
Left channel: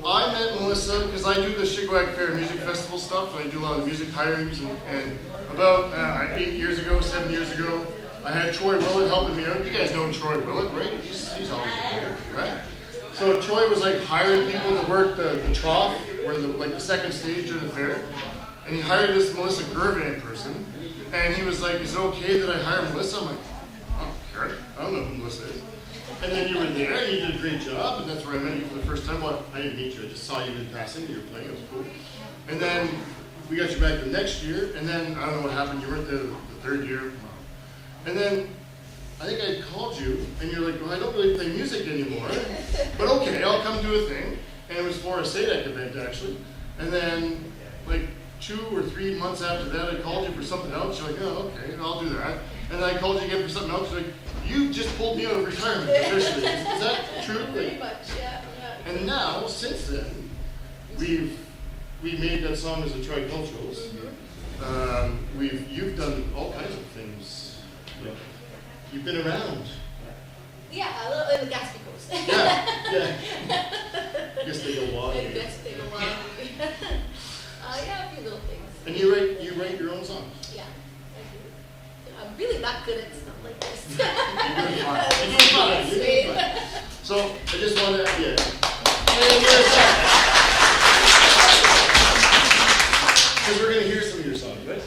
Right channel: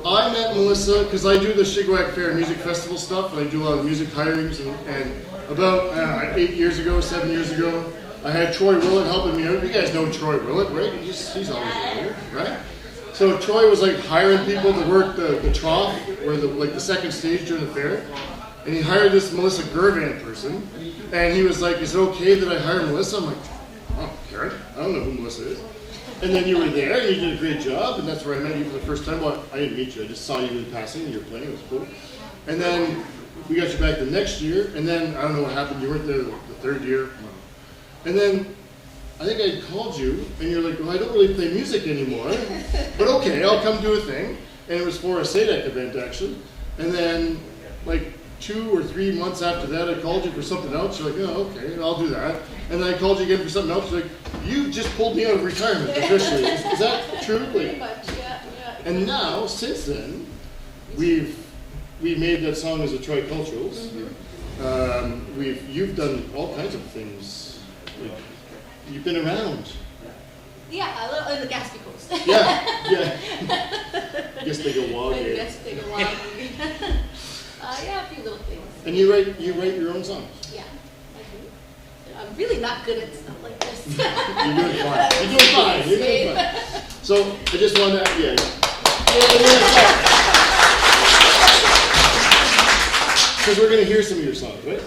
I met Melissa because I do the Shigwag Fair Music Festival stuff, and I do a lot of music hirings. And about 7 years ago, I had Troy Willett helping me out. You guys know Troy Willett, right? He's always there, right? So Troy was like hiring people to work the trough or the second stage during the fair. And he hired this Melissa Gervan person, and he was like, "Is it okay that I hire Melissa?" I'm like, "Oh, sure. I don't know who Melissa is." And then you were there, and you did a great job, and that's where I met you for the first time. Well, I didn't meet you, I just saw you in passing, you were playing, it was cool. And then we got you back the next year, and then I don't know what happened, you weren't there the third year. And then I think I called you, and you're like, "Well, I don't really play music anymore, but okay, I'll come do a thing." And it was for a SADAC event, actually. And then, like, 2 or 3 months after that, I called you for something else. You're like, "Oh, okay, I'll do that." And then I called you again for something else. You're like, "You just pulled me out of retirement officially." Is that true? Pretty much, yeah. And now, since then, we've made that song as a triculturals. You've done all kinds of things. You've been around. Yeah, a little in the Gaspy Coast. Yeah. Guess they go wild here. Guess they go wild. Yeah, a few little things. And you write your own songs. Yeah, I do. I'm really not good at stuff like this. You're doing fine. So I just wanted to, because we're going to hear some of your songs, right?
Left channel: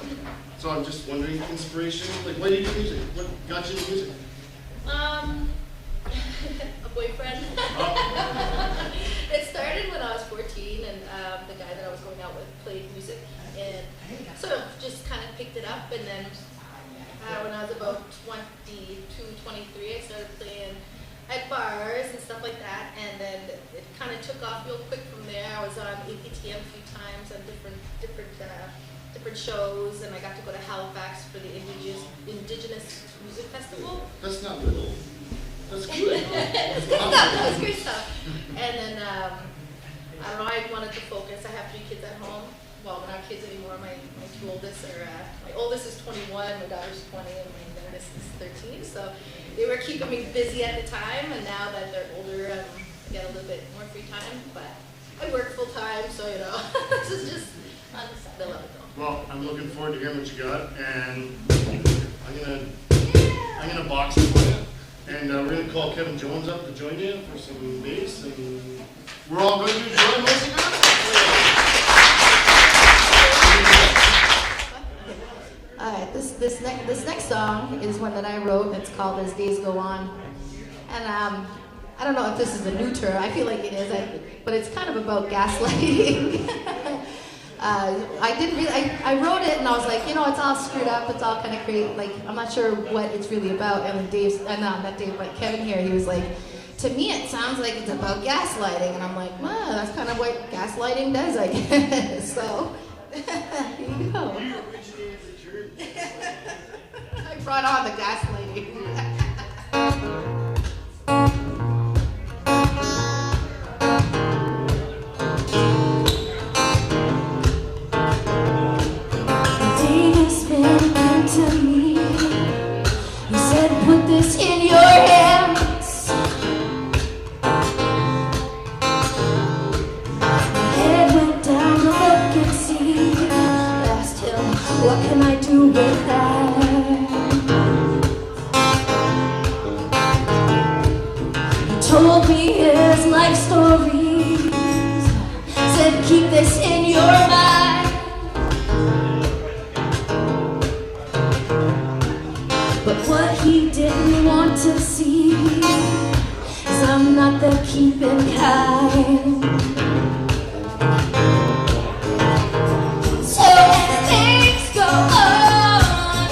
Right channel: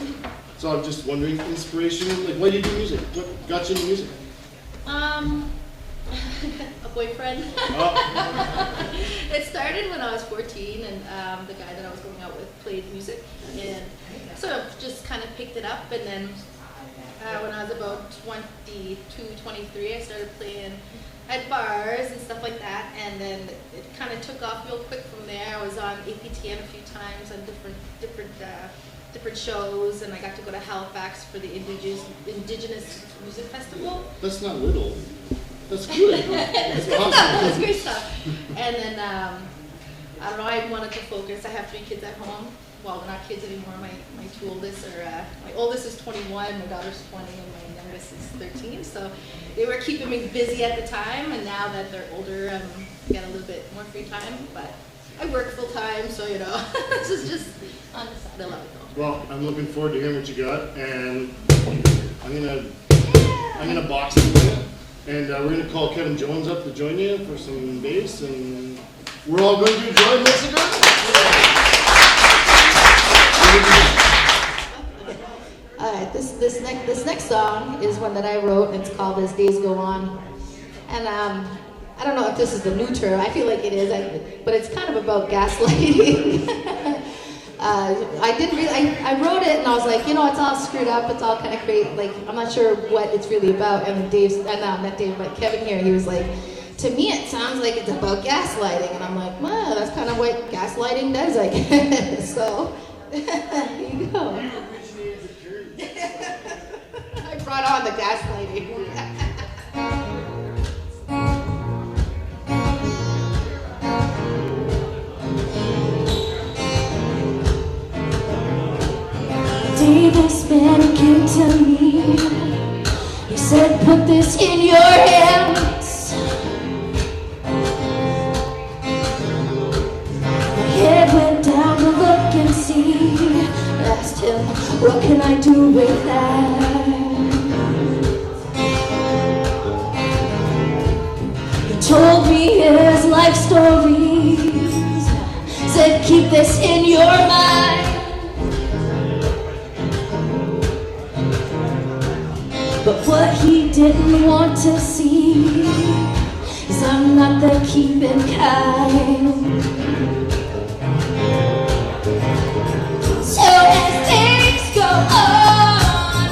So I'm just wondering, inspiration, like, why do you do music? What got you into music? A boyfriend. It started when I was 14, and the guy that I was going out with played music, and sort of just kind of picked it up. And then when I was about 22, 23, I started playing at bars and stuff like that, and then it kind of took off real quick from there. I was on APTM a few times on different shows, and I got to go to Halifax for the Indigenous Music Festival. That's not little. That's good. It's great stuff. It's great stuff. And then, I don't know, I wanted to focus. I have 3 kids at home. Well, not kids anymore. My two oldest are, my oldest is 21, my daughter's 20, and my youngest is 13. So they were keeping me busy at the time, and now that they're older, I got a little bit more free time. But I work full time, so this is just on the side. I love it though. Well, I'm looking forward to hearing what you got, and I'm gonna box it for you. And we're going to call Kevin Jones up to join you for some bass, and we're all going to join this again. All right, this next song is one that I wrote, and it's called "As Days Go On." And I don't know if this is the new term. I feel like it is, but it's kind of about gaslighting. I wrote it and I was like, it's all screwed up, it's all kind of crazy, like, I'm not sure what it's really about. And not Dave, but Kevin here, he was like, "To me it sounds like it's about gaslighting." And I'm like, well, that's kind of what gaslighting does, I guess. So, there you go. I brought on the gaslighting. Davis came to me. He said, "Put this in your hands." My head went down to look and see. Asked him, "What can I do with that?" He told me his life stories. Said, "Keep this in your mind." But what he didn't want to see is I'm not the keeping kind. So as days go on,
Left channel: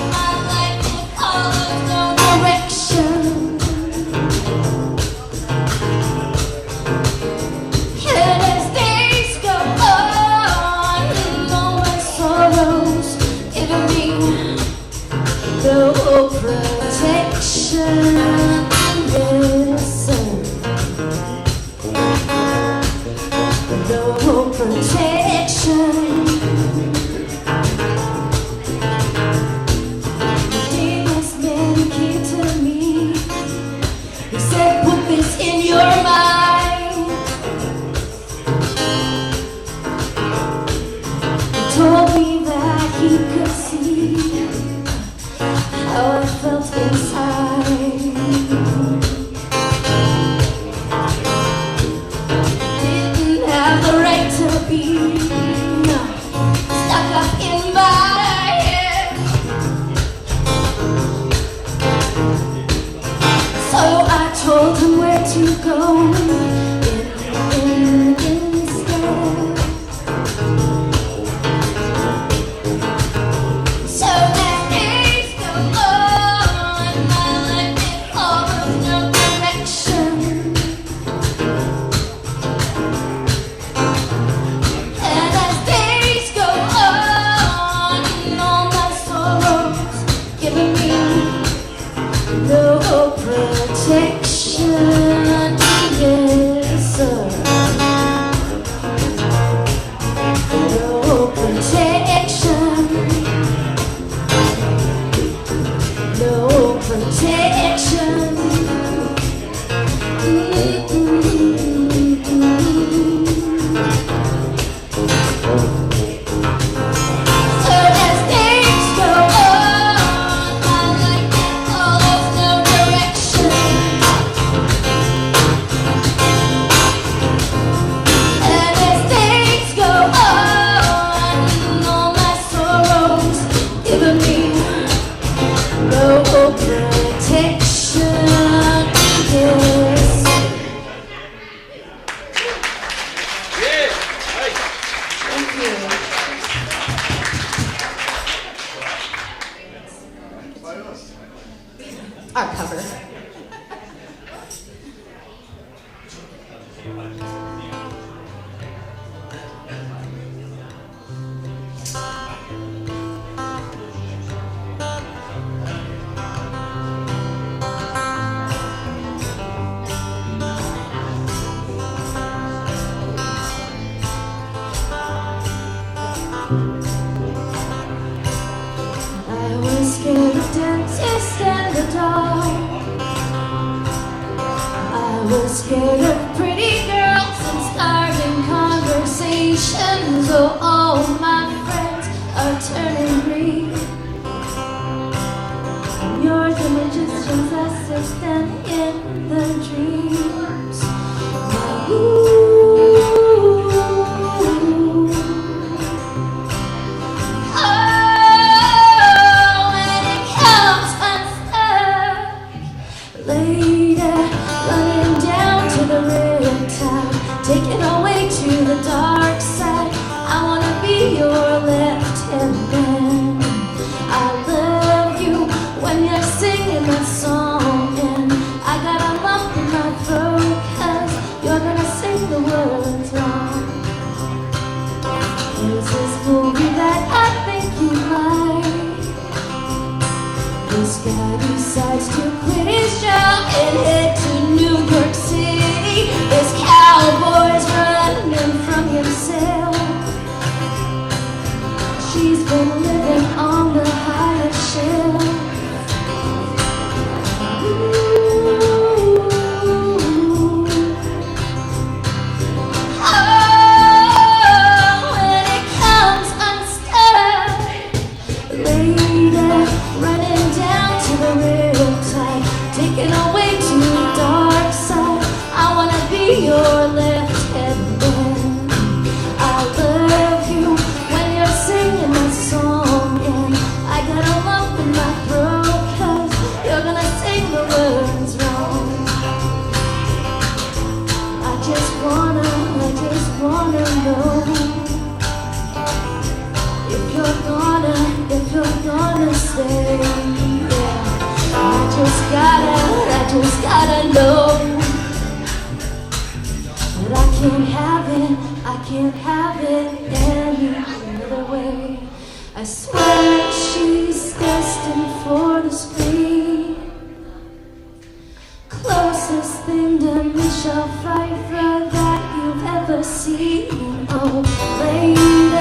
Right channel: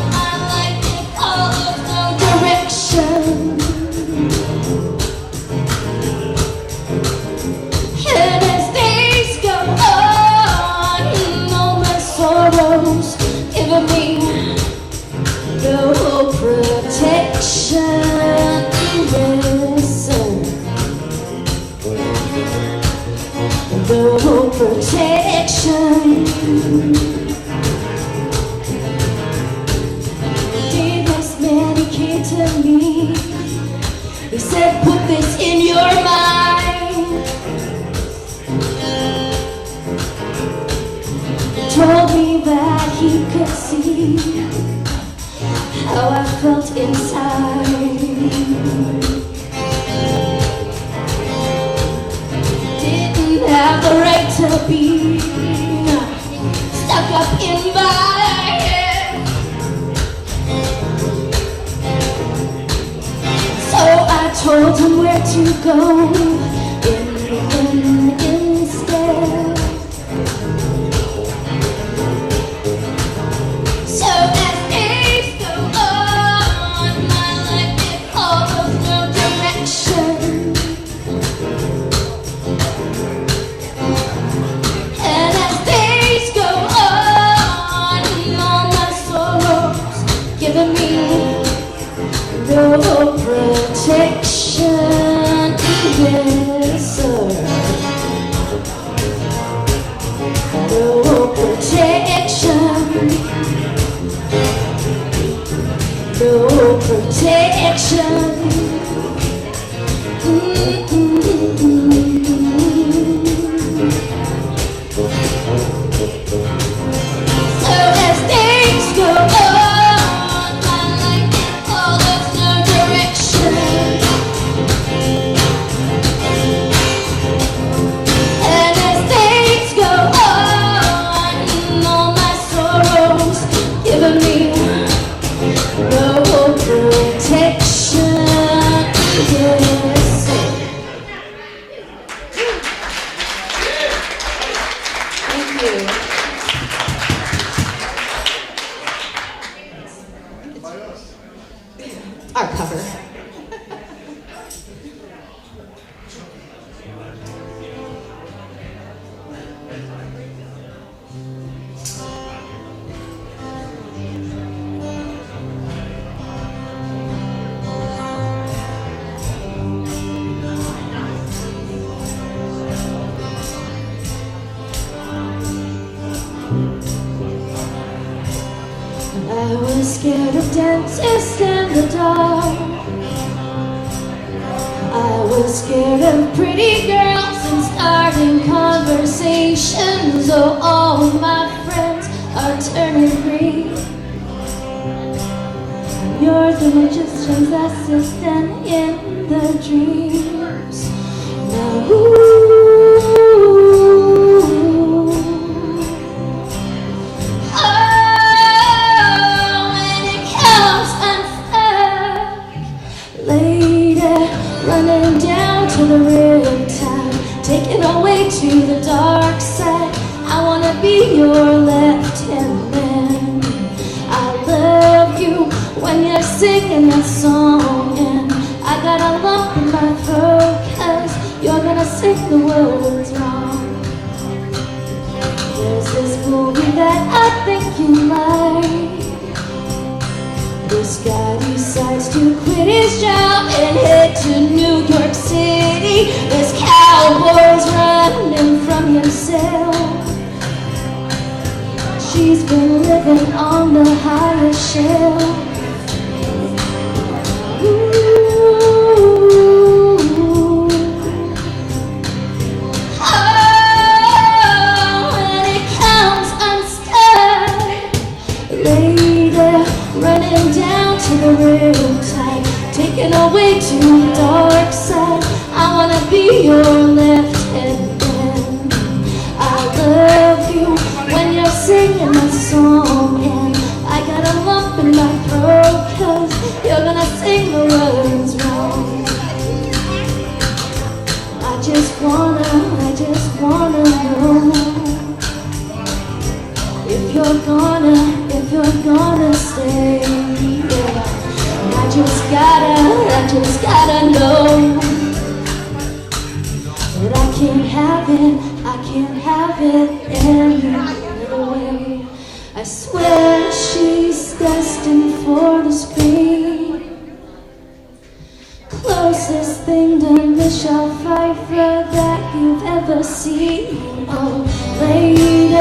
I like to call no direction. And as days go on, all my sorrows giving me no protection. yes, sir. No protection. The day this man he came to me, he said, put this in your mind. He told me that he could see how I felt inside. Didn't have the right to be stuck up in my head. So I told him where to go instead. So as days go on, my life it follows no direction. And as days go on, all my sorrows giving me no protection. Yes, sir. No protection. No protection. So as days go on, my life it follows no direction. And as days go on, all my sorrows giving me no protection. Yes. Thank you. Our cover. I was scared of dentists and the dark. I was scared of pretty girls and starting conversations. Oh, all my friends are turning green. You're the magician's assistant in the dreams. Now, running down to the riptide, taken away to the dark side. I wanna be your left-hand man. I love you when you're singing that song, and I got a lump in my throat 'cause you're gonna sing the words wrong. There's this movie that I think you like. This guy decides to quit his job and head to New York City. This cowboy's running from himself. She's been living on the higher shelf. When it comes unstuck, later running down to the riptide, taken away to the dark side. I wanna be your left-hand man. I love you when you're singing a song, and I got a lump in my throat 'cause you're gonna sing the words wrong. I just wanna know if you're gonna stay. Yeah. I just gotta know. But I can't have it any other way. I swear she's destined for the screen. seen you, lady,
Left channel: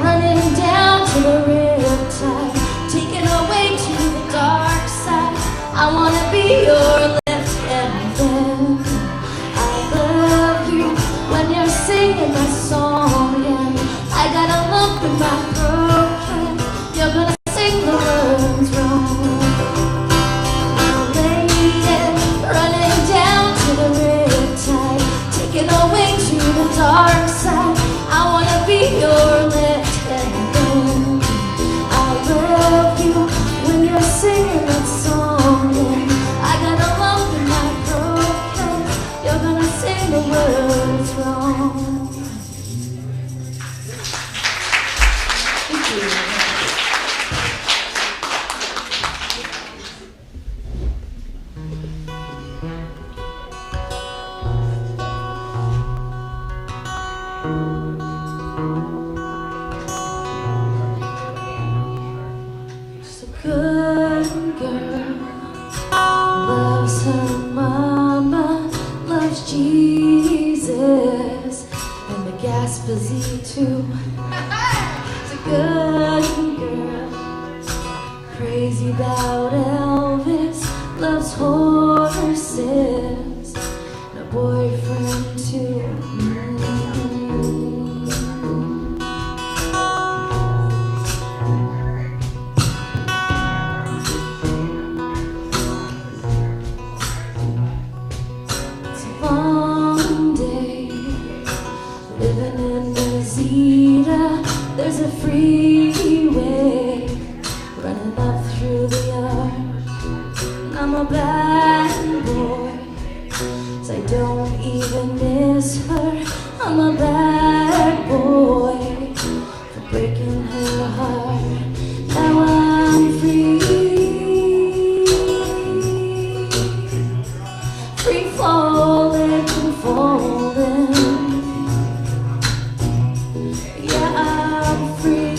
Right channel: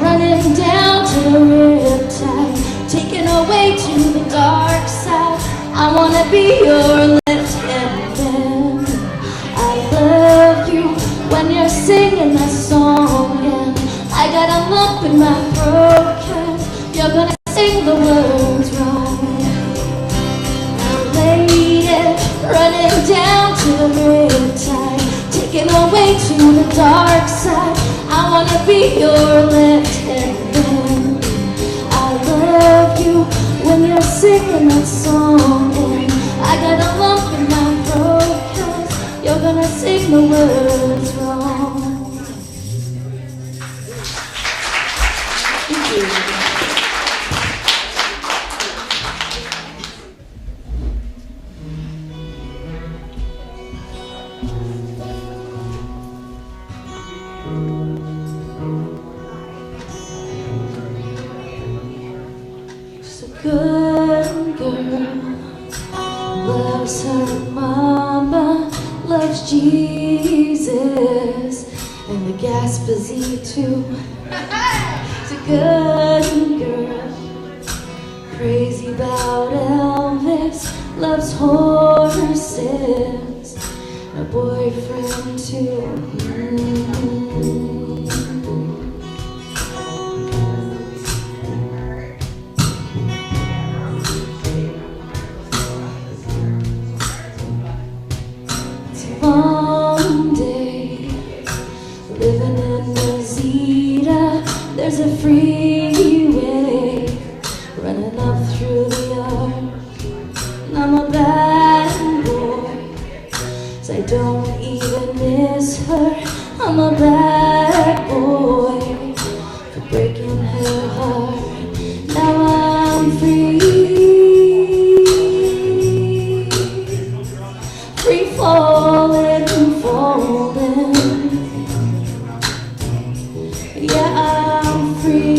running down to the riptide, taken away to the dark side. I wanna be your left-hand man. I love you when you're singing my song, and I got a lump in my throat 'cause you're gonna sing the words wrong. Lady, running down to the riptide, taken away to the dark side. I wanna be your left-hand man. I love you when you're singing that song, and I got a lump in my throat 'cause you're gonna sing the words wrong. Thank you. She's a good girl, loves her mama, loves Jesus, and the Gaspesian too. She's a good girl, crazy about Elvis, loves horses, and a boyfriend too. One day, living in Rosita, there's a freeway running up through the yard. And I'm a bad boy, so I don't even miss her. I'm a bad boy for breaking her heart. Now I'm free. Free falling, falling. Yeah, I'm free.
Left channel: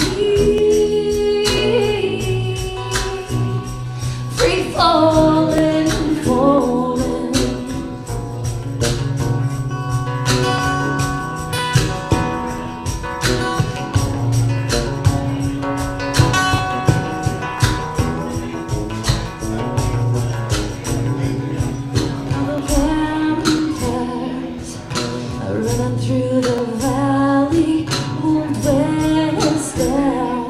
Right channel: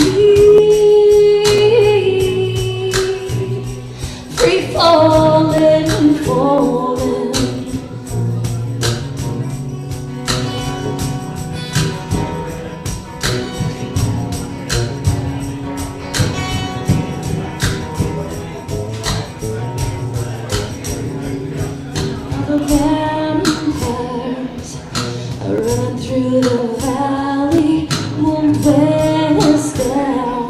Free falling, falling. Running through the valley, moved west down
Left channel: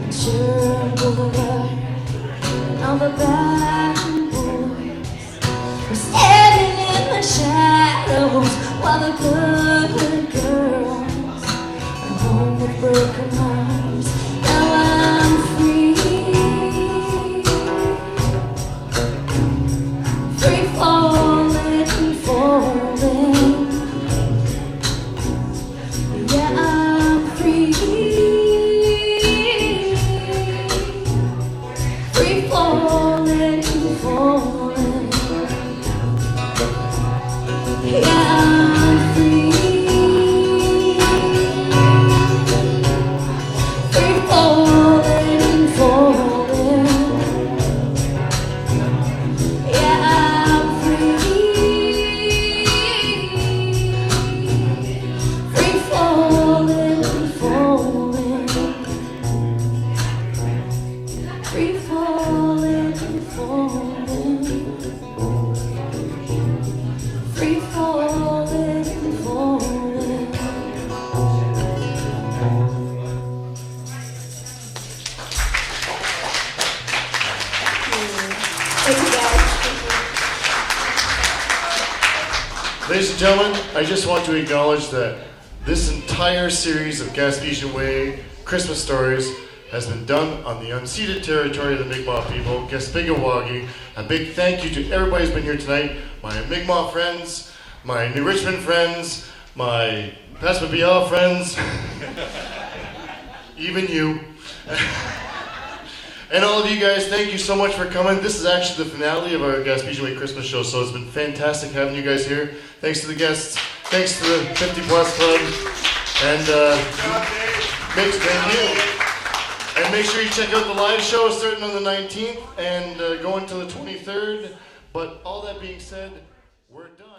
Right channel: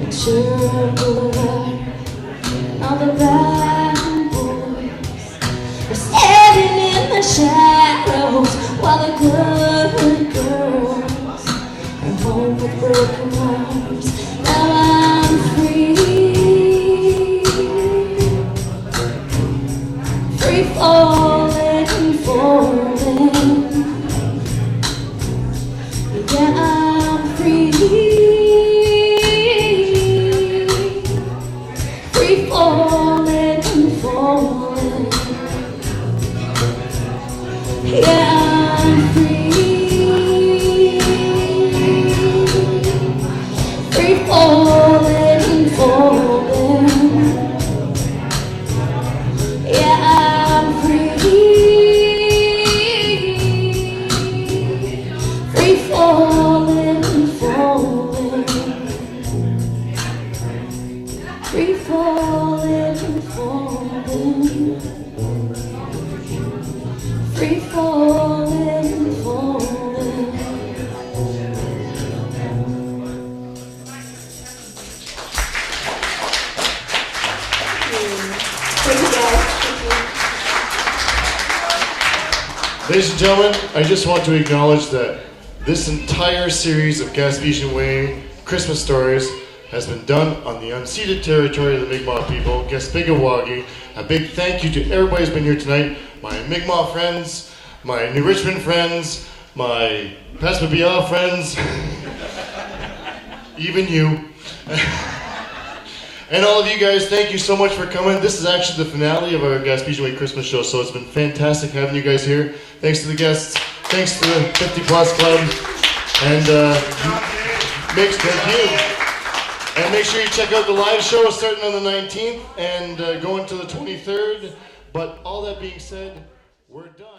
and Sherwood Boulevard. And all the bad boys were standing in the shadows while the good girls are home with broken hearts. Now I'm free, free falling, falling. Yeah, I'm free, free falling, falling. Yeah, I'm free, free falling, falling. Yeah, I'm free. Free falling, falling. Free falling, falling. Free falling, falling. Ladies and gentlemen, I just want to acknowledge that this entire series of Gaspesian Way Christmas stories has been done on the unceded territory of the Mi'kmaq people, Gaspesian Way. A big thank you to everybody who's been here tonight, my Mi'kmaq friends, my New Richmond friends, my Paspabial friends, even you. And all of you guys, thank you so much for coming. This is actually the finale of our Gaspesian Way Christmas show, so it's been fantastic having you guys here. Thanks to the guests, thanks to the 50 Plus Club, and thank you. And make sure you check out the live show starting on the 19th and going to the 23rd. But all that being said, we're done.